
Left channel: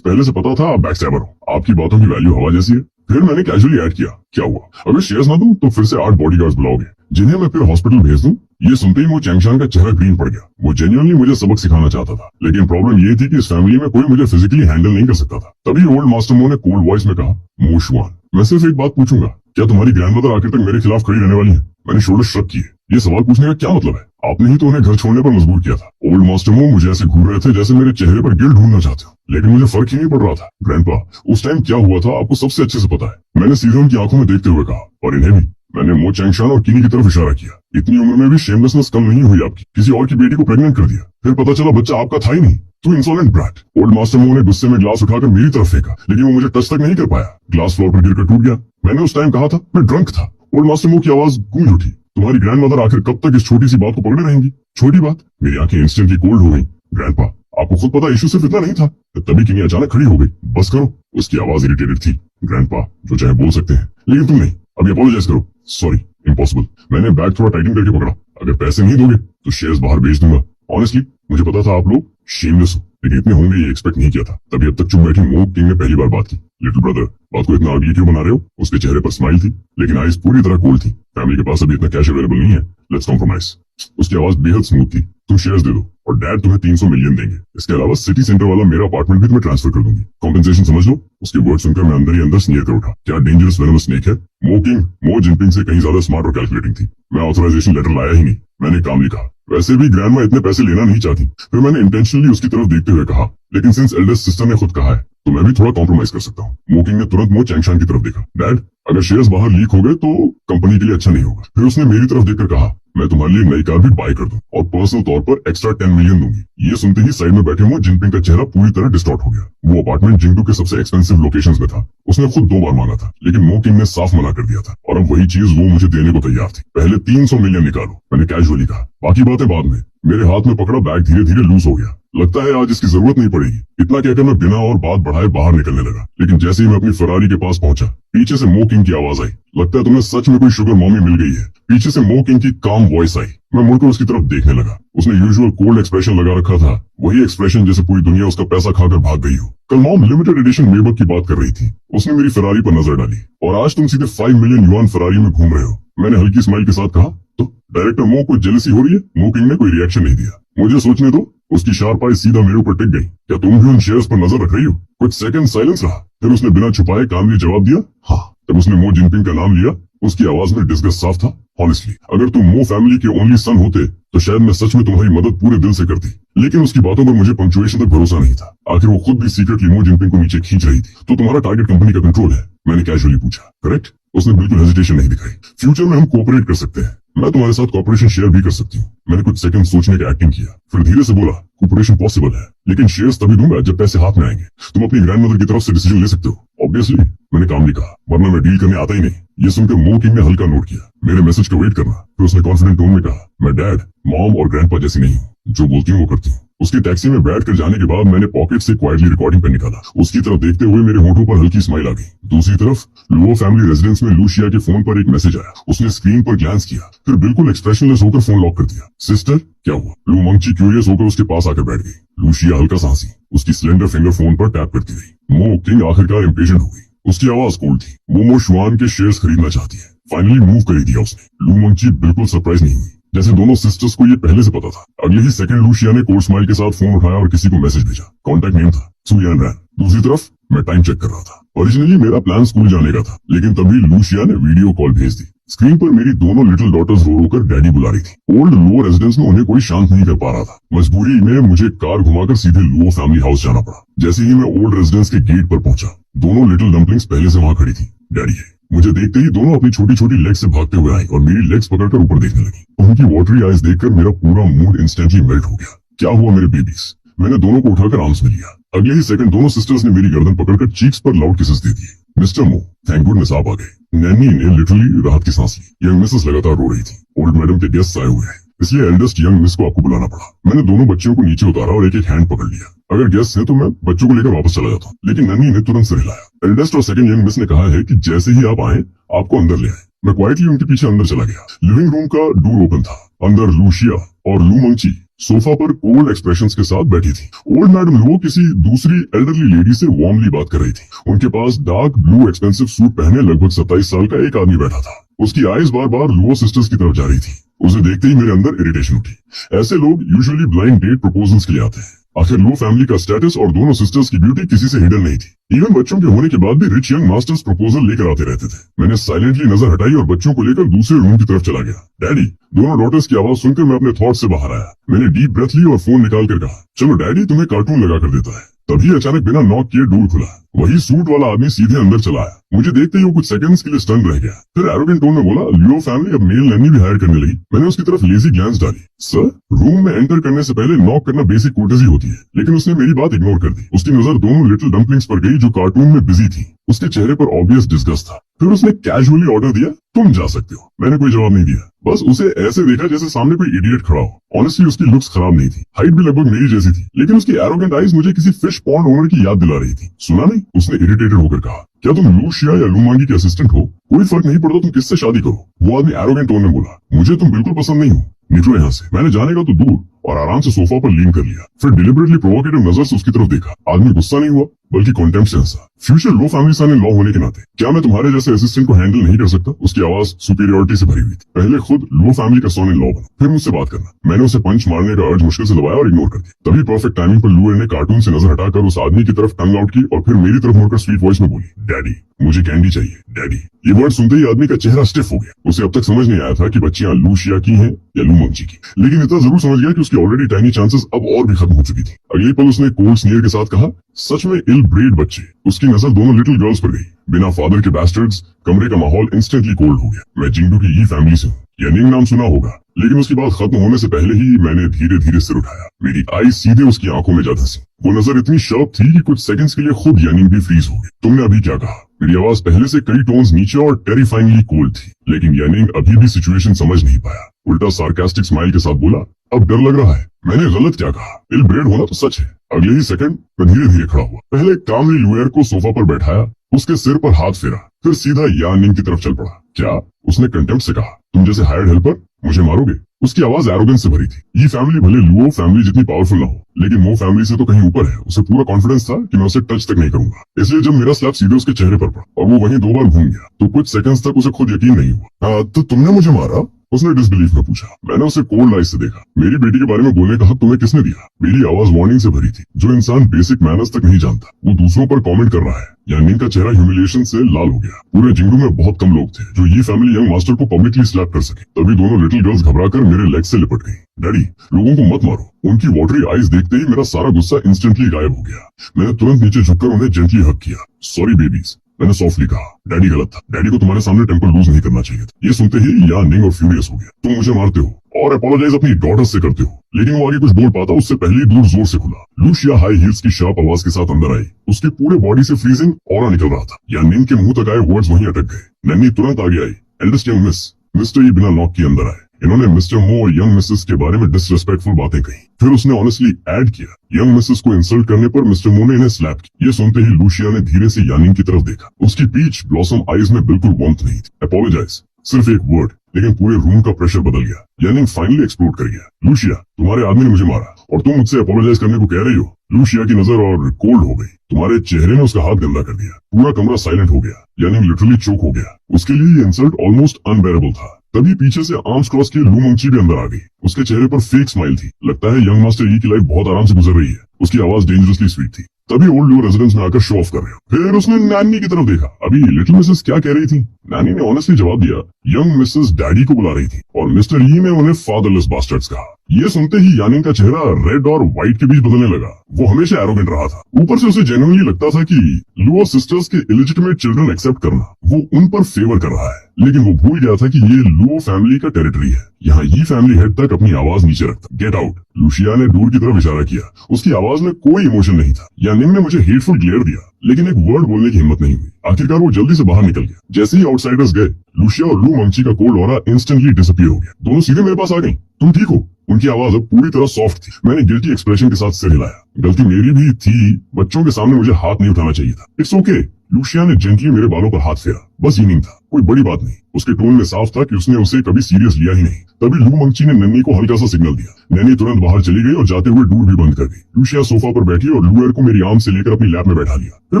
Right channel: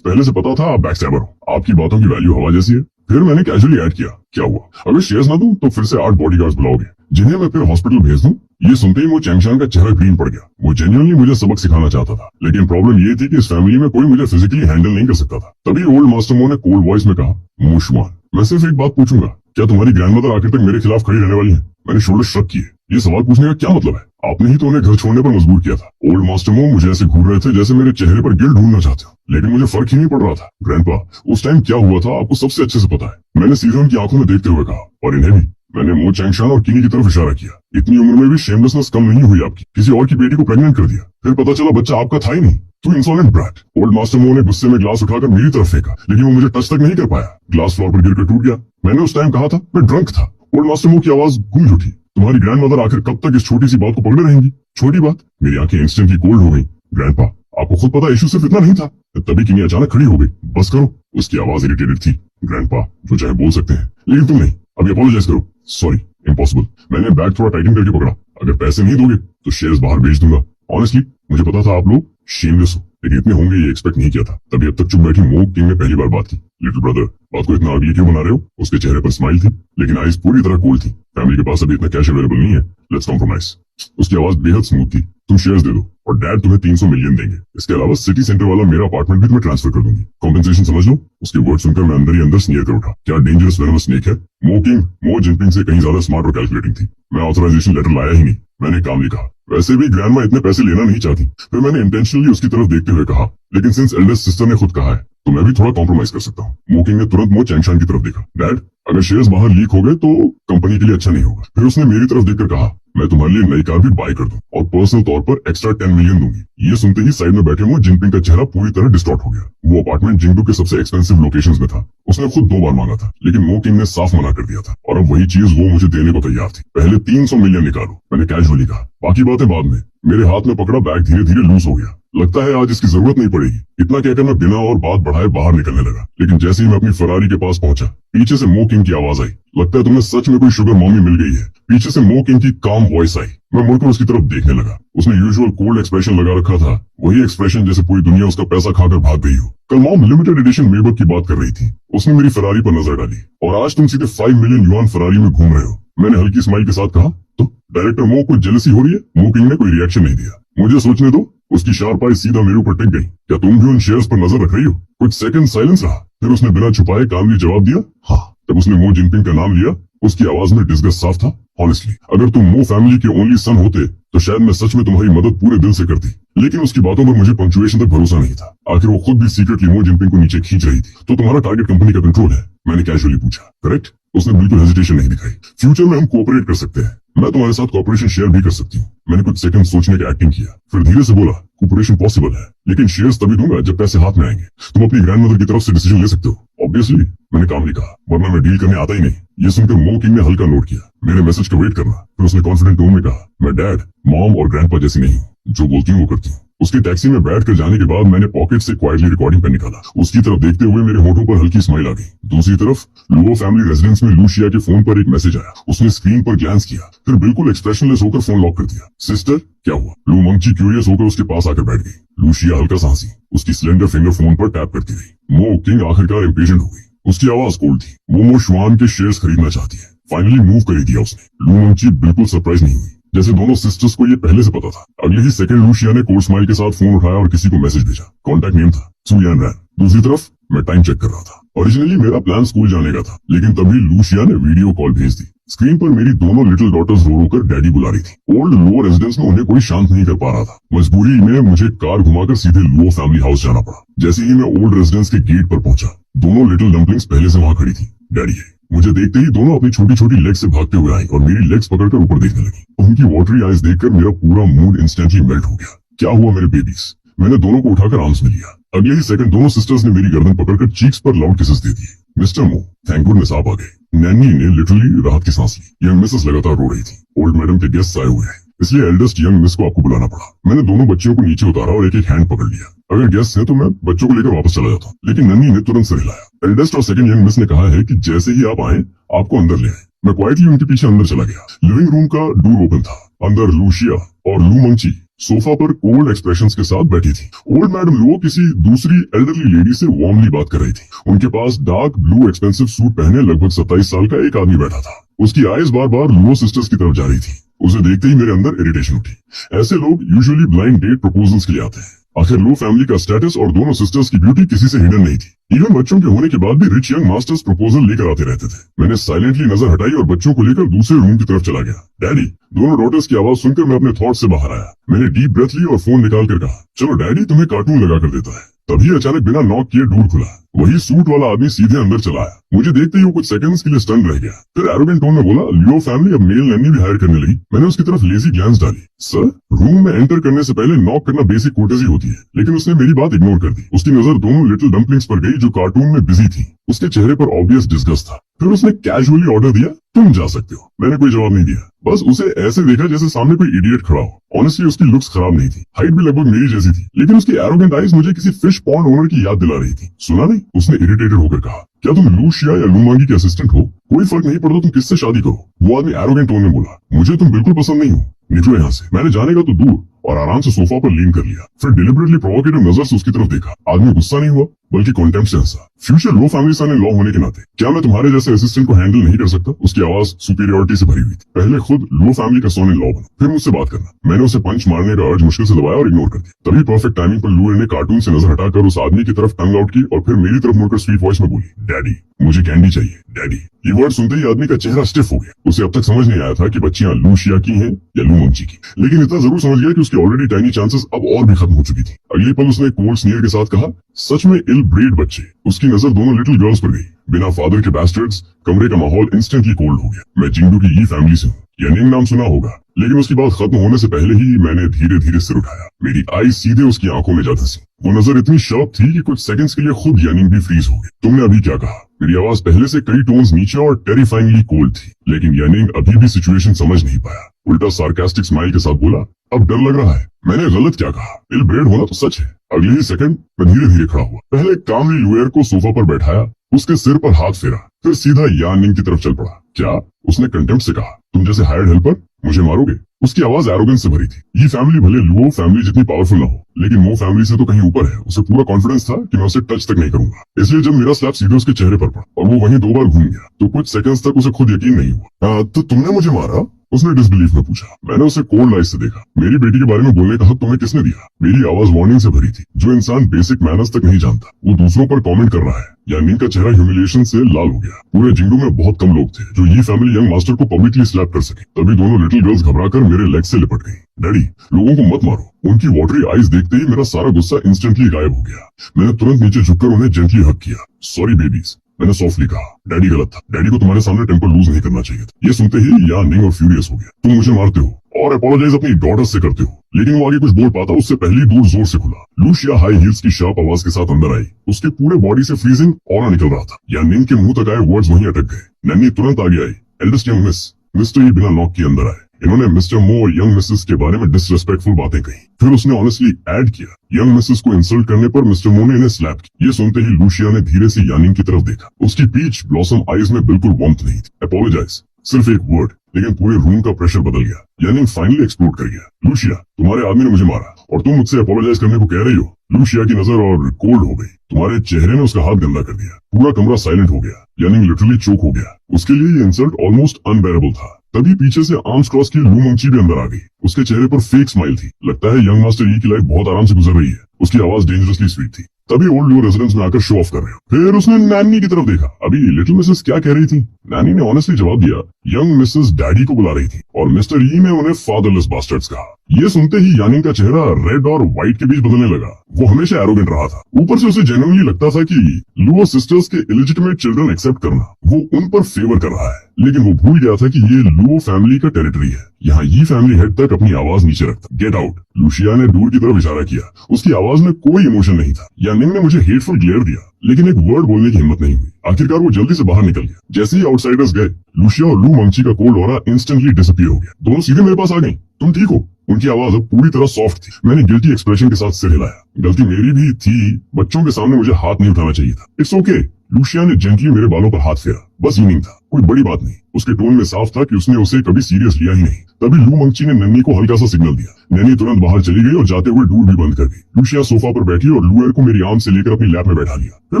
पहले से पता था आप बैकस्टैबर हो। आपकी बातों की वैल्यू हवा जैसी है। फिर मैंने कैजुअली ऐड किया, क्या हुआ अगर शेयर्स ना दूं तो फिर से 8 बॉडीगार्ड्स बुलाओगे जिन्हें मैं फिर हॉस्पिटल भेज दूं। ये सुनते ही वो चैंगशान का चेहरा ग्रीन पड़ गया। वो जेन्युइनली मुझे सबक सिखाना चाहता था, लेकिन प्रॉब्लम ये थी कि इस फैमिली में कोई मुझे फिजिकली हैंडल नहीं कर सकता था। तभी ओल्ड मास्टर मो ने कोल्ड वॉइस में कहा, मो शुआन, मैं सिर्फ एक बात पूछूंगा, क्या तुम्हारी ग्रैंडमदर आखिर तक मेरे खिलाफ खड़ी रहने वाली है? मैंने शोल्डर श्रग किए। ये सवाल पूछने का क्या मतलब है? आपने ही तो उन्हें घर छोड़ने पर मजबूर किया था। ओल्ड मास्टर मो मुझे ऐसे घूर रहे थे जैसे मेरे चेहरे पर गिल्ट ढूंढना चाहते हो, लेकिन मुझे फर्क ही नहीं पड़ रहा था। ग्रैंडपा, उस टाइम क्या हुआ था आपको सबसे अच्छे से पता है। मैंने सीजन की आंखों में देखते हुए कहा, और इन्हें भी। मैंने मो चैंगशान और किनी की तरफ इशारा किया। इतनी उम्र में भी शेमलेसनेस कम नहीं हुई आपकी। किसी और की बेटी को प्रेग्नेंट कर दिया, फिर पता चला बच्चा आपका था ही नहीं। तो इंसॉलेंट ब्रैट। ओल्ड मास्टर मो ने गुस्से में ग्लास उठाकर मेरी तरफ फेंका, लेकिन वो मुझे टच तक नहीं कर पाया। ग्लास फ्लोर पर गिरकर टूट गया। मैंने उस टाइम कहा था मैं ड्रंक था। ओल्ड मास्टर मो की आवाज गूंज उठी, तुम्हारी ग्रैंडमदर आखिर कब तक इस छोटी सी बात को पकड़े रहेंगी? छोटी बात? मेरी आंखें इंस्टेंटली कोल्ड हो गई। ग्रैंडपा, आपको खुद पता इशू सिर्फ इतना नहीं था। तभी किनी अचानक खड़ी हो गई। बस करो। उसकी आवाज इरिटेटेड थी। ग्रैंडपा, जो चाहे बोल सकते हैं, लेकिन तुम नहीं। अभी अपोलोजाइज करो। Sorry, impossible. मैंने बैग थोड़ा टाइटन करके पकड़ा। अगर पैसे नहीं दोगे तो शेयर्स बाहर बेच दूंगा। ऑनेस्टली मुझे पता था आप लोग शेमलेस हो, लेकिन इतने होंगे ये एक्सपेक्ट नहीं किया था। तभी अब तक चुप बैठी मो किंग ने पहली बार बात की। लिटिल ब्रदर, बात को इतना अगली क्यों बना रहे हो? उसके चेहरे पर स्माइल थी, लेकिन आईज पूरी तरह कोल्ड थी। फैमिली के पास अभी इतना कैश अवेलेबल नहीं है। Let's compromise. उसकी आवाज बेहद स्मूथ थी। तुम शेयर्स दे दो और डैड तुम्हें 300 मिलियन देंगे। इसके अलावा सिटी सेंटर वाला मेरा अपार्टमेंट भी तुम्हें ट्रांसफर कर दूंगी। कॉम्पेंसेशन समझ लो। उसके वर्ड सुनकर मैं अंदर ही अंदर स्नीर कर उठा। क्या डेंजरस वेनमस स्नेक है। मो जिनपिंग से कहीं ज्यादा स्मार्ट और कैलकुलेटिंग थी। मैं ऑथराइजेशन लेटर लाया ही नहीं। मैंने काम नहीं कहा। वैसे भी ग्रैंडमा इतने पैसे लेना नहीं चाहती। फिर मैंने इंटेंशनली उसकी तरफ देखते हुए कहा, लेकिन सिंस एल्डेस्ट सिस्टर ने खुद कहा है तो मैं भी थोड़ा कॉम्प्रोमाइज कर सकता हूँ। मोकिंग ने तुरंत मो चैंगशान की तरफ देखा। डैड, अगर शेयर्स बाहर लीक हो गए तो कंपनी के लिए अच्छा नहीं होगा। फिर उसने मेरी तरफ देखकर कहा, मैं तुम्हारे लिए नई कार भी बाय कर दूं और पर्सनल तौर पर एक्स्ट्रा 10 मिलियन दूंगी। ये सुनते ही साइड में बैठे हुए जिनपिंग का चेहरा पूरी तरह डिस्टॉर्ट हो गया। वो अपार्टमेंट जिंगडू के सबसे एक्सपेंसिव लोकेशंस में था। उसने खुद 2 बार मांगा था, लेकिन मो किंग ने साफ मना कर दिया था और अब वही चीज वो मुझे देने को तैयार थी। पहले 300 मिलियन निकालो, मैंने कैजुअली कहा, बाकी बातें बाद में। मेरे हाथ में पकड़ा बैग धीरे धीरे लूज हो गया। लगता है आज इसकी जरूरत नहीं पड़ेगी। इतना कहकर मैं बिना और बात बढ़ाए बाहर निकलने लगा, लेकिन जैसे ही मैं अपनी फरारी के पास पहुंचा, पीछे से मो किंग की आवाज आई। लगता है तुम्हें सच में कोई शुगर मॉमी मिल गई है। पीछे से मो किंग की काम वॉइस आई। मैं मुड़कर उसकी तरफ देखने लगा। उसने यूजुअल कोल्ड एक्सप्रेशन लगा रखा था, वही एक्सप्रेशन जैसे पूरी दुनिया उसका पैसा खाकर भाग गई हो। कल मॉम लिमिटेड एडिशन मेबक की बात कर रही थी। उसने मेरी फरारी पर नजर डाली और आज तुम सीधे 5 मिलियन युआन फरारी में घूम रहे हो। मैंने हल्की स्माइल के साथ कहा, तो डायरेक्टर मो को जेलसी हो रही है। मो किंग ने कोई रिएक्शन नहीं दिया। मुझे सोचने दो। उसकी शार्प आई सीधा मेरे ऊपर टिक गई। क्या तुम भी उन शेयर्स पर नजर रख रही हो। कुछ सेकंड साइलेंस रहा, फिर उसने बिना छुपाए कामली जवाब दिया, हाँ। जब उसने मो जिनपिंग का नाम लिया, उसकी आवाज में डिस्गस्ट साफ था। ऑनेस्टली, अगर तुम मो फैमिली के ओनली सन होते तो शायद मैं सच में तुम्हारी मदद पूरे दिल से करती, लेकिन उसकी बातों पर मुझे पंक्चुएशन तक भरोसा नहीं था। आखिर वो खुद भी सीक्रेटली मो जिनपिंग को नीचे खींच रही थी। तो तुम्हारा टारगेट कंपनी का कंट्रोल है, मैंने कैजुअली पूछा। करेक्ट। उसने बिल्कुल हेजिटेशन नहीं दिखाई। फ्यूचर में हम कोऑपरेट कर सकते हैं। मैं तुम्हारे साथ कॉर्पोरेशन शेयर भी कर सकती हूँ। मैंने कुछ सेकंड सोचने का एक्टिंग किया, फिर धीरे से बोला, कॉर्पोरेशन पॉसिबल है, लेकिन शेयर्स तभी दूंगा जब पैसे हाथ में आएंगे। तुम अपनी ग्रैंडमदर की तरफ से डिसीजन ले सकते हो। ऑब्वियसली, मैंने काम नहीं कहा, वरना मैं डील करने आता ही नहीं। ये सुनकर मो किंग ने हल्का नोट किया, मेरे मैसेज का वेट करना। फिर उसने कॉन्फिडेंट टोन में कहा, मैं डैड, मॉम और ग्रैंडपा जैसी नहीं हूँ। जो बोलती हूँ वो करती हूँ। उसकी टैक्सी में बैठ कर जाने के बाद मैंने पॉकेट से क्वाइटली रिकॉर्डिंग पेन निकाला। उसकी तरफ देखते हुए मेरे होठों पर हल्की स्माइल आ गई। दूसरी तरफ लो फैमिली रेजिडेंस में लूशिया के फोन पर एक मैसेज आया। उसने स्क्रीन पर ग्लैंस किया, फिर बिल्कुल एक्सप्रेशनलेस होकर फोन लॉक कर दिया। सिस्टर, क्या हुआ। लू मंची क्यूरियस होकर उसके पास आकर बैठ गई। लूशिया हल्का सा हंसी, उसकी स्लेंडर फिंगर फोन पर टैप करती रही। मो किंग आखिरकार इम्पेशेंट हो गई। उसकी आवाज कोल्ड थी। मोमो शुआन के शेयर्स खरीदना चाहती है। फाइनली मूव कर दिया उसने। लू मंची बिल्कुल सरप्राइज नहीं हुई, जैसे दोनों सिस्टर्स को ये पहले से पता था। अगले ही सेकंड लूशिया ने कोल्ड स्माइल के साथ फोन उठाया और किसी को मैसेज भेजा। कॉन्टैक्ट नेम था सुयान रैन। दूसरी तरफ मैं टाइम चेक कर रहा था। ओरिजिनली मेरा प्लान स्कूल जाने का था, लेकिन तभी लूशिया ने वीडियो कॉल भेज दी। स्क्रीन पर मेरी दोनों लिटिल डॉटर्स रो रो कर डैडी बुला रही थी। ओल्ड लो रेजिडेंस में उन्हें कोई शांत नहीं कर पा रहा था। मजबूरी में मुझे कार घुमाकर सीधे लो फैमिली हाउस जाना पड़ा। जैसे ही मैं ओल्ड रेजिडेंस के गेट पर पहुंचा, दोनों लिटिल डम्पलिंग्स पहले से वहां खड़ी थी। डैडी है। मुझे देखते ही दोनों अपनी छोटी छोटी लेग से भागते हुए आई और मेरी लेग्स पकड़कर ऊपर देखने लगी। उनकी वाटरी आइज देखकर मेरा पूरा मूड इंस्टेंटली मेल्ट हो गया। क्या हुआ मेरे बेबीज। मैंने दोनों को उठाकर आर्म्स में लिया। अगले ही सेकंड दोनों सिस्टर्स ने मेरी गर्दन पकड़कर चीक्स पर लाउड किसेस दे दिए। मिस्टर मो, थैंक गुडनेस आप आ गए। नैनी ने लिटरली राहत की सांस ली। यंग मिसेस लगातार रो रही थी। ओल्ड मैडम के गेस्ट आए हुए हैं, इसलिए एल्डेस्ट यंग मिस को आपको बुलाना पड़ा। मैंने दोनों बच्चों को नीचे उतारा और एक एक हैंड पकड़ लिया। अगर गेस्ट है तो मैं बच्चों को लेकर वापस चला जाता, लेकिन नन्नी ने तुरंत सिर हिलाया। एल्डेस्ट और सेकंड यंग मिस ने कहा है कि जैसे ही आप आए आपको अंदर ले आए। मैं क्वाइटली उनके पीछे अंदर चला गया। लिविंग रूम का डोर ओपन था। अंदर लूशिया और लू मंची सोफा पर कोल्ड एक्सप्रेशंस के साथ बैठी थी। ओल्ड मैडम लुओ किसी दूसरी एल्डरली लेडी से वार्मली बात कर रही थी। उनके पास डार्क ब्लू एक्सपेंसिव सूट पहने लगभग 27 साल का एक आदमी बैठा था। उसकी आईज बार बार लुओ सिस्टर्स की तरफ जा रही थी। उसे देखते ही मेरे अंदर इरिटेशन उठी। ऐसे लोग यूजुअली ब्लाइंड डेट प्रपोजल्स के लिए आते हैं। आखिर लो फैमिली का स्टेटस और दोनों सिस्टर्स की ब्यूटी किसी से हिडन नहीं थी। इवन बच्चों के होने के बाद भी रिच यंग मास्टर्स प्रपोजल लेकर आते रहते थे। मैंने साइलेंटली नजर हटाई और बच्चों को लेकर दूसरे रूम की तरफ चला गया। डैडी। दोनों डॉटर्स की आवाज सुनकर मैं अपने थॉट से बाहर आया। मैंने डीप ब्रेथ ली और फोन निकाल कर कहा, चलो डैडी तुम्हें कार्टून लगा कर देता है। तभी अचानक बिना नॉक किए डोर खुला। वही सूट वाला आदमी सीधे अंदर चला आया। मुझे देखते ही वो कुछ सेकंड्स के लिए स्टन रह गया। फिर एरोगेंट टोन में बोला, लियो फैमिली अब मेल नैनी भी हायर करने लगी। मैंने उसकी तरफ लेजी ग्लांस डाली। सर, रूम में एंटर करने से पहले नॉक करना बेसिक कोर्टेसी होती है, लेकिन उसने मेरी बात इग्नोर कर दी। उसकी नजर दोनों लिटिल डम्पलिंग्स पर गई जो कार्टून में बिजी थी। उसके चेहरे पर ऑब्वियस डिस्गस्ट था। फिर उसने कैजुअली ऑर्डर दिया, तुम जा सकते हो। मैंने कोई जवाब नहीं दिया, बस उसे ऐसे देखा जैसे सामने कोई इडियट खड़ा हो। ऑनेस्टली उसकी लुक्स खराब नहीं थी। हाइट भी लगभग मेरी जैसी थी, लेकिन उसकी एरोगेंट आइज मुझे किसी फिश पॉन्ड ओनर की याद दिला रही थी। सुना नहीं? उसने इरिटेटेड होकर कहा, क्या तुम लूशिया या लूमांगी के असिस्टेंट हो? कोई फर्क नहीं पड़ता तुम किससे शादी करो। वो आदमी एरोगेंट टोन में बोला, मुझे तुम बिल्कुल पसंद नहीं हो, निकलो यहाँ से। मैंने जाने का तो दूर और आराम से सोफा पर लीन कर लिया। फिर डिलिबरेटली प्रोवोकेटिव नजर से उसकी तरफ देखा। आदमी गुस्सा नहीं हुआ बल्कि कॉन्टेम्प्ट से हंसा। फ्यूचर लो फैमिली सन इन लॉ होने के नाते क्या मैं तुम्हारे जैसे असिस्टेंट को हैंडल नहीं कर सकता? उसकी आवाज सुपीरियरिटी से भरी हुई थी। पहले खुद लो फैमिली का सन इन लॉ बनो, फिर मुझसे बात करना। मैंने उसे पंच मारने का अर्ज मुश्किल से दबाया और इग्नोर कर दिया। तभी परफेक्ट टाइमिंग पर लुएर ने कार्टून से नजर हटाकर उस आदमी की तरफ टंग आउट की और फिर मेरी तरफ मुड़कर स्वीट वॉइस में बोली, डैडी मुझे कैंडी चाहिए डैडी। ये वर्ड सुनते ही आदमी का चेहरा स्टिफ हो गया। उसे अब तक समझ नहीं आया था कि बच्चियां लूशिया की हैं या लू मंची की, लेकिन इतना जरूर समझ गया कि उसकी ऑलरेडी टाइनी चांसेस अब और भी खत्म हो चुकी थी। अगले पल उसने कोल्ड स्नीयर के साथ कहा, सच में इल ब्रेड बच्चे। उसकी नजर दोनों लिटिल गर्ल्स पर गई। बिना फादर के बैस्टर्ड्स, कमरे का माहौल इंस्टेंटली कोल्ड हो गया। मैं जिंगडू की ई फैमिली से हूँ, यानिंग नाम सुना होगा, लेकिन उसकी बात खत्म होने से पहले ही मैंने धीरे धीरे सिर उठाया। मेरी आई सीधे उसकी आंखों में जा धंसी। वो नजर इतनी शार्प थी कि कुछ सेकंड्स के लिए खुद यानिंग भी फ्रीज हो गई। तुमने अभी क्या कहा? मेरी आवाज पहले से कई टोन्स नीचे और टेरिफाइंगली कोल्ड थी, लेकिन यानिंग अभी भी सिचुएशन समझ नहीं पाया। उल्टा सार्कास्टिक स्माइल के साथ बोला, अब डर लग रहा है? मैंने गलत क्या कहा? इल ब्रेड होना तो सच है। अगले ही सेकंड मैं धीरे धीरे खड़ा हुआ। पहले कामली लुएर को सोफा पर बैठाया, उसके सिर पर हाथ फेरा, फिर सीधा यानिंग की तरफ चल पड़ा। क्या? उसने कंटेम्प्ट से कहा, तुम जैसे हायर्ड हेल्पर मुझे मारोगे? उसकी आवाज एरोगेंस से भरी थी। ये फैमिली भले लुओ फैमिली जितनी पावरफुल ना हो, लेकिन वो फैमिली से तो कहीं ऊपर है। उसे पूरा कॉन्फिडेंस था कि मैं उसे टच तक नहीं करूंगा। इसलिए जब मेरा स्लैप सीधे उसके चेहरे पर पड़ा और वो वहीं 2 बार घूम गया, तो कुछ सेकंड्स तक उसे खुद यकीन नहीं हुआ। तो तुमने मुझे मारा? उसने डिसबिलीफ में पूछा। मैंने उसे कोल्ड आइज से देखा। मेरी बेटी के बारे में बोलने का हक तुम्हें किसने दिया? मेरी आवाज वार्निंग से भरी थी। जो इंसान बेसिक मैनर्स तक नहीं जानता, वो दूसरों पर कमेंट कर रहा है। यानिंग का चेहरा ह्यूमिलिएशन से लाल हो गया। पूरे जिंगडू में बहुत कम लोग थे जो ये फैमिली यंग मास्टर को पब्लिकली स्लैप कर सके। तभी दोनों लिटिल गर्ल्स घबराकर मेरे लेग से लिपट गई। डैडी, लोगों को मत मारो। उनकी वाटरी आइज देखते ही मेरा सारा गुस्सा इंस्टेंटली गायब हो गया। मैंने तुरंत नीचे झुककर उन्हें जेंटली हक किया। सॉरी बेबीज, मैंने सॉफ्टली कहा। डैडी गलत था। डैडी को तुम्हारे सामने टेम्पर लूज नहीं करना चाहिए था। ये सुनते ही यानिंग और फ्यूरियस हो गया। तुम मुझे मारते हो और अपोलोजाइज अपनी डॉटर से करते हो, लेकिन वो आगे कुछ बोल पाता उससे पहले दूर जोर से खुला। लूशिया हाई हील्स की शार्प आवाज के साथ अंदर आई। उसके पूरे बॉडी से फ्रीजिंग ऑरा निकल रहा था। यानिंग के मुंह तक आए वर्ड्स वहीं अटक गए। नैनी तुरंत आगे आई। Eldest young miss. मिस्टर ही बिना नॉक किए अंदर आए। इन्होंने मिस्टर मो और यंग मिसेस के बारे में डिसरेस्पेक्टफुल बातें कही। फिर उसने ऑनेस्टली ऐड किया, यंग मिसेस को इंसल्ट करने पर मिस्टर मो ने इन्हें स्लैप किया। ये सुनते ही लूशिया ने धीरे से यानिंग की तरफ देखा। उसकी पीच ब्लॉसम आईज में बिल्कुल वार्मथ नहीं थी। अपोलोजाइज, सिर्फ एक वर्ड, लेकिन पूरे रूम का प्रेशर बदल गया। यानिंग फाइनली एक्सप्लोड कर गया। लूशिया, तुम्हारे आदमी ने मुझे मारा और तुम मुझसे अपोलोजाइज करने को कह रही हो? लूशिया की नजर और कोल्ड हो गई। तुम्हारे चेहरे ने उसका हाथ गंदा कर दिया। पूरा कमरा साइलेंट हो गया। यानिंग लिटरली चोक हो गया। उसके लिए ये इंसल्ट ऑलमोस्ट अनबेरेबल था। तभी पीछे से आर्म्स क्रॉस किए लू मंची भी अंदर आ गई। उसके चेहरे पर फेक स्माइल थी। लगता है यंग मास्टर ई की लाइफ बहुत आराम से गुजर रही है। उसकी आवाज डेंजरसली स्वीट थी। तभी ओल्ड लू रेजिडेंस में आकर शो ऑफ कर रहे हो। फिर उसने नैनी की तरफ देखा। अभी लिटिल मिसेस क्या कह रही थी? नैनी ने ऑनेस्टली जवाब दिया, यंग मिसेस डैडी को बुला रही थी और मिस्टर ई ने उन्हें फादरलेस बास्टर्ड्स कहा। ये सुनते ही यानिंग का चेहरा रेड और व्हाइट के बीच बदलने लगा। वो हमेशा एरोगेंट रहा था। ऊपर से उसे जेन्युइनली लगता था कि लुओ सिस्टर्स के इलिजिटिमेट चिल्ड्रन एक्सेप्ट करना वो उन पर फेवर कर रहा है। लेकिन वो भूल गया था कि ये लुओ फैमिली का टेरिटरी है। यहाँ ये फैमिली हेड तक अपनी आवाज नीचे रखता। Get out. लूशिया ने दूर की तरफ इशारा किया। उसकी आवाज में कोई इमोशन नहीं था। यानिंग ने मुझे हेटफुल ग्लेयर दिया, लेकिन एक वर्ड बोलने की हिम्मत नहीं हुई। आखिरकार वो जल्दी से बाहर निकल गया। जैसे ही आउटसाइडर्स गए, लूशिया और लू मंची का कोल्ड ऑरा इंस्टेंटली डिसअपीयर हो गया। दोनों सीधे मेरे पास आ गई। तुम ठीक हो? उनकी आवाज अब पूरी तरह सॉफ्ट थी। मैंने गिल्टी एक्सप्रेशन के साथ सिर हिलाया। गलती मेरी भी थी। बच्चों के सामने मुझे हाथ नहीं उठाना चाहिए था। It's okay. लूशिया ने जेंटली मेरे बालों पर हाथ फेरा। बस यूनिंग था, कोई बड़ी बात नहीं। उसके टोन में साफ था कि उसने उसे कभी सीरियस लिया ही नहीं। तभी लू मंची ने नन्नी को हल्का सा सिग्नल दिया। नन्नी तुरंत बाहर चली गई और जाते हुए डोर भी बंद कर गई। लूशिया सोफा पर बैठी और लुएर को मेरी आर्म से लेकर अपनी लैप में बैठा लिया। फिर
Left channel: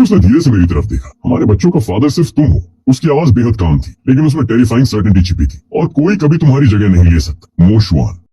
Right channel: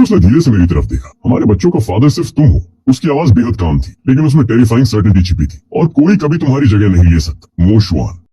उसने धीरे से मेरी तरफ देखा। हमारे बच्चों का फादर सिर्फ तुम हो। उसकी आवाज बेहद काम थी, लेकिन उसमें टेरिफाइंग सर्टेनिटी छिपी थी। और कोई कभी तुम्हारी जगह नहीं ले सकता। मोशुआन।